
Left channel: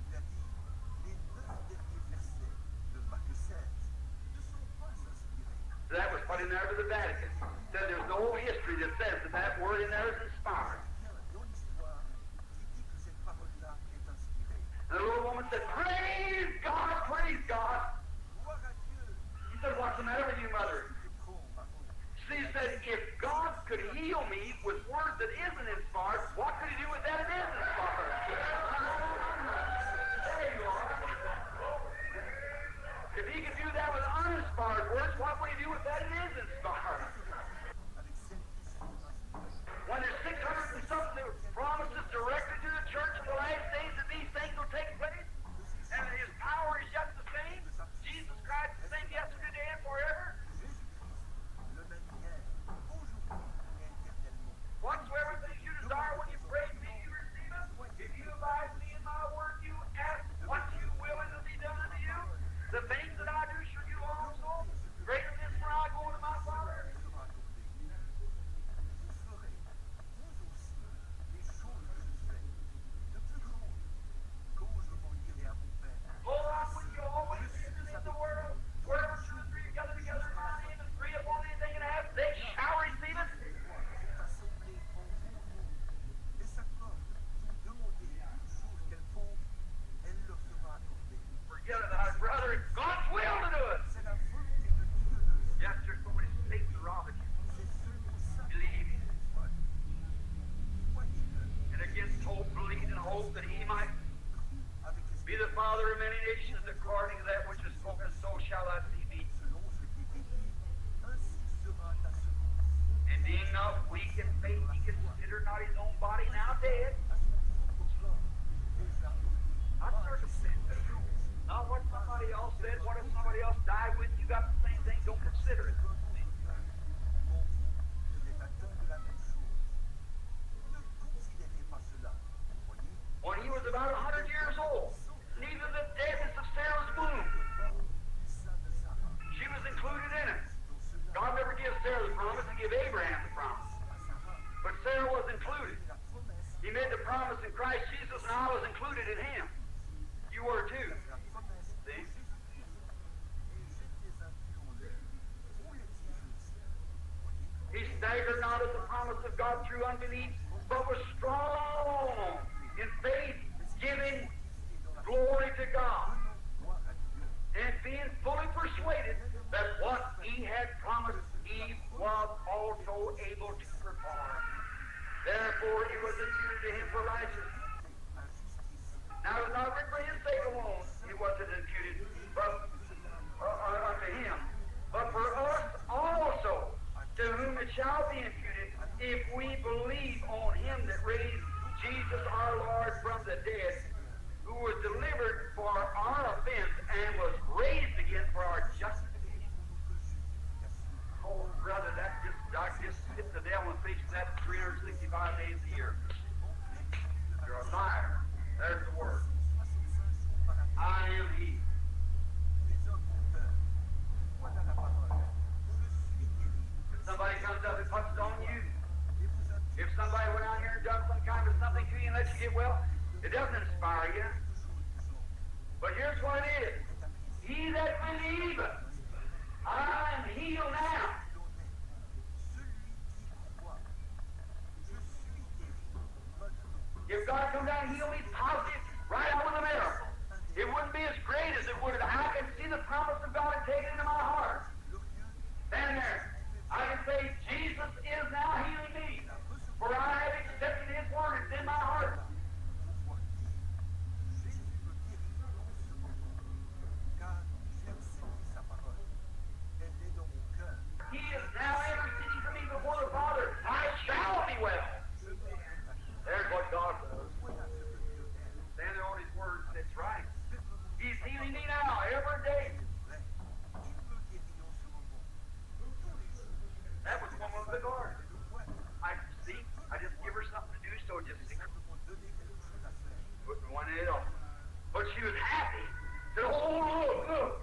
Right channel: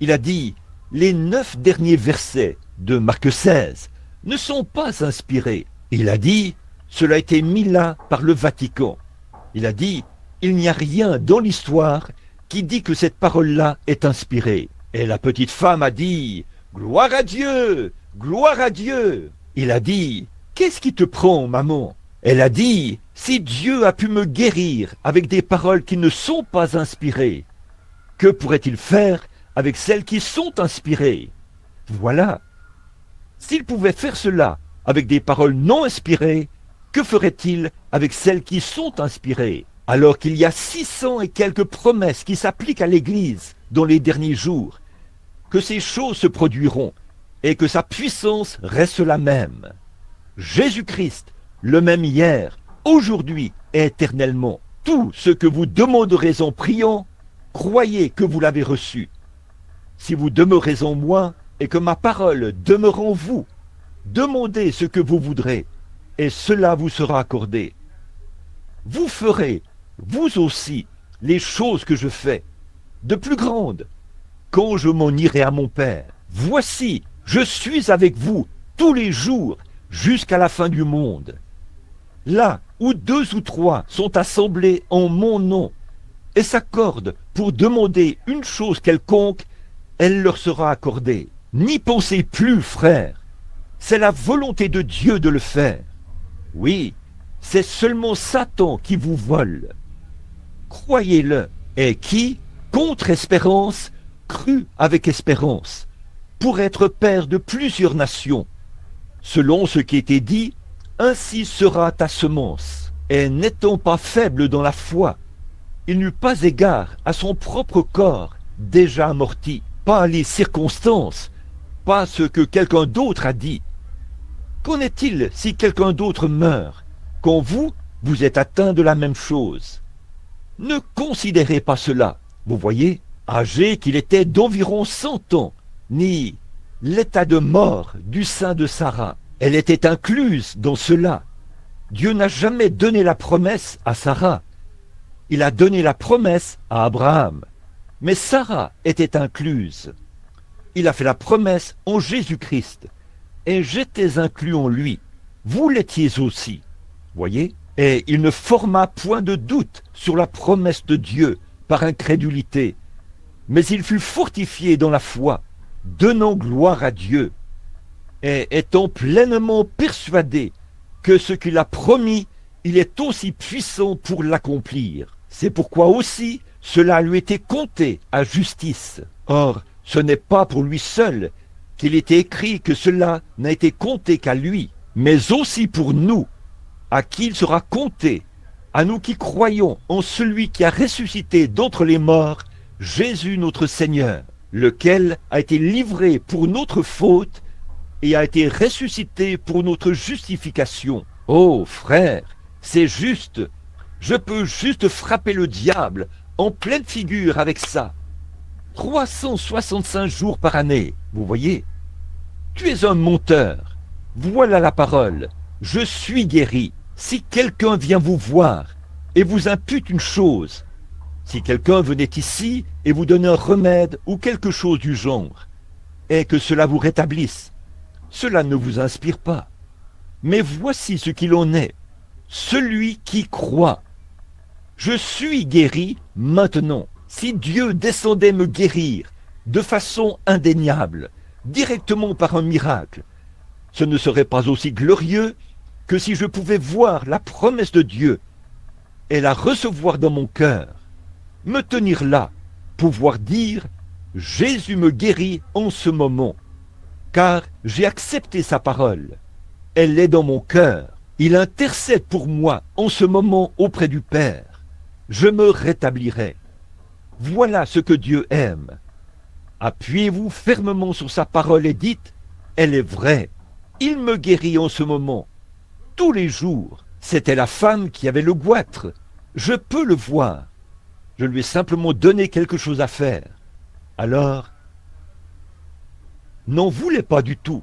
Il a dit, les 9 derniers versets de Marc 16 ne sont pas inspirés. Il a dit, cela a été mis là par le Vatican. Il a dit, il n'y a rien dans l'histoire qui dit que cette parole-là est inspirée. Et la petite femme a dit, gloire à Dieu, gloire à Dieu. Il a dit, qu'est-ce qui te prend, maman? Elle a dit, si Dieu a pu me guérir avec des paroles qui ne sont pas inspirées, que pourrait-il faire avec celles qui sont inspirées? Voilà. S'il pouvait faire cela avec des paroles non inspirées, que ferait-il avec celles qui sont inspirées? Alors qu'il y a 600 et quelques promesses qui s'appliquent à l'Église dans les derniers jours, que ces choses se produiront et que sa puissance reste la même. Jésus-Christ, le même hier, aujourd'hui et éternellement. Tout ce que vous demanderez en priant, croyez que vous l'avez reçu. Si vous demeurez en moi et que ma parole demeure en vous, demandez ce que vous voudrez et cela vous sera accordé. Vous ferez, vous aussi, les choses que je fais, de plus grandes, quand je m'en irai à mon Père. Voici, je suis avec vous tous les jours jusqu'à la fin du monde. Là où 2 ou 3 sont assemblés en mon nom et s'accordent pour demander une chose quelconque, elle leur sera accordée. N'y pensez plus, frères. C'est la volonté de Dieu de le faire. Oui, c'est seulement Satan qui vous vole. Croyez-le. Et qui, contre espérance, crut avec espérance, pour être père de plusieurs nations. Selon ce qui était dit, ainsi sera ta semence. Et n'étant pas faible dans la foi, il n'eut pas égard à son propre corps, déjà amorti, pas les circonstances, pas ce que quelqu'un d'autre a dit. Qu'en est-il si quelqu'un d'autre meurt, quand vous, vous êtes atteint de la même chose? Ne considérez pas cela, vous voyez, âgé qu'il était d'environ 100 ans, ni l'état de mort du sein de Sarah. Elle était incluse dans cela. Dieu n'a jamais donné la promesse à Sarah. Il a donné la promesse à Abraham. Mais Sarah était incluse. Il a fait la promesse en Jésus-Christ. Et j'étais inclus en lui. Vous l'étiez aussi. Voyez? Et il ne forma point de doute sur la promesse de Dieu par incrédulité. Mais il fut fortifié dans la foi, donnant gloire à Dieu, et étant pleinement persuadé que ce qu'il a promis, il est aussi puissant pour l'accomplir. C'est pourquoi aussi cela lui était compté à justice. Or, ce n'est pas pour lui seul qu'il était écrit que cela n'a été compté qu'à lui, mais aussi pour nous, à qui il sera compté, à nous qui croyons en celui qui a ressuscité d'entre les morts, Jésus notre Seigneur. lequel a été livré pour notre faute et a été ressuscité pour notre justification. Oh frère, c'est juste. Je peux juste frapper le diable en pleine figure avec ça. 365 jours par année, vous voyez. Tu es un menteur. Voilà la parole. Je suis guéri. Si quelqu'un vient vous voir et vous impute une chose, si quelqu'un venait ici et vous donnait un remède ou quelque chose du genre, et que cela vous rétablisse, cela ne vous inspire pas. Mais voici ce qu'il en est. Celui qui croit. Je suis guéri maintenant. Si Dieu descendait me guérir de façon indéniable, directement par un miracle, ce ne serait pas aussi glorieux que si je pouvais voir la promesse de Dieu et la recevoir dans mon cœur, me tenir là, pouvoir dire « Jésus me guérit en ce moment ». Car j'ai accepté sa parole. Elle est dans mon cœur. Il intercède pour moi en ce moment auprès du Père. Je me rétablirai. Voilà ce que Dieu aime. Appuyez-vous fermement sur sa parole et dites, elle est vraie. Il me guérit en ce moment. Tous les jours, c'était la femme qui avait le goitre. Je peux le voir. Je lui ai simplement donné quelque chose à faire. Alors, n'en voulait pas du tout,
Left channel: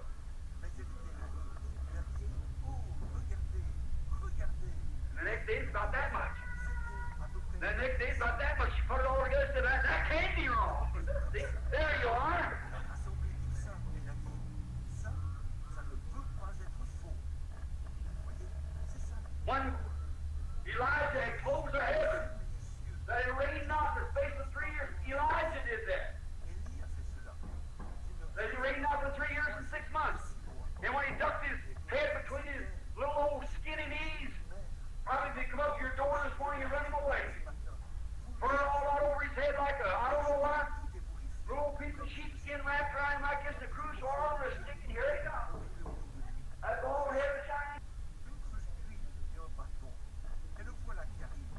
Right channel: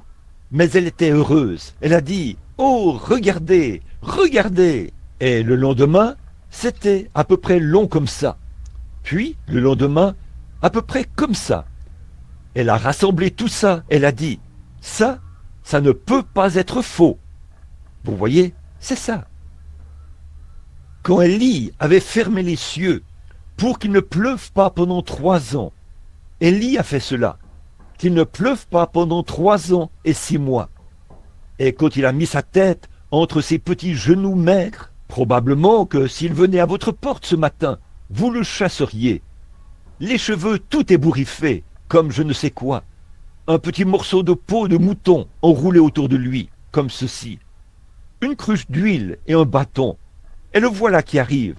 mais elle était heureuse. Elle a dit, oh, regardez, regardez. Et le lendemain, c'était à peu près long comme ça. Puis, le lendemain, à peu près comme ça. Elle a rassemblé tout ça. Elle a dit, ça ne peut pas être faux. Vous voyez, c'est ça. Quand Élie avait fermé les cieux pour qu'il ne pleuve pas pendant 3 ans, Élie a fait cela. Qu'il ne pleuve pas pendant 3 ans et 6 mois. Et quand il a mis sa tête entre ses petits genoux maigres, probablement que s'il venait à votre porte ce matin, vous le chasseriez. Les cheveux tout ébouriffés, comme je ne sais quoi. Un petit morceau de peau de mouton enroulé autour de lui, comme ceci. Une cruche d'huile et un bâton. Et le voilà qui arrive.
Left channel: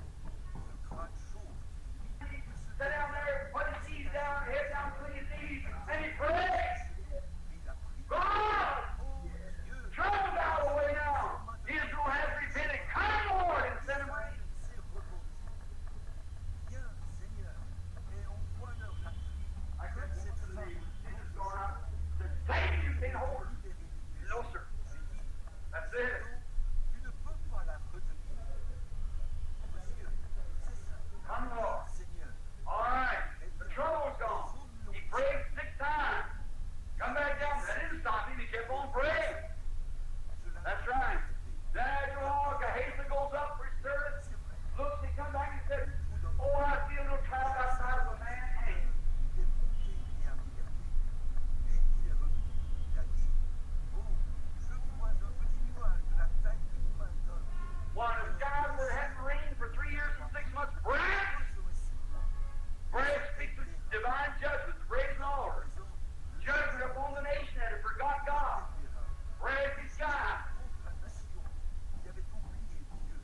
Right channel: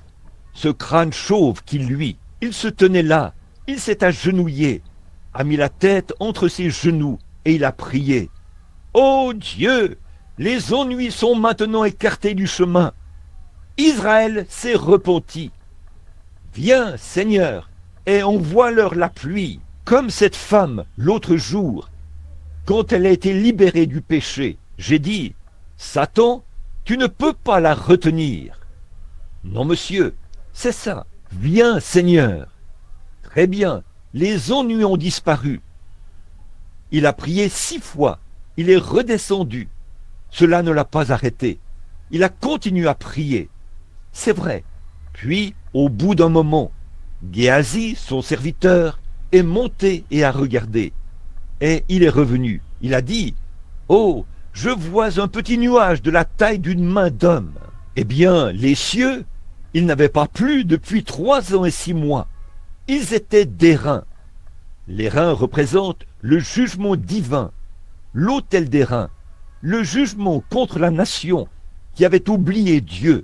Ce crâne chauve qui luit. Il se tenait là, il s'est agenouillé, a mis la tête entre ses genoux et il a prié. Ô Dieu, les ennuis sont maintenant écartés du chemin. Israël s'est repenti. Viens, Seigneur, et envoie-leur la pluie, comme cette femme l'autre jour, quand elle a été libérée du péché. J'ai dit, Satan, tu ne peux pas la retenir. Non, monsieur, c'est ça. Viens, Seigneur. Très bien. Les ennuis ont disparu. Il a prié 6 fois. Il est redescendu. Cela ne l'a pas arrêté. Il a continué à prier. C'est vrai. Puis, au bout d'un moment, Géasi, son serviteur, est monté et a regardé. Et il est revenu. Il a dit, « Oh, je vois un petit nuage de la taille d'une main d'homme. » Eh bien, les cieux, ils n'avaient pas plu depuis 3 ans et 6 mois. Ils étaient des reins. Les reins représentent le jugement divin, l'autel des reins, le jugement contre la nation qui avait oublié Dieu.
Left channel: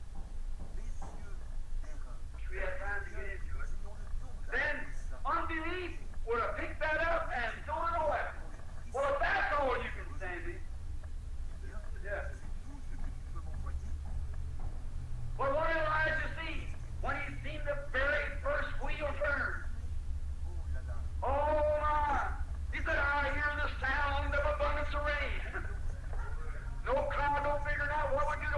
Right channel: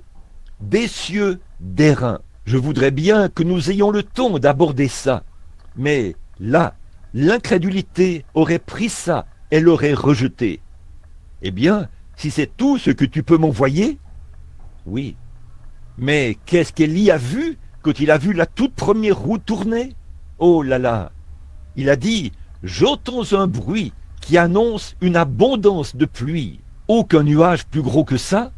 Des cieux, des reins. Je voudrais bien que nous ayons le temps d'aborder ça. Mais là, l'incrédulité aurait pris ça et l'aurait rejeté. Eh bien, si c'est tout ce que tu peux m'envoyer, oui. Mais qu'est-ce qu'Élie a vu quand il a vu la toute première roue tourner? Oh là là! Il a dit, j'entends un bruit qui annonce une abondance de pluie. Aucun nuage plus gros que ça.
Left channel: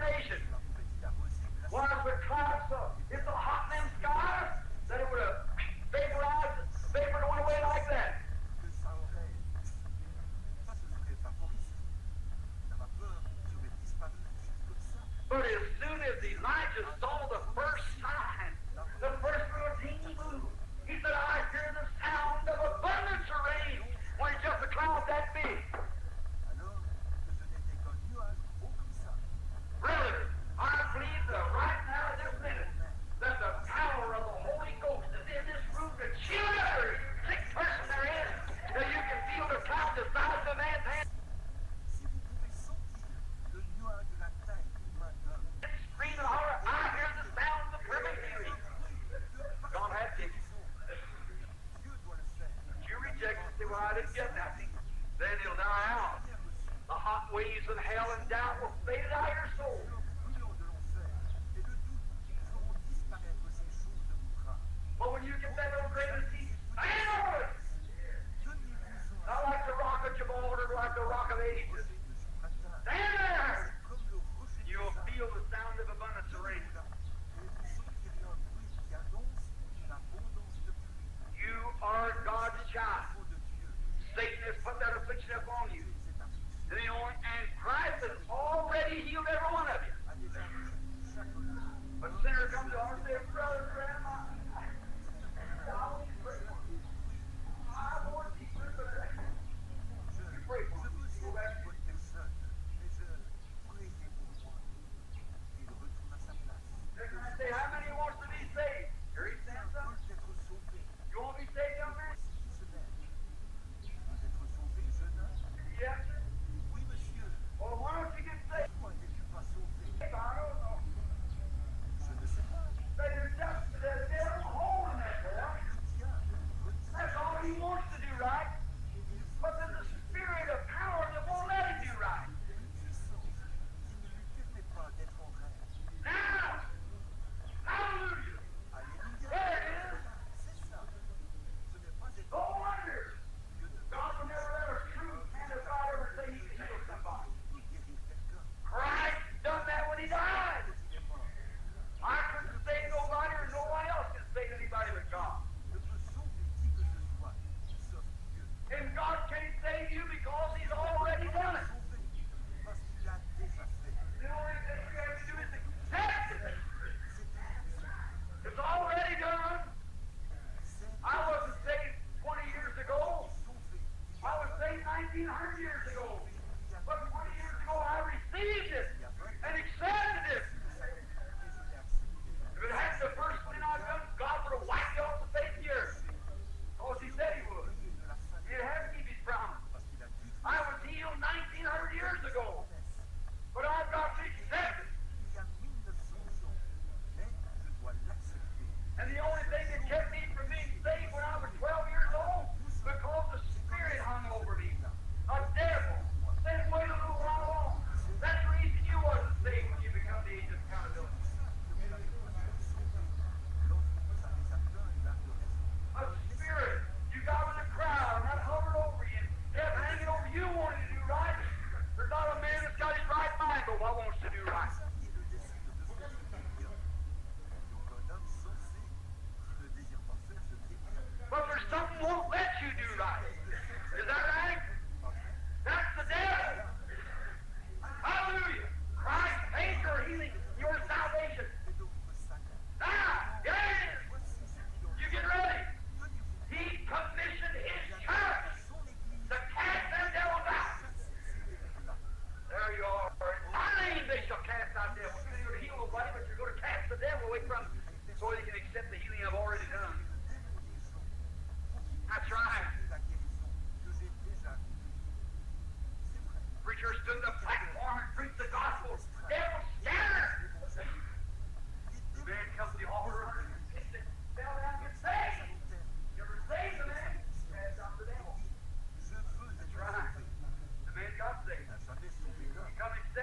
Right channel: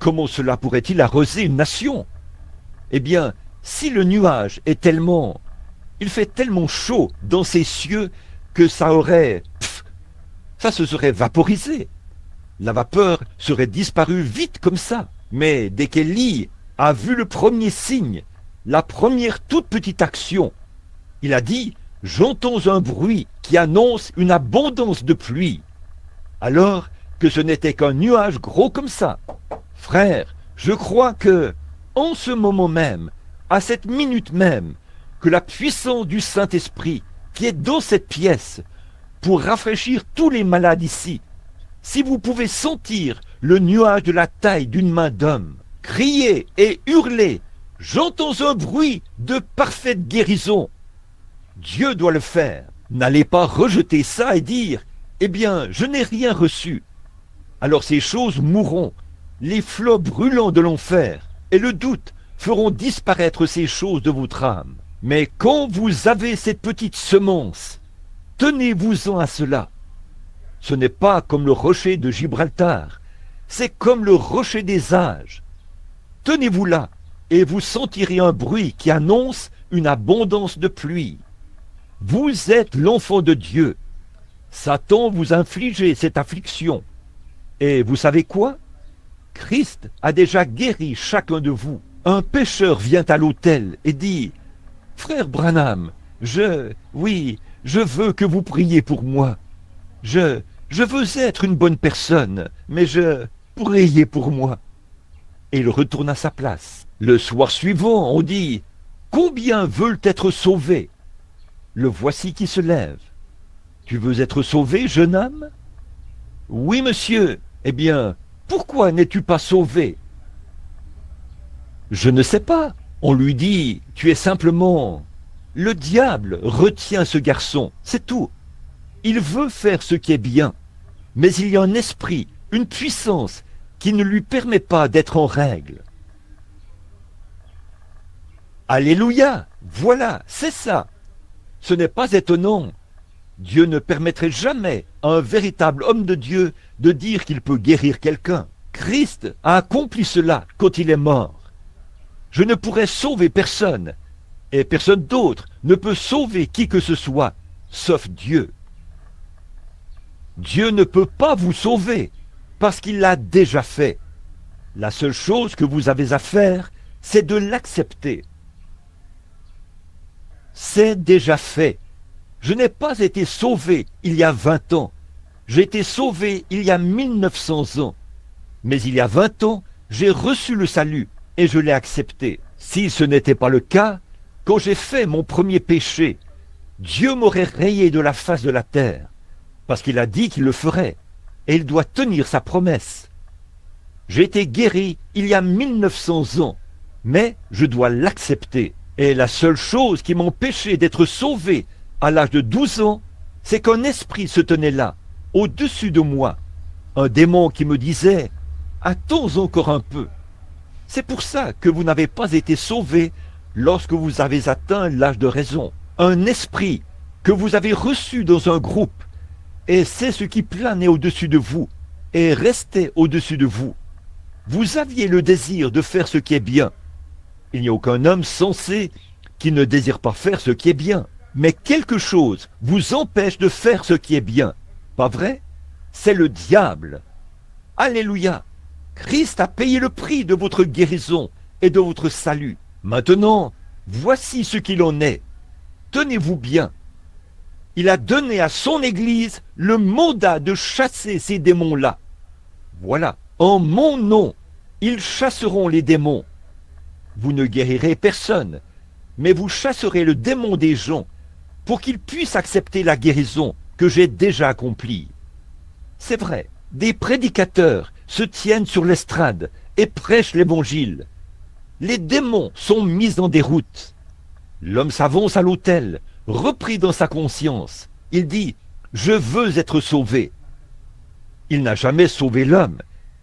Comment cela pourrait-il arroser une nation? Eh bien, si le nuage est tellement... Il fait tellement chaud dans ces cieux que ça aurait... ça se serait vaporisé. La vapeur serait disparue vite comme ça. Mais dès qu'Élie a vu le premier signe, la première toute petite action, il a dit, j'entends un bruit qui annonce une abondance de pluie. Alors que ce n'était qu'un nuage gros comme ça. Frère, je crois que, en ce moment même, à cette minute même, que la puissance du Saint-Esprit qui est dans cette pièce pour rafraîchir tous les malades ici, si vous pouvez sentir le nuage de la taille d'une main d'homme, crier et hurler, j'entends un bruit de parfaite guérison. Dieu doit le faire. N'allez pas rejeter ça et dire, eh bien, je n'ai rien reçu. Alors ces choses mourront. Les flots brûlants de l'enfer et le doute feront disparaître ces choses de votre âme. Mais quand vous avez cette petite semence, tenez-vous-en à cela. Ce n'est pas comme le rocher de Gibraltar, c'est comme le rocher des âges. Tenez-vous là, et vous sentirez un bruit qui annonce une abondance de pluie. Vous êtes l'enfant de Dieu. Satan vous a infligé cette affliction. Et vous savez quoi? Christ a déjà guéri chacun de vous. Un pécheur vient à l'autel et dit, « Frère Branham, je veux que vous priez pour moi. Je veux être une bonne personne, mais priez pour moi. » Et il retourne à sa place. Le soir suivant, on dit, « Combien veulent être sauvés ?» Le voici qui se lève. « Tu veux être sauvé, jeune homme ?»« Oui, monsieur. » « Eh bien, pourquoi n'es-tu pas sauvé ?»« Je ne sais pas. » On lui dit, « Tu es simplement... » Le diable retient ce garçon, c'est tout. Il veut faire ce qui est bien, mais il y a un esprit, une puissance qui ne lui permet pas d'être en règle. Alléluia, voilà, c'est ça. Ce n'est pas étonnant. Dieu ne permettrait jamais à un véritable homme de Dieu de dire qu'il peut guérir quelqu'un. Christ a accompli cela quand il est mort. Je ne pourrais sauver personne, et personne d'autre ne peut sauver qui que ce soit, sauf Dieu. Dieu ne peut pas vous sauver, parce qu'il l'a déjà fait. La seule chose que vous avez à faire, c'est de l'accepter. C'est déjà fait. Je n'ai pas été sauvé il y a 20 ans. J'ai été sauvé il y a 1900 ans. Mais il y a 20 ans, j'ai reçu le salut et je l'ai accepté. Si ce n'était pas le cas, quand j'ai fait mon premier péché, Dieu m'aurait rayé de la face de la terre, parce qu'il a dit qu'il le ferait, et il doit tenir sa promesse. J'ai été guéri il y a 1900 ans, mais je dois l'accepter. Et la seule chose qui m'empêchait d'être sauvé à l'âge de 12 ans, c'est qu'un esprit se tenait là, au-dessus de moi. Un démon qui me disait « Attends encore un peu ». C'est pour ça que vous n'avez pas été sauvé lorsque vous avez atteint l'âge de raison. Un esprit que vous avez reçu dans un groupe, et c'est ce qui planait au-dessus de vous, et restait au-dessus de vous. Vous aviez le désir de faire ce qui est bien. Il n'y a aucun homme sensé qui ne désire pas faire ce qui est bien. Mais quelque chose vous empêche de faire ce qui est bien. Pas vrai? C'est le diable. Alléluia. Christ a payé le prix de votre guérison et de votre salut. Maintenant, voici ce qu'il en est. Tenez-vous bien. Il a donné à son Église le mandat de chasser ces démons-là. Voilà. En mon nom, ils chasseront les démons. Vous ne guérirez personne, mais vous chasserez le démon des gens pour qu'ils puissent accepter la guérison que j'ai déjà accomplie. C'est vrai, des prédicateurs se tiennent sur l'estrade et prêchent l'évangile. Les démons sont mis en déroute. L'homme s'avance à l'autel, repris dans sa conscience. Il dit « Je veux être sauvé ». Il n'a jamais sauvé l'homme.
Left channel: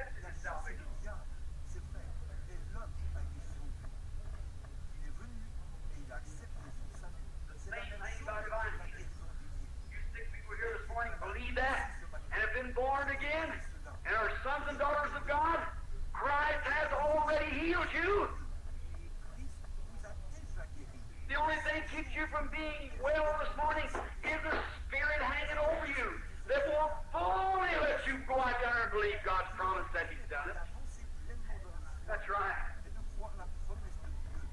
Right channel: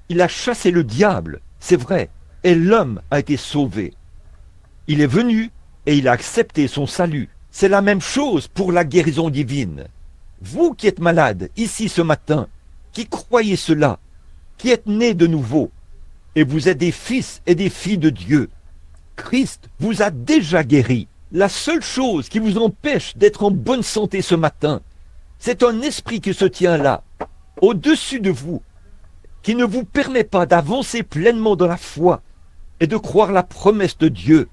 Il a chassé le diable, c'est vrai, et l'homme a été sauvé. Il est venu et il a accepté son salut. C'est la même chose pour la guérison divine. Vous qui êtes malade ici ce matin, qui croyez cela, qui êtes nés de nouveau, et vous êtes des fils et des filles de Dieu, Christ vous a déjà guéri. La seule chose qui vous empêche d'être en bonne santé ce matin, c'est un esprit qui se tient là, au-dessus de vous, qui ne vous permet pas d'avancer pleinement dans la foi et de croire la promesse de Dieu,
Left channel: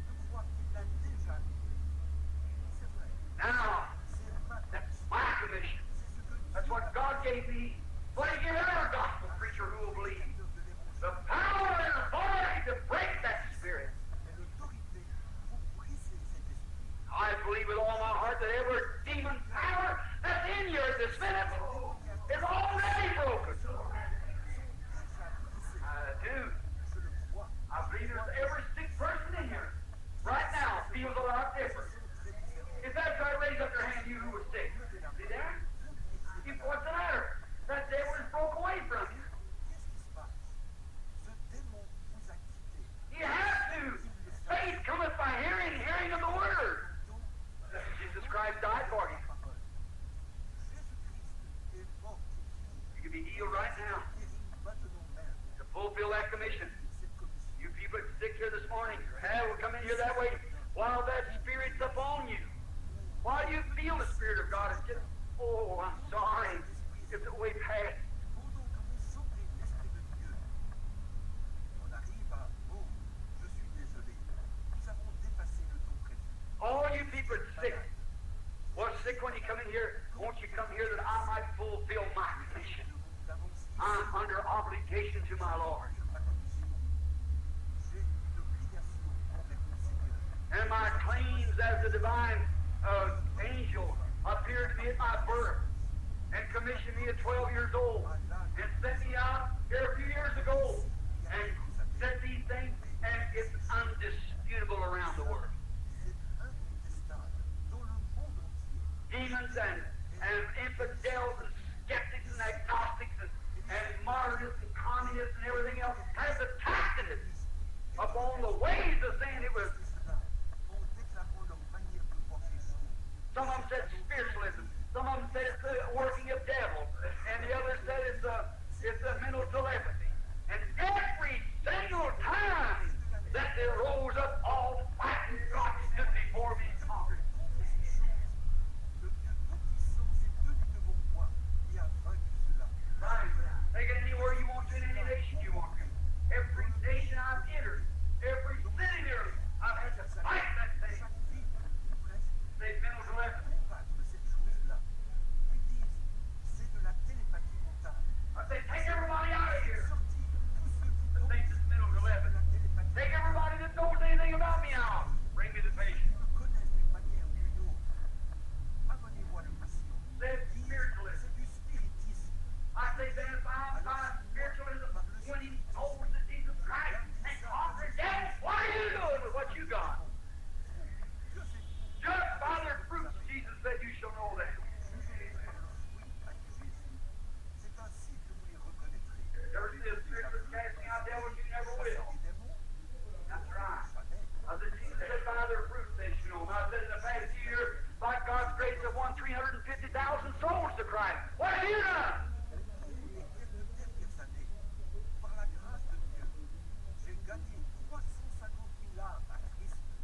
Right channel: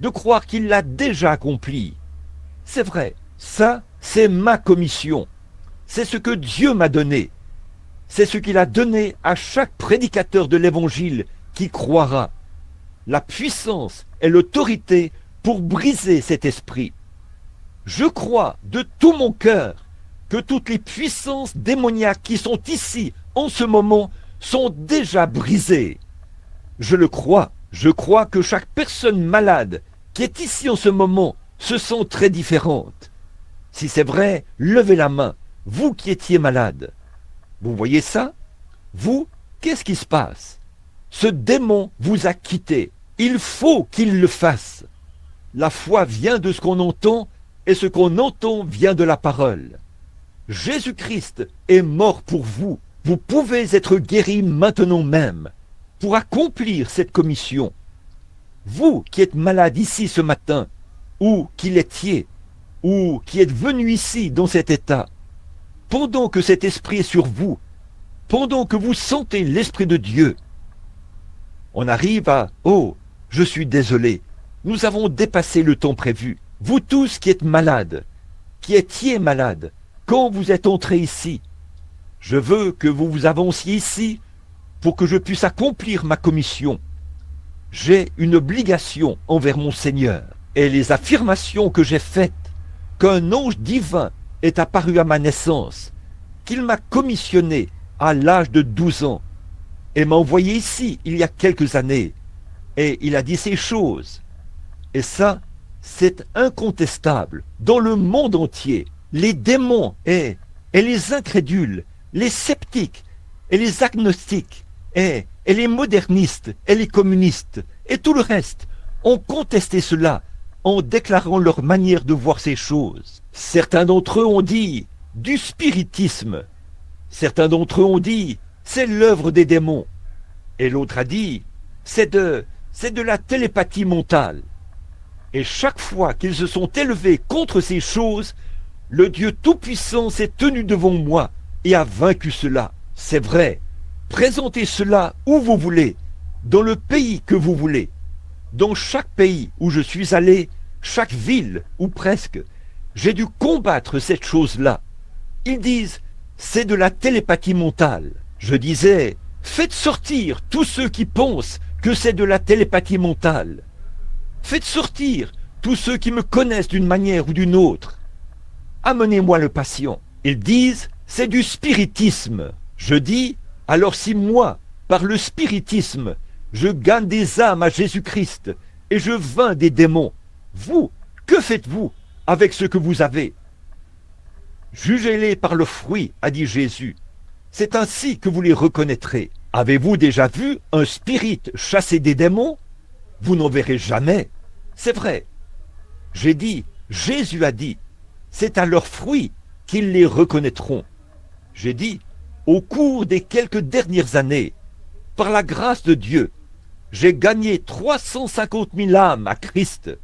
de croire qu'il l'a déjà accomplie. C'est vrai, ça, c'est ma commission. C'est ce que Dieu m'a donné. C'est ce qu'il a donné à chaque prédicateur de l'Évangile qui croira. La puissance et l'autorité pour briser cet esprit. Je crois de tout mon cœur que toutes les puissances démoniaques qui sont ici en ce moment sont déjà brisées. Je le crois. Je crois que chaque personne malade qui est ici en ce moment se sent très différente. Si c'est vrai, levez la main, vous qui étiez malade. Vous voyez ça? Vous, qu'est-ce qui se passe? Ce démon vous a quitté. Il faut qu'il le fasse. La foi vient de ce qu'on entend, et ce qu'on entend vient de la parole. Jésus-Christ est mort pour vous. Vous pouvez être guéri maintenant même pour accomplir cette commission. Vous qui êtes malade ici ce matin, ou qui l'étiez, ou qui êtes venu ici dans cet état, pendant que cet esprit est sur vous, pendant que vous sentez l'Esprit de Dieu, on arrive à « Oh, je suis désolé, nous avons dépassé le temps prévu. » Vous tous qui êtes malades, qui étiez malades, quand vous êtes entrés ici, je veux que vous vous avanciez ici pour que je puisse accomplir ma commission. J'ai une obligation envers mon Seigneur. Et les affirmations que j'ai faites, qu'un ange divin est apparu à ma naissance, qu'il m'a commissionné à l'âge de 12 ans, et m'a envoyé ici il y a quelques années, et il a dit ces choses. Et ça, c'est incontestable. Dans le monde entier, les démons et les incrédules, les sceptiques et les agnostiques et les modernistes et les communistes et tout le reste ont contesté cela en déclarant leur manière de voir ces choses. Certains d'entre eux ont dit du spiritisme. Certains d'entre eux ont dit c'est l'œuvre des démons. Et l'autre a dit c'est de la télépathie mentale. Et chaque fois qu'ils se sont élevés contre ces choses, le Dieu Tout-Puissant s'est tenu devant moi et a vaincu cela. C'est vrai. Présentez cela où vous voulez, dans le pays que vous voulez. Dans chaque pays où je suis allé, chaque ville, ou presque, j'ai dû combattre cette chose-là. Ils disent, c'est de la télépathie mentale. Je disais, faites sortir tous ceux qui pensent que c'est de la télépathie mentale. Faites sortir tous ceux qui me connaissent d'une manière ou d'une autre. Amenez-moi le patient. Ils disent, c'est du spiritisme. Je dis, alors si moi, par le spiritisme, je gagne des âmes à Jésus-Christ et je vainc des démons, vous, que faites-vous avec ce que vous avez? Jugez-les par le fruit, a dit Jésus. C'est ainsi que vous les reconnaîtrez. Avez-vous déjà vu un spirit chasser des démons? Vous n'en verrez jamais. C'est vrai. J'ai dit, Jésus a dit, c'est à leurs fruits qu'ils les reconnaîtront. J'ai dit, au cours des quelques dernières années, par la grâce de Dieu, j'ai gagné 350 000 âmes à Christ.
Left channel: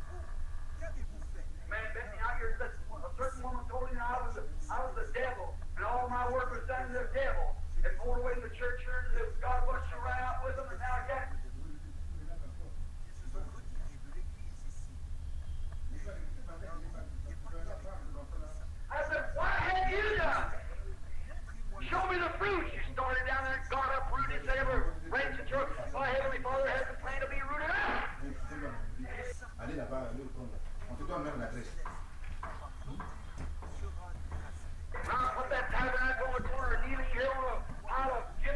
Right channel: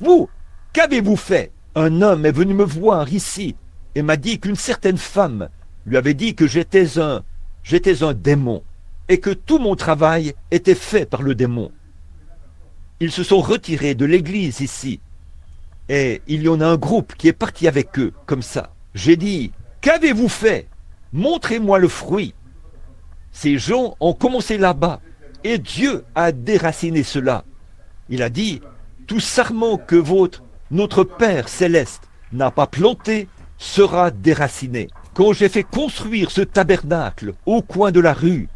Vous, qu'avez-vous fait? Un homme est venu me voir ici et m'a dit qu'une certaine femme lui avait dit que j'étais un démon et que tout mon travail était fait par le démon. Ils se sont retirés de l'église ici et il y en a un groupe qui est parti avec eux, comme ça. J'ai dit, qu'avez-vous fait? Montrez-moi le fruit. Ces gens ont commencé là-bas et Dieu a déraciné cela. Il a dit, tout sarment que notre Père céleste n'a pas planté sera déraciné. Quand j'ai fait construire ce tabernacle au coin de la rue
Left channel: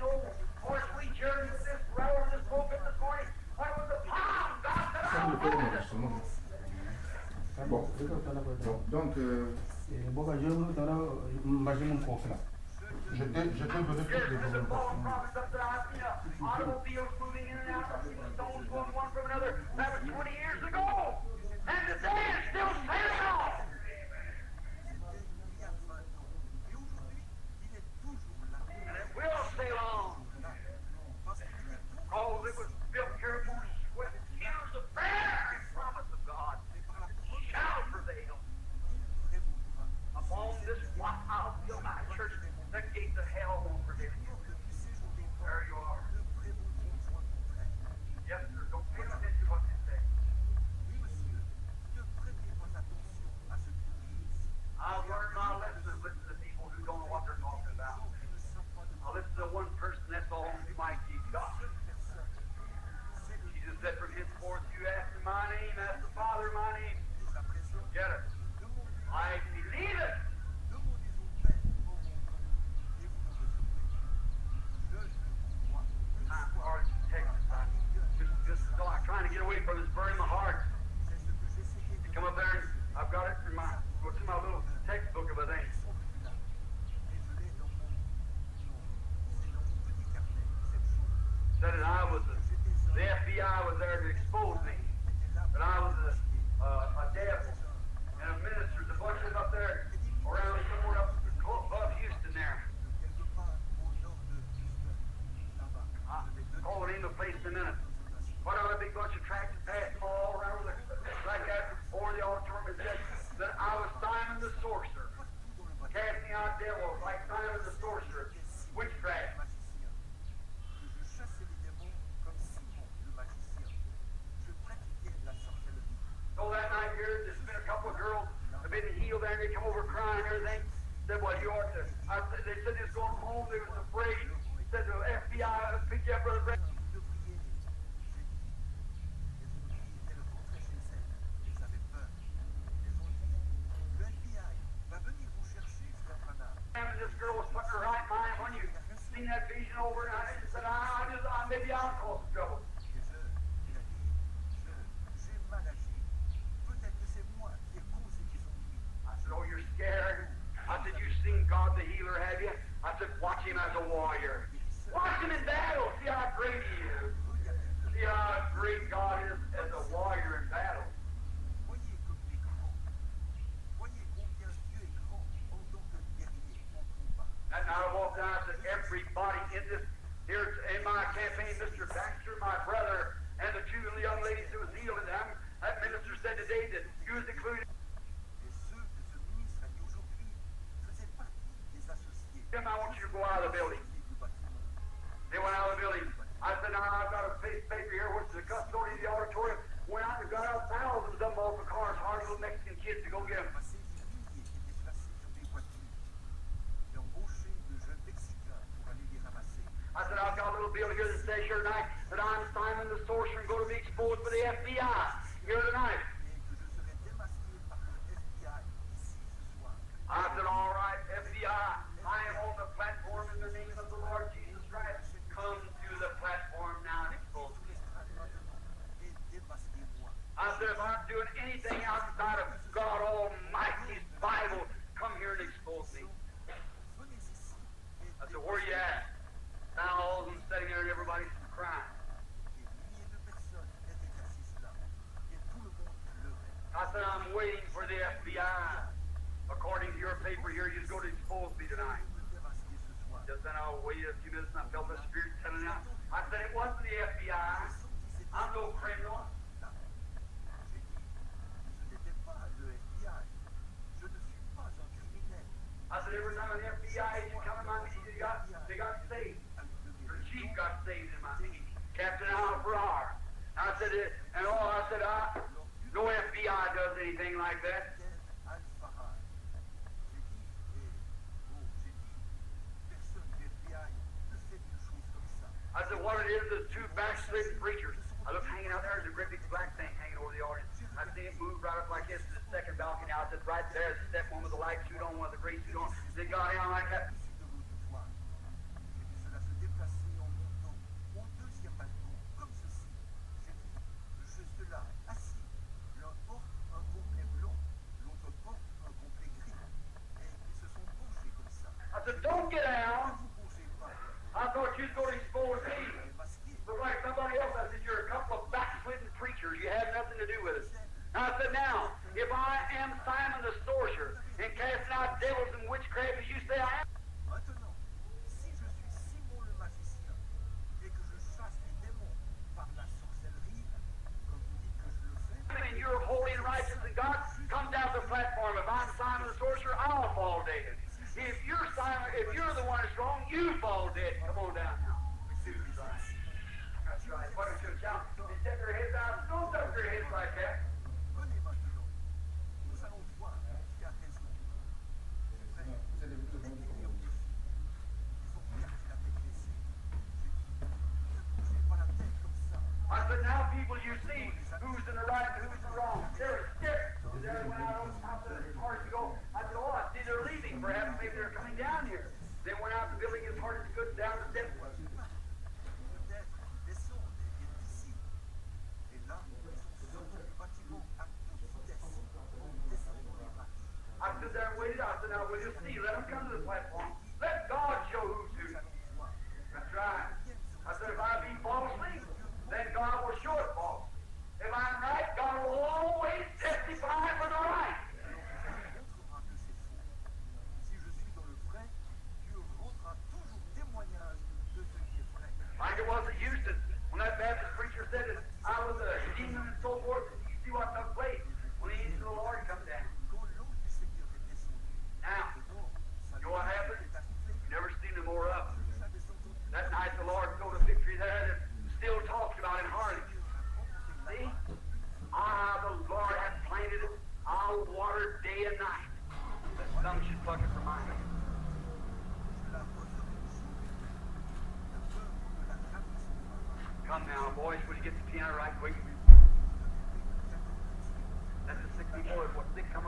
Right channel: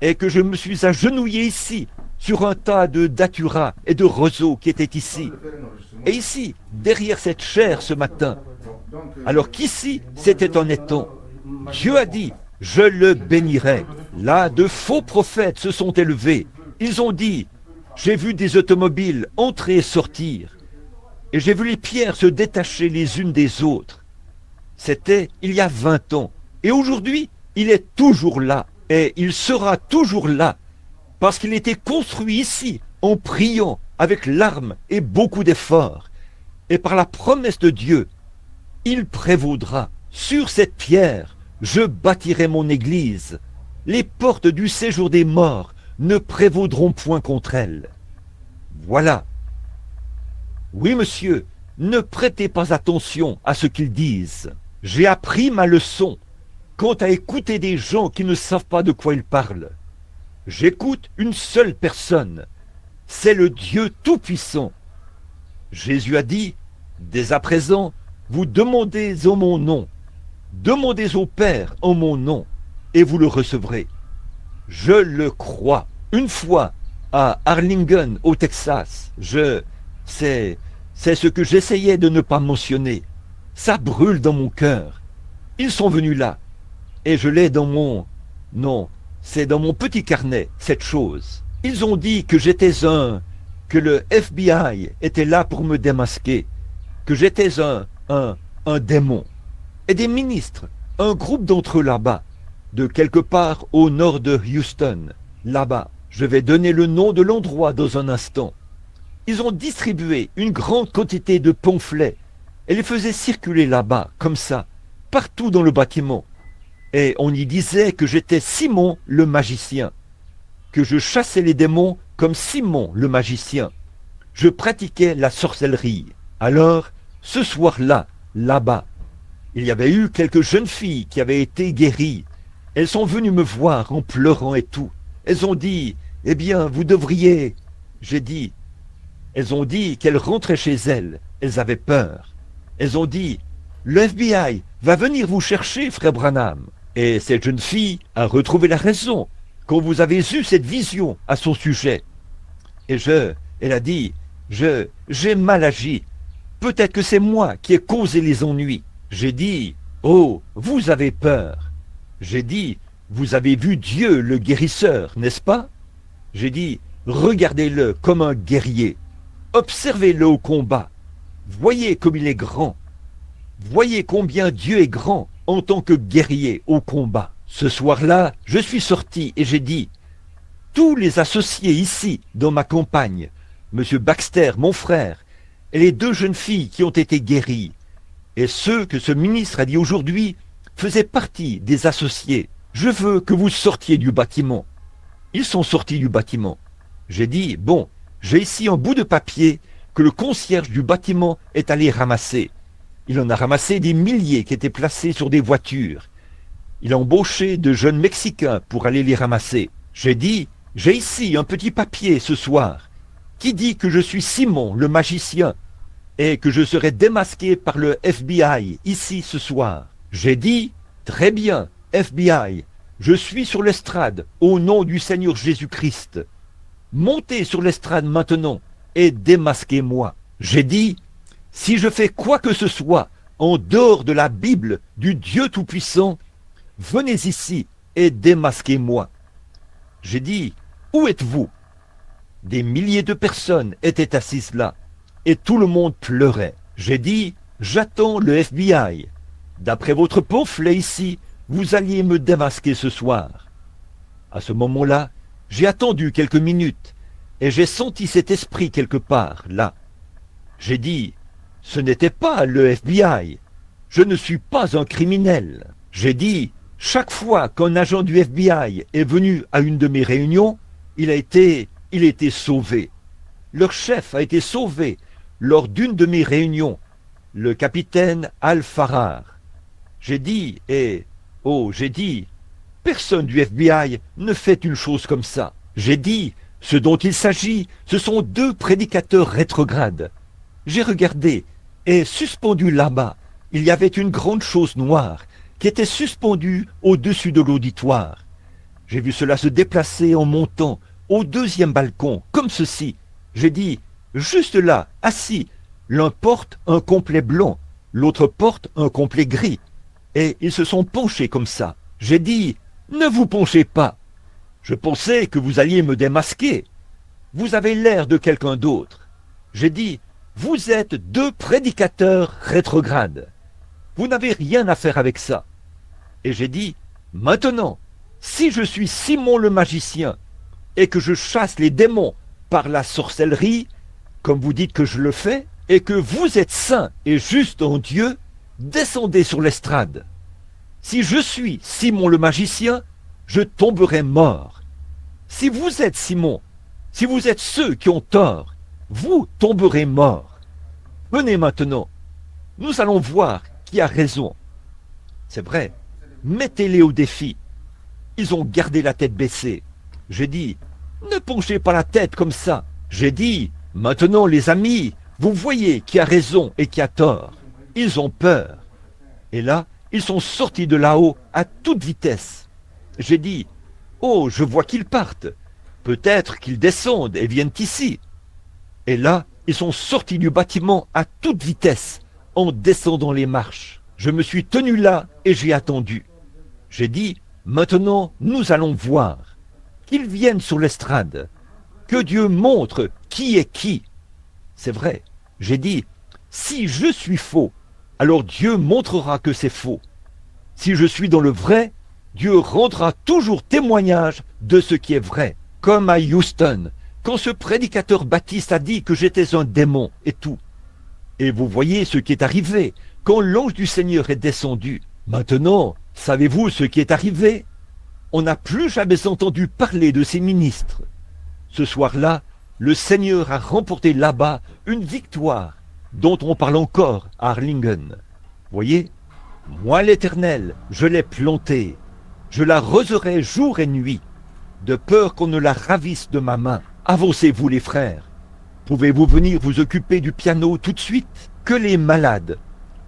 et que je me suis agenouillé ici sur un tas de datura et de roseaux qui étaient ici, et ici, derrière cette chaire ce matin, alors qu'ici, c'était un étang, Dieu a dit, je le bénirai. Là, de faux prophètes se sont élevés. Ils ont dit, j'ai vu des automobiles entrer et sortir, et j'ai vu les pierres se détacher les unes des autres. C'était il y a 20 ans. Et aujourd'hui, il est toujours là. Et il sera toujours là. Parce qu'il était construit ici, en priant, avec larmes et beaucoup d'efforts. Et par la promesse de Dieu, il prévaudra. Sur cette pierre, je bâtirai mon église. Les portes du séjour des morts ne prévaudront point contre elle. Voilà. Oui, monsieur, ne prêtez pas attention à ce qu'ils disent. J'ai appris ma leçon quant à écouter des gens qui ne savent pas de quoi ils parlent. J'écoute une seule personne, c'est le Dieu Tout-Puissant. Jésus a dit, dès à présent, vous demandez en mon nom, demandez au Père en mon nom, et vous le recevrez. Je le crois. Une fois, à Arlington, au Texas, c'est ce que j'essayais de ne pas mentionner. Ça brûle dans mon cœur. Ils sont venus là. Et je l'ai dans mon... Non, c'est dans mon petit carnet, cette chose. Ils ont dit que j'étais que le FBI était là pour me démasquer, que j'étais un démon. Et des ministres, un groupe d'entre eux là-bas, de quelque part au nord de Houston, là-bas. Je vais donner le nom de l'endroit dans un instant. Ils ont distribué une grande quantité de pamphlets et les faisaient circuler là-bas, comme ça, partout dans le bâtiment. Et on y disait que j'étais Simon le magicien, que je chassais les démons comme Simon le magicien. Je pratiquais la sorcellerie. Alors, ce soir-là, là-bas, il y avait eu quelques jeunes filles qui avaient été guéries. Elles sont venues me voir en pleurant et tout. Elles ont dit, eh bien, vous devriez... J'ai dit, elles ont dit qu'elles rentraient chez elles. Elles avaient peur. Elles ont dit, le FBI va venir vous chercher, frère Branham. Et cette jeune fille a retrouvé la raison quand vous avez eu cette vision à son sujet. Et elle a dit, j'ai mal agi. Peut-être que c'est moi qui ai causé les ennuis. J'ai dit, oh, vous avez peur. J'ai dit, vous avez vu Dieu le guérisseur, n'est-ce pas? J'ai dit, regardez-le comme un guerrier. Observez-le au combat. Voyez comme il est grand. Voyez combien Dieu est grand en tant que guerrier au combat. Ce soir-là, je suis sorti et j'ai dit, tous les associés ici, dans ma campagne, M. Baxter, mon frère, et les deux jeunes filles qui ont été guéries, et ceux que ce ministre a dit aujourd'hui, faisaient partie des associés. Je veux que vous sortiez du bâtiment. Ils sont sortis du bâtiment. J'ai dit, bon, j'ai ici un bout de papier que le concierge du bâtiment est allé ramasser. Il en a ramassé des milliers qui étaient placés sur des voitures. Il a embauché de jeunes Mexicains pour aller les ramasser. J'ai dit, j'ai ici un petit papier ce soir qui dit que je suis Simon, le magicien, et que je serai démasqué par le FBI ici ce soir. J'ai dit, très bien, FBI, je suis sur l'estrade au nom du Seigneur Jésus-Christ. Montez sur l'estrade maintenant et démasquez-moi. J'ai dit, si je fais quoi que ce soit en dehors de la Bible du Dieu Tout-Puissant, venez ici et démasquez-moi. J'ai dit, où êtes-vous? Des milliers de personnes étaient assises là et tout le monde pleurait. J'ai dit, j'attends le FBI. D'après votre pamphlet ici, vous alliez me démasquer ce soir. À ce moment-là, j'ai attendu quelques minutes et j'ai senti cet esprit quelque part, là. J'ai dit, ce n'était pas le FBI. Je ne suis pas un criminel. J'ai dit, chaque fois qu'un agent du FBI est venu à une de mes réunions, il a été sauvé. Leur chef a été sauvé lors d'une de mes réunions, le capitaine Al-Farrar. J'ai dit, personne du FBI ne fait une chose comme ça. J'ai dit, ce dont il s'agit, ce sont deux prédicateurs rétrogrades. J'ai regardé, et suspendu là-bas, il y avait une grande chose noire qui était suspendue au-dessus de l'auditoire. J'ai vu cela se déplacer en montant au deuxième balcon, comme ceci. J'ai dit, juste là, assis, l'un porte un complet blanc, l'autre porte un complet gris. Et ils se sont penchés comme ça. J'ai dit, ne vous penchez pas. Je pensais que vous alliez me démasquer. Vous avez l'air de quelqu'un d'autre. J'ai dit, vous êtes deux prédicateurs rétrogrades. Vous n'avez rien à faire avec ça. Et j'ai dit, maintenant, si je suis Simon le magicien et que je chasse les démons par la sorcellerie, comme vous dites que je le fais, et que vous êtes saint et juste en Dieu, descendez sur l'estrade. Si je suis Simon le magicien, je tomberai mort. Si vous êtes Simon, si vous êtes ceux qui ont tort, vous tomberez mort. Venez maintenant, nous allons voir qui a raison. C'est vrai, mettez-les au défi. Ils ont gardé la tête baissée. J'ai dit, ne penchez pas la tête comme ça. J'ai dit, maintenant les amis, vous voyez qui a raison et qui a tort. Ils ont peur. Et là, ils sont sortis de là-haut à toute vitesse. J'ai dit, oh, je vois qu'ils partent. Peut-être qu'ils descendent et viennent ici. Et là, ils sont sortis du bâtiment à toute vitesse. en descendant les marches. Je me suis tenu là et j'ai attendu. J'ai dit, maintenant nous allons voir. Qu'ils viennent sur l'estrade. Que Dieu montre qui est qui. C'est vrai, j'ai dit, si je suis faux, alors Dieu montrera que c'est faux. Si je suis dans le vrai, Dieu rendra toujours témoignage de ce qui est vrai. Comme à Houston, quand ce prédicateur baptiste a dit que j'étais un démon et tout. Et vous voyez ce qui est arrivé quand l'ange du Seigneur est descendu. Maintenant, savez-vous ce qui est arrivé? On n'a plus jamais entendu parler de ces ministres. Ce soir-là, le Seigneur a remporté là-bas une victoire dont on parle encore à Harlingen. Voyez, moi l'Éternel, je l'ai plantée. Je l'arroserai jour et nuit, de peur qu'on ne la ravisse de ma main. Avancez-vous les frères. Pouvez-vous venir vous occuper du piano tout de suite? Que les malades,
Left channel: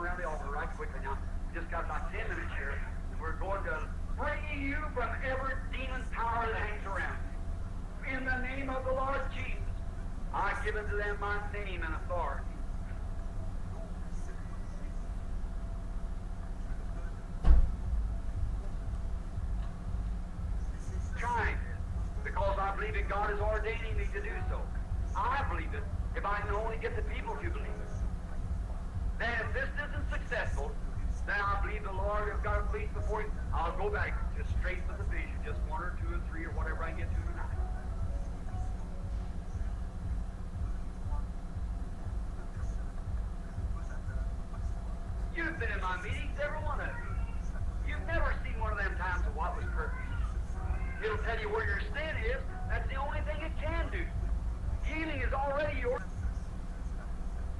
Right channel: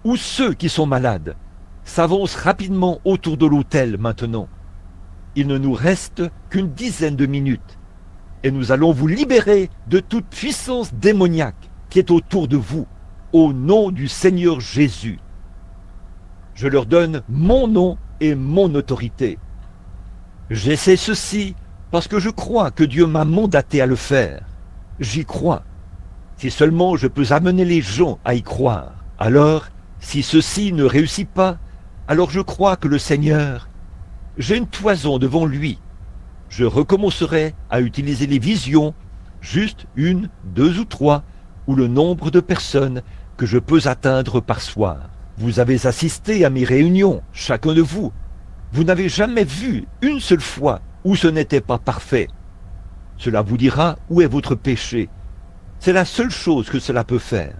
ou ceux qui sont malades, s'avancent rapidement autour de l'autel maintenant. Il ne nous reste qu'une dizaine de minutes. Et nous allons vous libérer de toute puissance démoniaque qui est autour de vous, au nom du Seigneur Jésus. Je leur donne mon nom et mon autorité. J'essaie ceci parce que je crois que Dieu m'a mandaté à le faire. J'y crois. Si seulement je peux amener les gens à y croire. Alors, si ceci ne réussit pas, alors je crois que le Seigneur, j'ai une toison devant lui. Je recommencerai à utiliser les visions, juste une, deux ou trois, ou le nombre de personnes que je peux atteindre par soir. Vous avez assisté à mes réunions, chacun de vous. Vous n'avez jamais vu une seule fois où ce n'était pas parfait. Cela vous dira où est votre péché. C'est la seule chose que cela peut faire.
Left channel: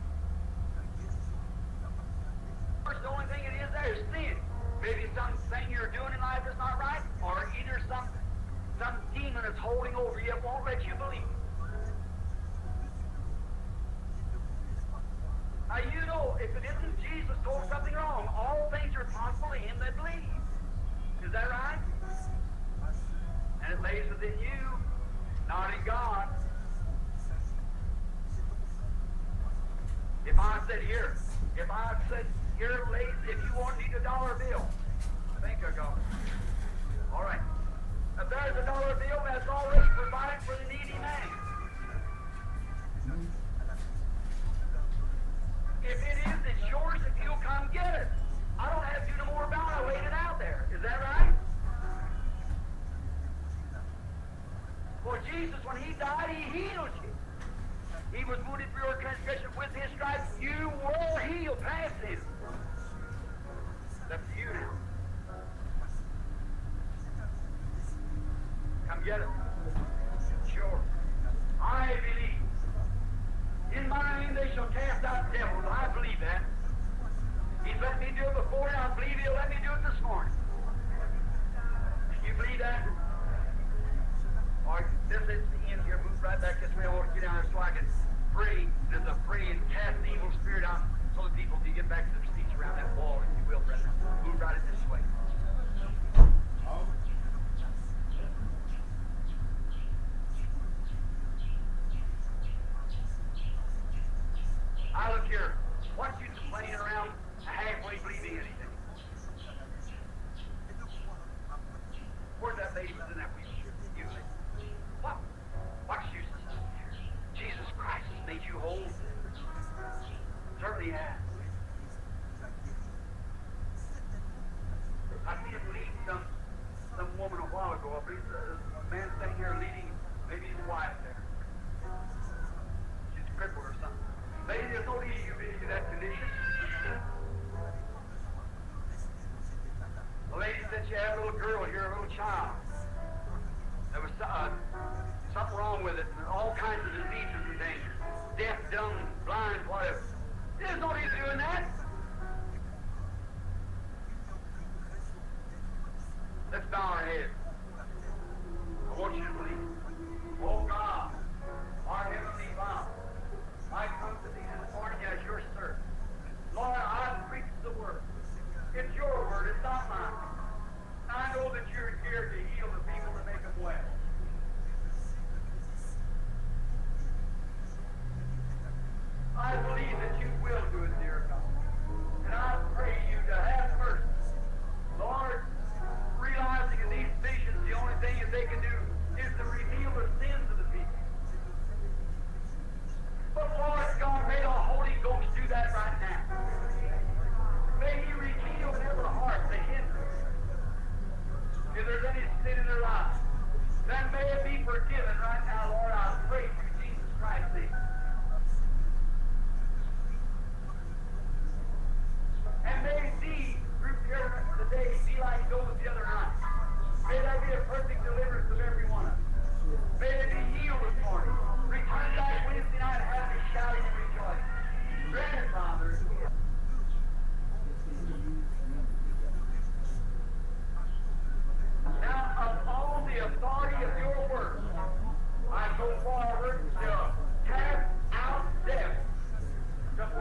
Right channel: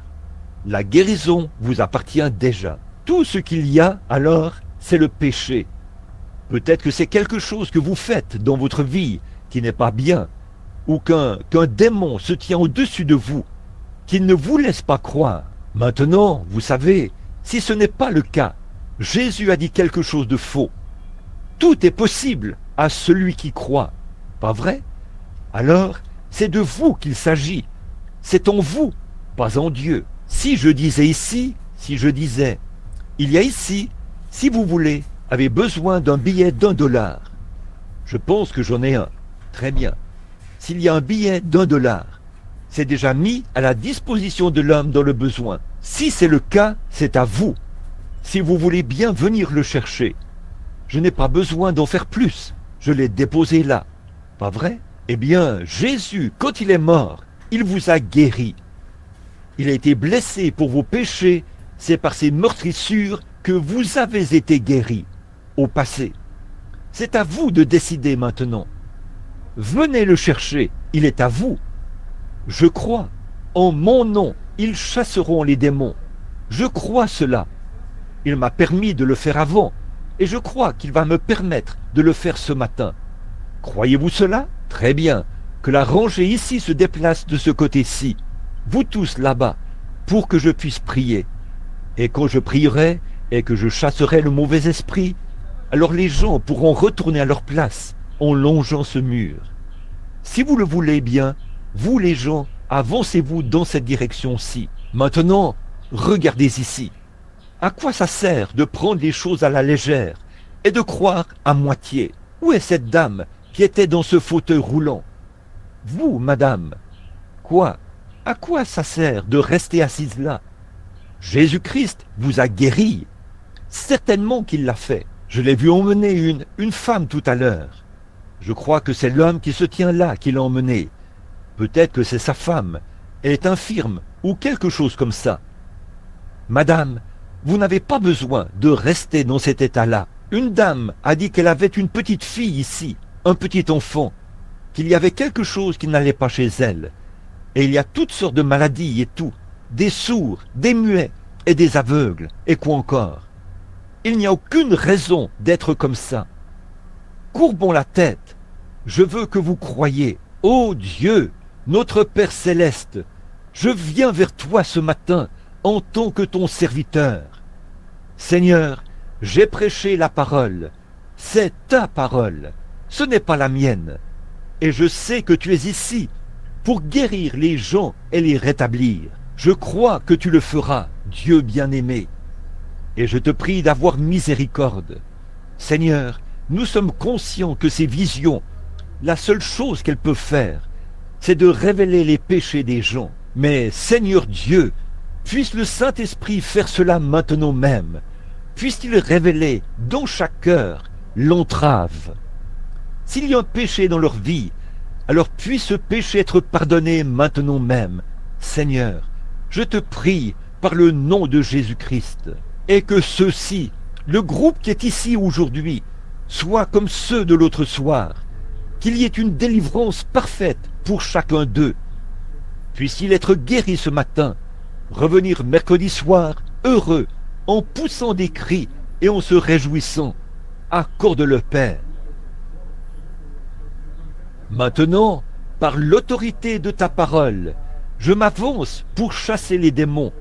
La guérison vous appartient déjà. Tout ce qu'il y a, alors, c'est le péché. Peut-être que c'est quelque chose que vous faites dans votre vie qui n'est pas bien, ou qu'un démon se tient au-dessus de vous, qu'il ne vous laisse pas croire. Maintenant, vous savez, si ce n'est pas le cas, Jésus a dit quelque chose de faux. Tout est possible à celui qui croit. Pas vrai? Alors, c'est de vous qu'il s'agit. C'est en vous, pas en Dieu. Si je disais ici, si je disais, il y a ici, si vous voulez, avez besoin d'un billet d'1 $. Je pense que j'en ai un. Très bien. S'il y a un billet d'1 $, c'est déjà mis à la disposition de l'homme dans le besoin. Si c'est le cas, c'est à vous. Si vous voulez bien venir le chercher. Je n'ai pas besoin d'en faire plus. Je l'ai déposé là. Pas vrai? Eh bien, Jésus, quand il est mort, il vous a guéri. Il a été blessé pour vos péchés. C'est par ses meurtrissures que vous avez été guéris au passé. C'est à vous de décider maintenant. Venez le chercher, il est à vous. Je crois, en mon nom, ils chasseront les démons. Je crois cela. Il m'a permis de le faire avant, et je crois qu'il va me permettre de le faire ce matin. Croyez-vous cela? Très bien. Que la rangée ici se déplace de ce côté-ci, vous tous là-bas, pour que je puisse prier. Et quand je prierai et que je chasserai le mauvais esprit, alors les gens pourront retourner à leur place en longeant ce mur. Si vous le voulez bien, vous les gens, avancez-vous dans cette direction-ci. Maintenant, regardez ici. À quoi ça sert de prendre les choses à la légère et de croire à moitié? Où est cette dame qui était dans ce fauteuil roulant? Vous, madame, quoi? À quoi ça sert de rester assise là? Jésus-Christ vous a guéri. Certainement qu'il l'a fait. Je l'ai vu emmener une femme tout à l'heure. Je crois que c'est l'homme qui se tient là qui l'a emmenée. Peut-être que c'est sa femme. Elle est infirme ou quelque chose comme ça. Madame, vous n'avez pas besoin de rester dans cet état-là. Une dame a dit qu'elle avait une petite fille ici, un petit enfant, qu'il y avait quelque chose qui n'allait pas chez elle. Et il y a toutes sortes de maladies et tout. Des sourds, des muets et des aveugles. Et quoi encore? Il n'y a aucune raison d'être comme ça. Courbons la tête. Je veux que vous croyiez. Ô Dieu, notre Père Céleste, je viens vers toi ce matin en tant que ton serviteur. Seigneur, j'ai prêché la parole. C'est ta parole. Ce n'est pas la mienne. Et je sais que tu es ici pour guérir les gens et les rétablir. Je crois que tu le feras. Dieu bien-aimé, et je te prie d'avoir miséricorde. Seigneur, nous sommes conscients que ces visions, la seule chose qu'elles peuvent faire, c'est de révéler les péchés des gens. Mais Seigneur Dieu, puisse le Saint-Esprit faire cela maintenant même. Puisse-t-il révéler dans chaque cœur l'entrave. S'il y a un péché dans leur vie, alors puisse ce péché être pardonné maintenant même. Seigneur, je te prie par le nom de Jésus-Christ, et que ceux-ci, le groupe qui est ici aujourd'hui, soit comme ceux de l'autre soir, qu'il y ait une délivrance parfaite pour chacun d'eux. Puisse-t-il être guéri ce matin, revenir mercredi soir, heureux, en poussant des cris et en se réjouissant. Accorde-le, Père. Maintenant, par l'autorité de ta parole, je m'avance pour chasser les démons,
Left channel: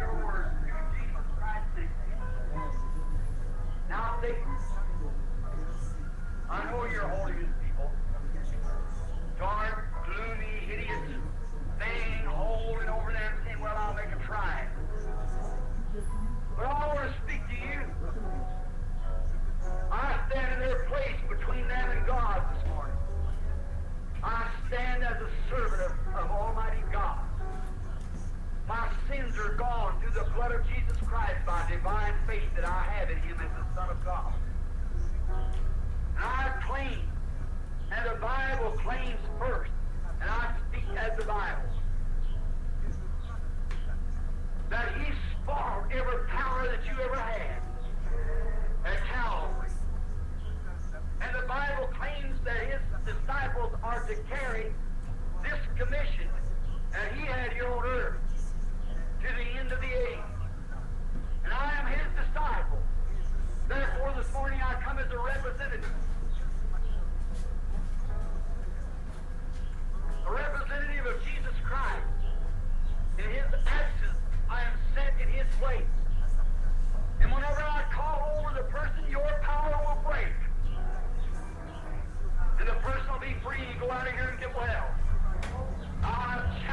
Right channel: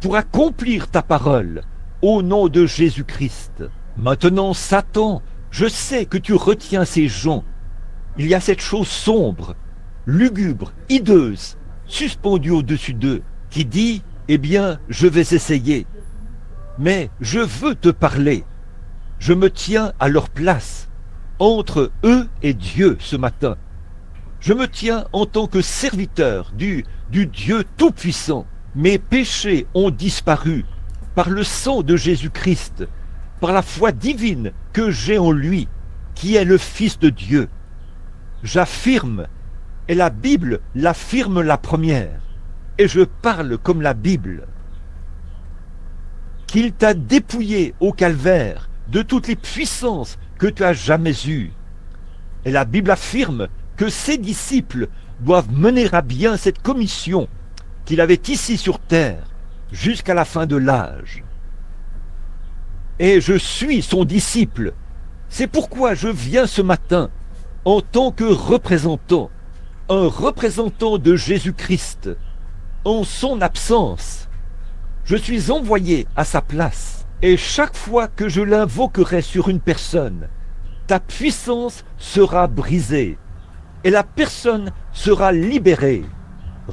pour accomplir ta parole, au nom de Jésus-Christ. Maintenant, Satan, je sais que tu retiens ces gens. Il y a cette chose sombre, lugubre, hideuse, suspendue au-dessus d'eux, qui dit, eh bien, je vais essayer. Mais je veux te parler. Je me tiens à leur place, entre eux et Dieu ce matin. Je me tiens en tant que serviteur du Dieu Tout-Puissant. Mes péchés ont disparu par le sang de Jésus-Christ, par la foi divine que j'ai en lui, qui est le Fils de Dieu. J'affirme, et la Bible l'affirme la première, et je parle comme la Bible, qu'il t'a dépouillé au calvaire de toutes les puissances que tu as jamais eues. Et la Bible affirme que ses disciples doivent mener à bien cette commission qu'il avait ici sur terre jusqu'à la fin de l'âge. Et je suis son disciple. C'est pourquoi je viens ce matin en tant que représentant, un représentant de Jésus-Christ, en son absence. Je suis envoyé à sa place, et chaque fois que je l'invoquerai sur une personne, ta puissance sera brisée, et la personne sera libérée,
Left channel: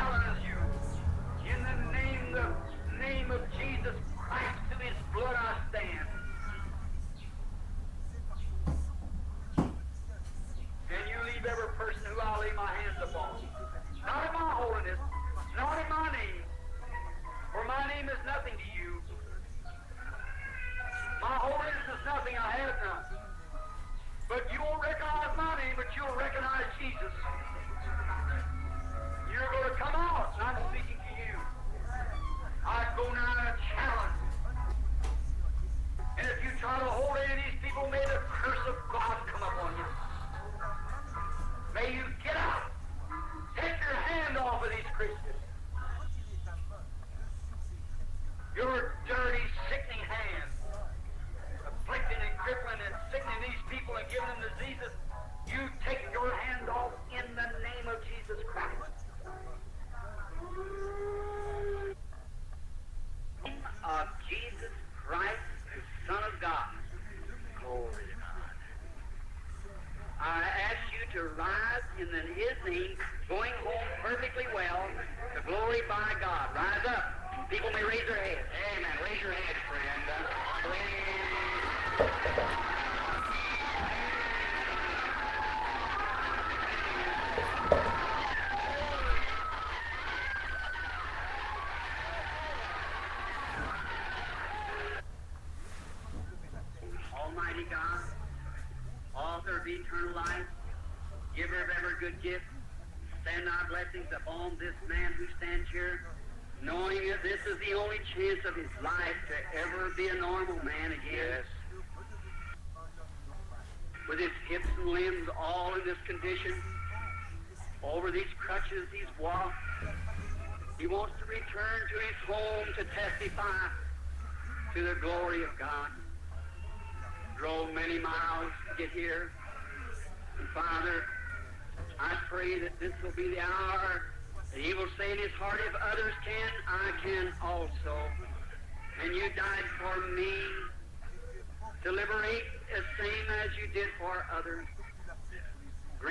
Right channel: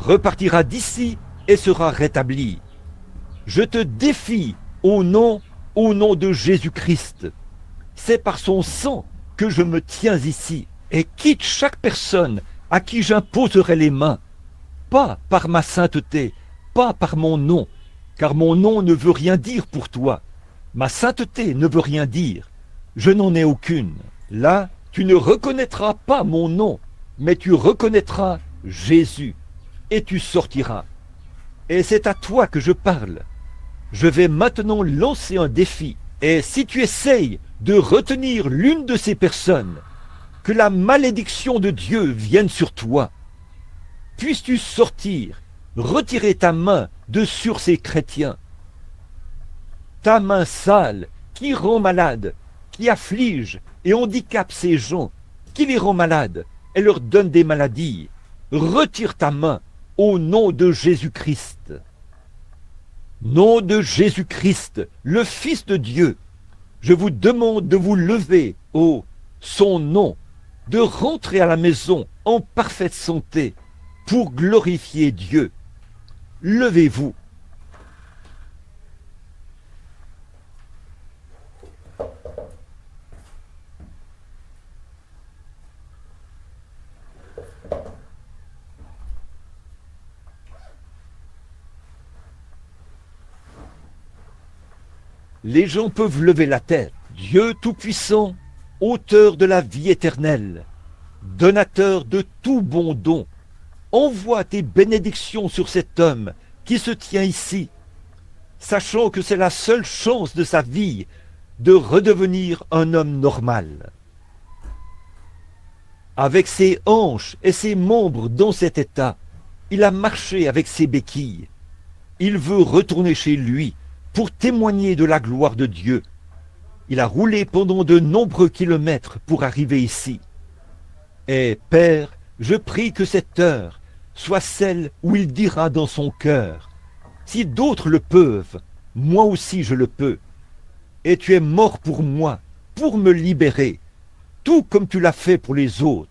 repartira d'ici et sera rétablie. Je te défie au nom de Jésus-Christ. C'est par son sang que je me tiens ici, et quitte chaque personne à qui j'imposerai les mains, pas par ma sainteté, pas par mon nom, car mon nom ne veut rien dire pour toi. Ma sainteté ne veut rien dire. Je n'en ai aucune. Là, tu ne reconnaîtras pas mon nom, mais tu reconnaîtras Jésus, et tu sortiras. Et c'est à toi que je parle. Je vais maintenant lancer un défi. Et si tu essayes de retenir l'une de ces personnes, que la malédiction de Dieu vienne sur toi. Puisses-tu sortir, retirer ta main de sur ces chrétiens. Ta main sale qui rend malade, qui afflige et handicape ces gens, qui les rend malades et leur donne des maladies. Retire ta main au nom de Jésus-Christ. Nom de Jésus-Christ, le Fils de Dieu, je vous demande de vous lever au son nom, de rentrer à la maison en parfaite santé pour glorifier Dieu. Levez-vous. Les gens peuvent lever la tête. Dieu Tout-Puissant, auteur de la vie éternelle, donateur de tout bon don, envoie tes bénédictions sur cet homme qui se tient ici, sachant que c'est la seule chance de sa vie de redevenir un homme normal. Avec ses hanches et ses membres dans cet état, il a marché avec ses béquilles. Il veut retourner chez lui pour témoigner de la gloire de Dieu. Il a roulé pendant de nombreux kilomètres pour arriver ici. Et Père, je prie que cette heure soit celle où il dira dans son cœur, si d'autres le peuvent, moi aussi je le peux. Et tu es mort pour moi, pour me libérer, tout comme tu l'as fait pour les autres.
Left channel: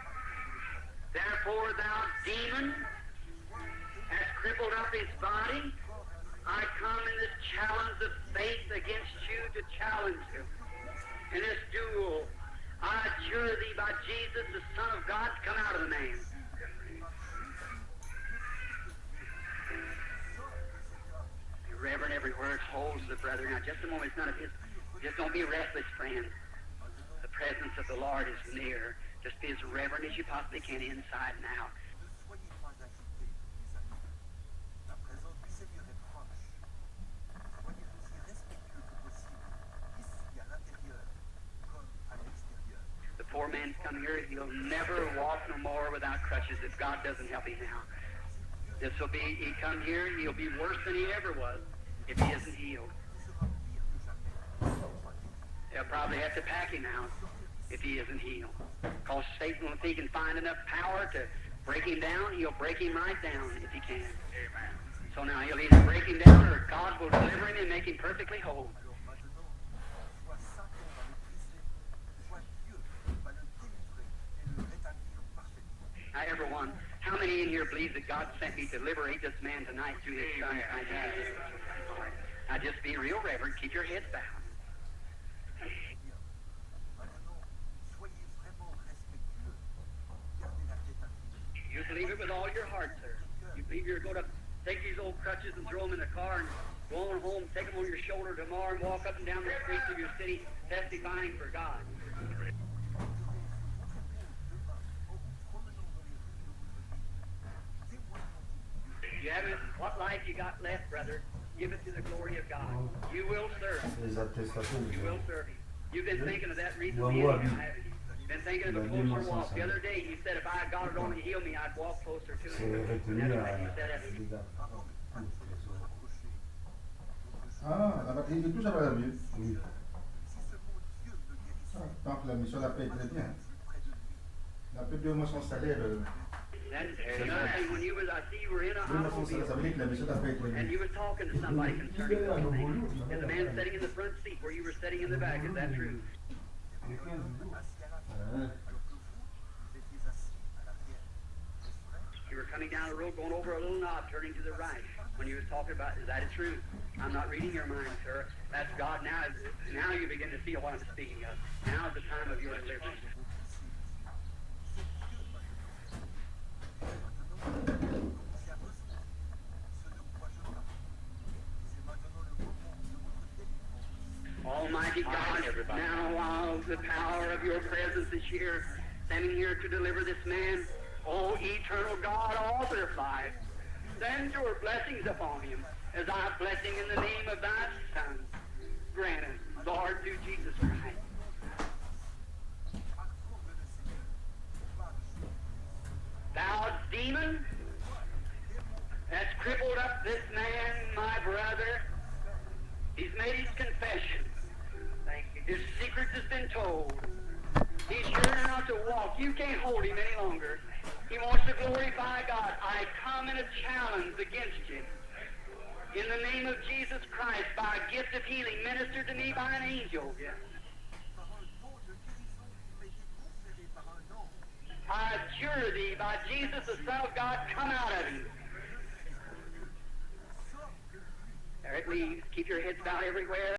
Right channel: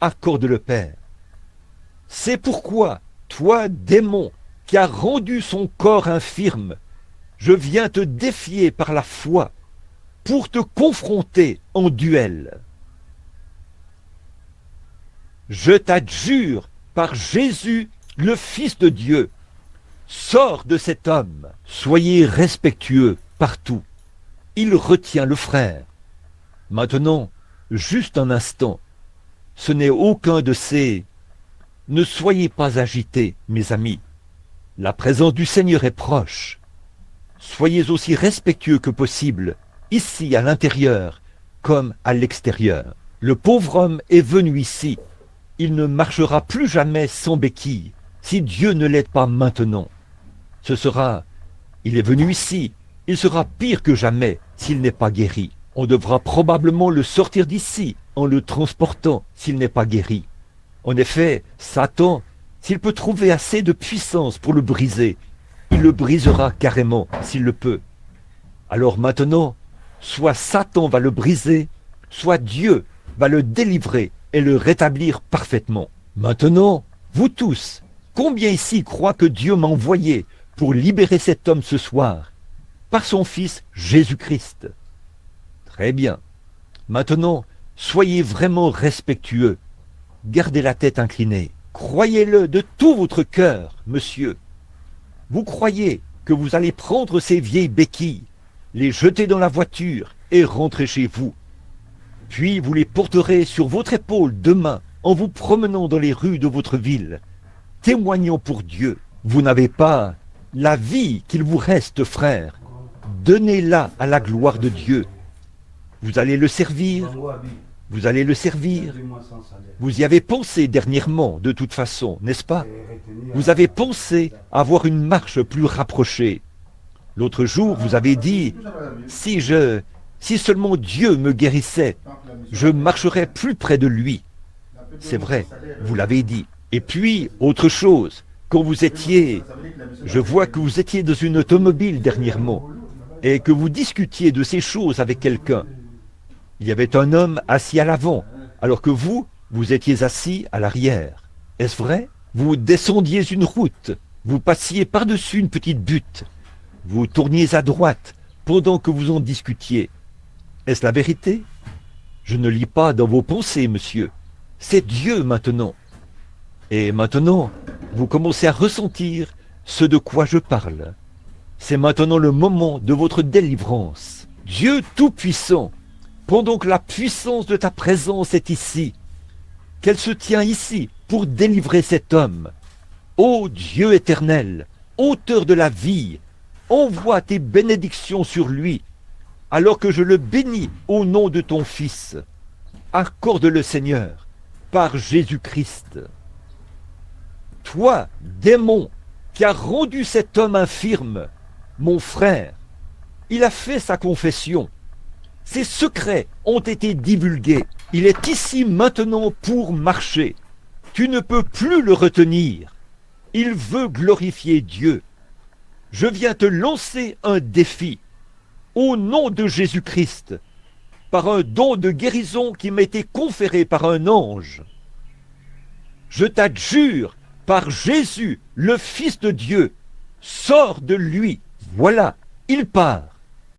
Accorde-le, Père. C'est pourquoi Toi, démon, qui as rendu son corps infirme, je viens te défier par la foi pour te confronter en duel. Je t'adjure par Jésus, le Fils de Dieu, sors de cet homme. Soyez respectueux partout. Il retient le frère. Maintenant, juste un instant, ce n'est aucun de ces... Ne soyez pas agités, mes amis. La présence du Seigneur est proche. Soyez aussi respectueux que possible, ici à l'intérieur comme à l'extérieur. Le pauvre homme est venu ici. Il ne marchera plus jamais sans béquille, si Dieu ne l'aide pas maintenant. Il est venu ici, il sera pire que jamais s'il n'est pas guéri. On devra probablement le sortir d'ici en le transportant s'il n'est pas guéri. En effet, Satan, s'il peut trouver assez de puissance pour le briser, il le brisera carrément s'il le peut. Alors maintenant, soit Satan va le briser, soit Dieu va le délivrer et le rétablir parfaitement. Maintenant, vous tous, combien ici croient que Dieu m'a envoyé pour libérer cet homme ce soir, par son Fils Jésus-Christ? Très bien. Maintenant, soyez vraiment respectueux. Gardez la tête inclinée. Croyez-le de tout votre cœur, monsieur. Vous croyez que vous allez prendre ces vieilles béquilles, les jeter dans la voiture et rentrer chez vous. Puis vous les porterez sur votre épaule demain en vous promenant dans les rues de votre ville, témoignant pour Dieu. Vous n'avez pas la vie qu'il vous reste, frère. Donnez-la à la gloire de Dieu. Vous allez le servir. Vous allez le servir. Vous y avez pensé dernièrement, de toute façon, n'est-ce pas? Vous avez pensé avoir une marche plus rapprochée. L'autre jour, vous avez dit, si seulement Dieu me guérissait, je marcherais plus près de lui. C'est vrai, vous l'avez dit. Et puis, autre chose, quand vous étiez, je vois que vous étiez dans une automobile dernièrement, et que vous discutiez de ces choses avec quelqu'un. Il y avait un homme assis à l'avant, alors que vous étiez assis à l'arrière. Est-ce vrai? Vous descendiez une route, vous passiez par-dessus une petite butte, vous tourniez à droite pendant que vous en discutiez. Est-ce la vérité? Je ne lis pas dans vos pensées, monsieur. C'est Dieu maintenant. Et maintenant, vous commencez à ressentir ce de quoi je parle. C'est maintenant le moment de votre délivrance. Dieu Tout-Puissant, pendant que la puissance de ta présence est ici, qu'elle se tient ici pour délivrer cet homme. Ô Dieu éternel, auteur de la vie, envoie tes bénédictions sur lui, alors que je le bénis au nom de ton Fils. Accorde-le, Seigneur, par Jésus-Christ. Toi, démon, qui as rendu cet homme infirme, mon frère, il a fait sa confession. Ses secrets ont été divulgués. Il est ici maintenant pour marcher. Tu ne peux plus le retenir. Il veut glorifier Dieu. Je viens te lancer un défi. Au nom de Jésus-Christ, par un don de guérison qui m'a été conféré par un ange, je t'adjure par Jésus, le Fils de Dieu, sors de lui. Voilà, il part.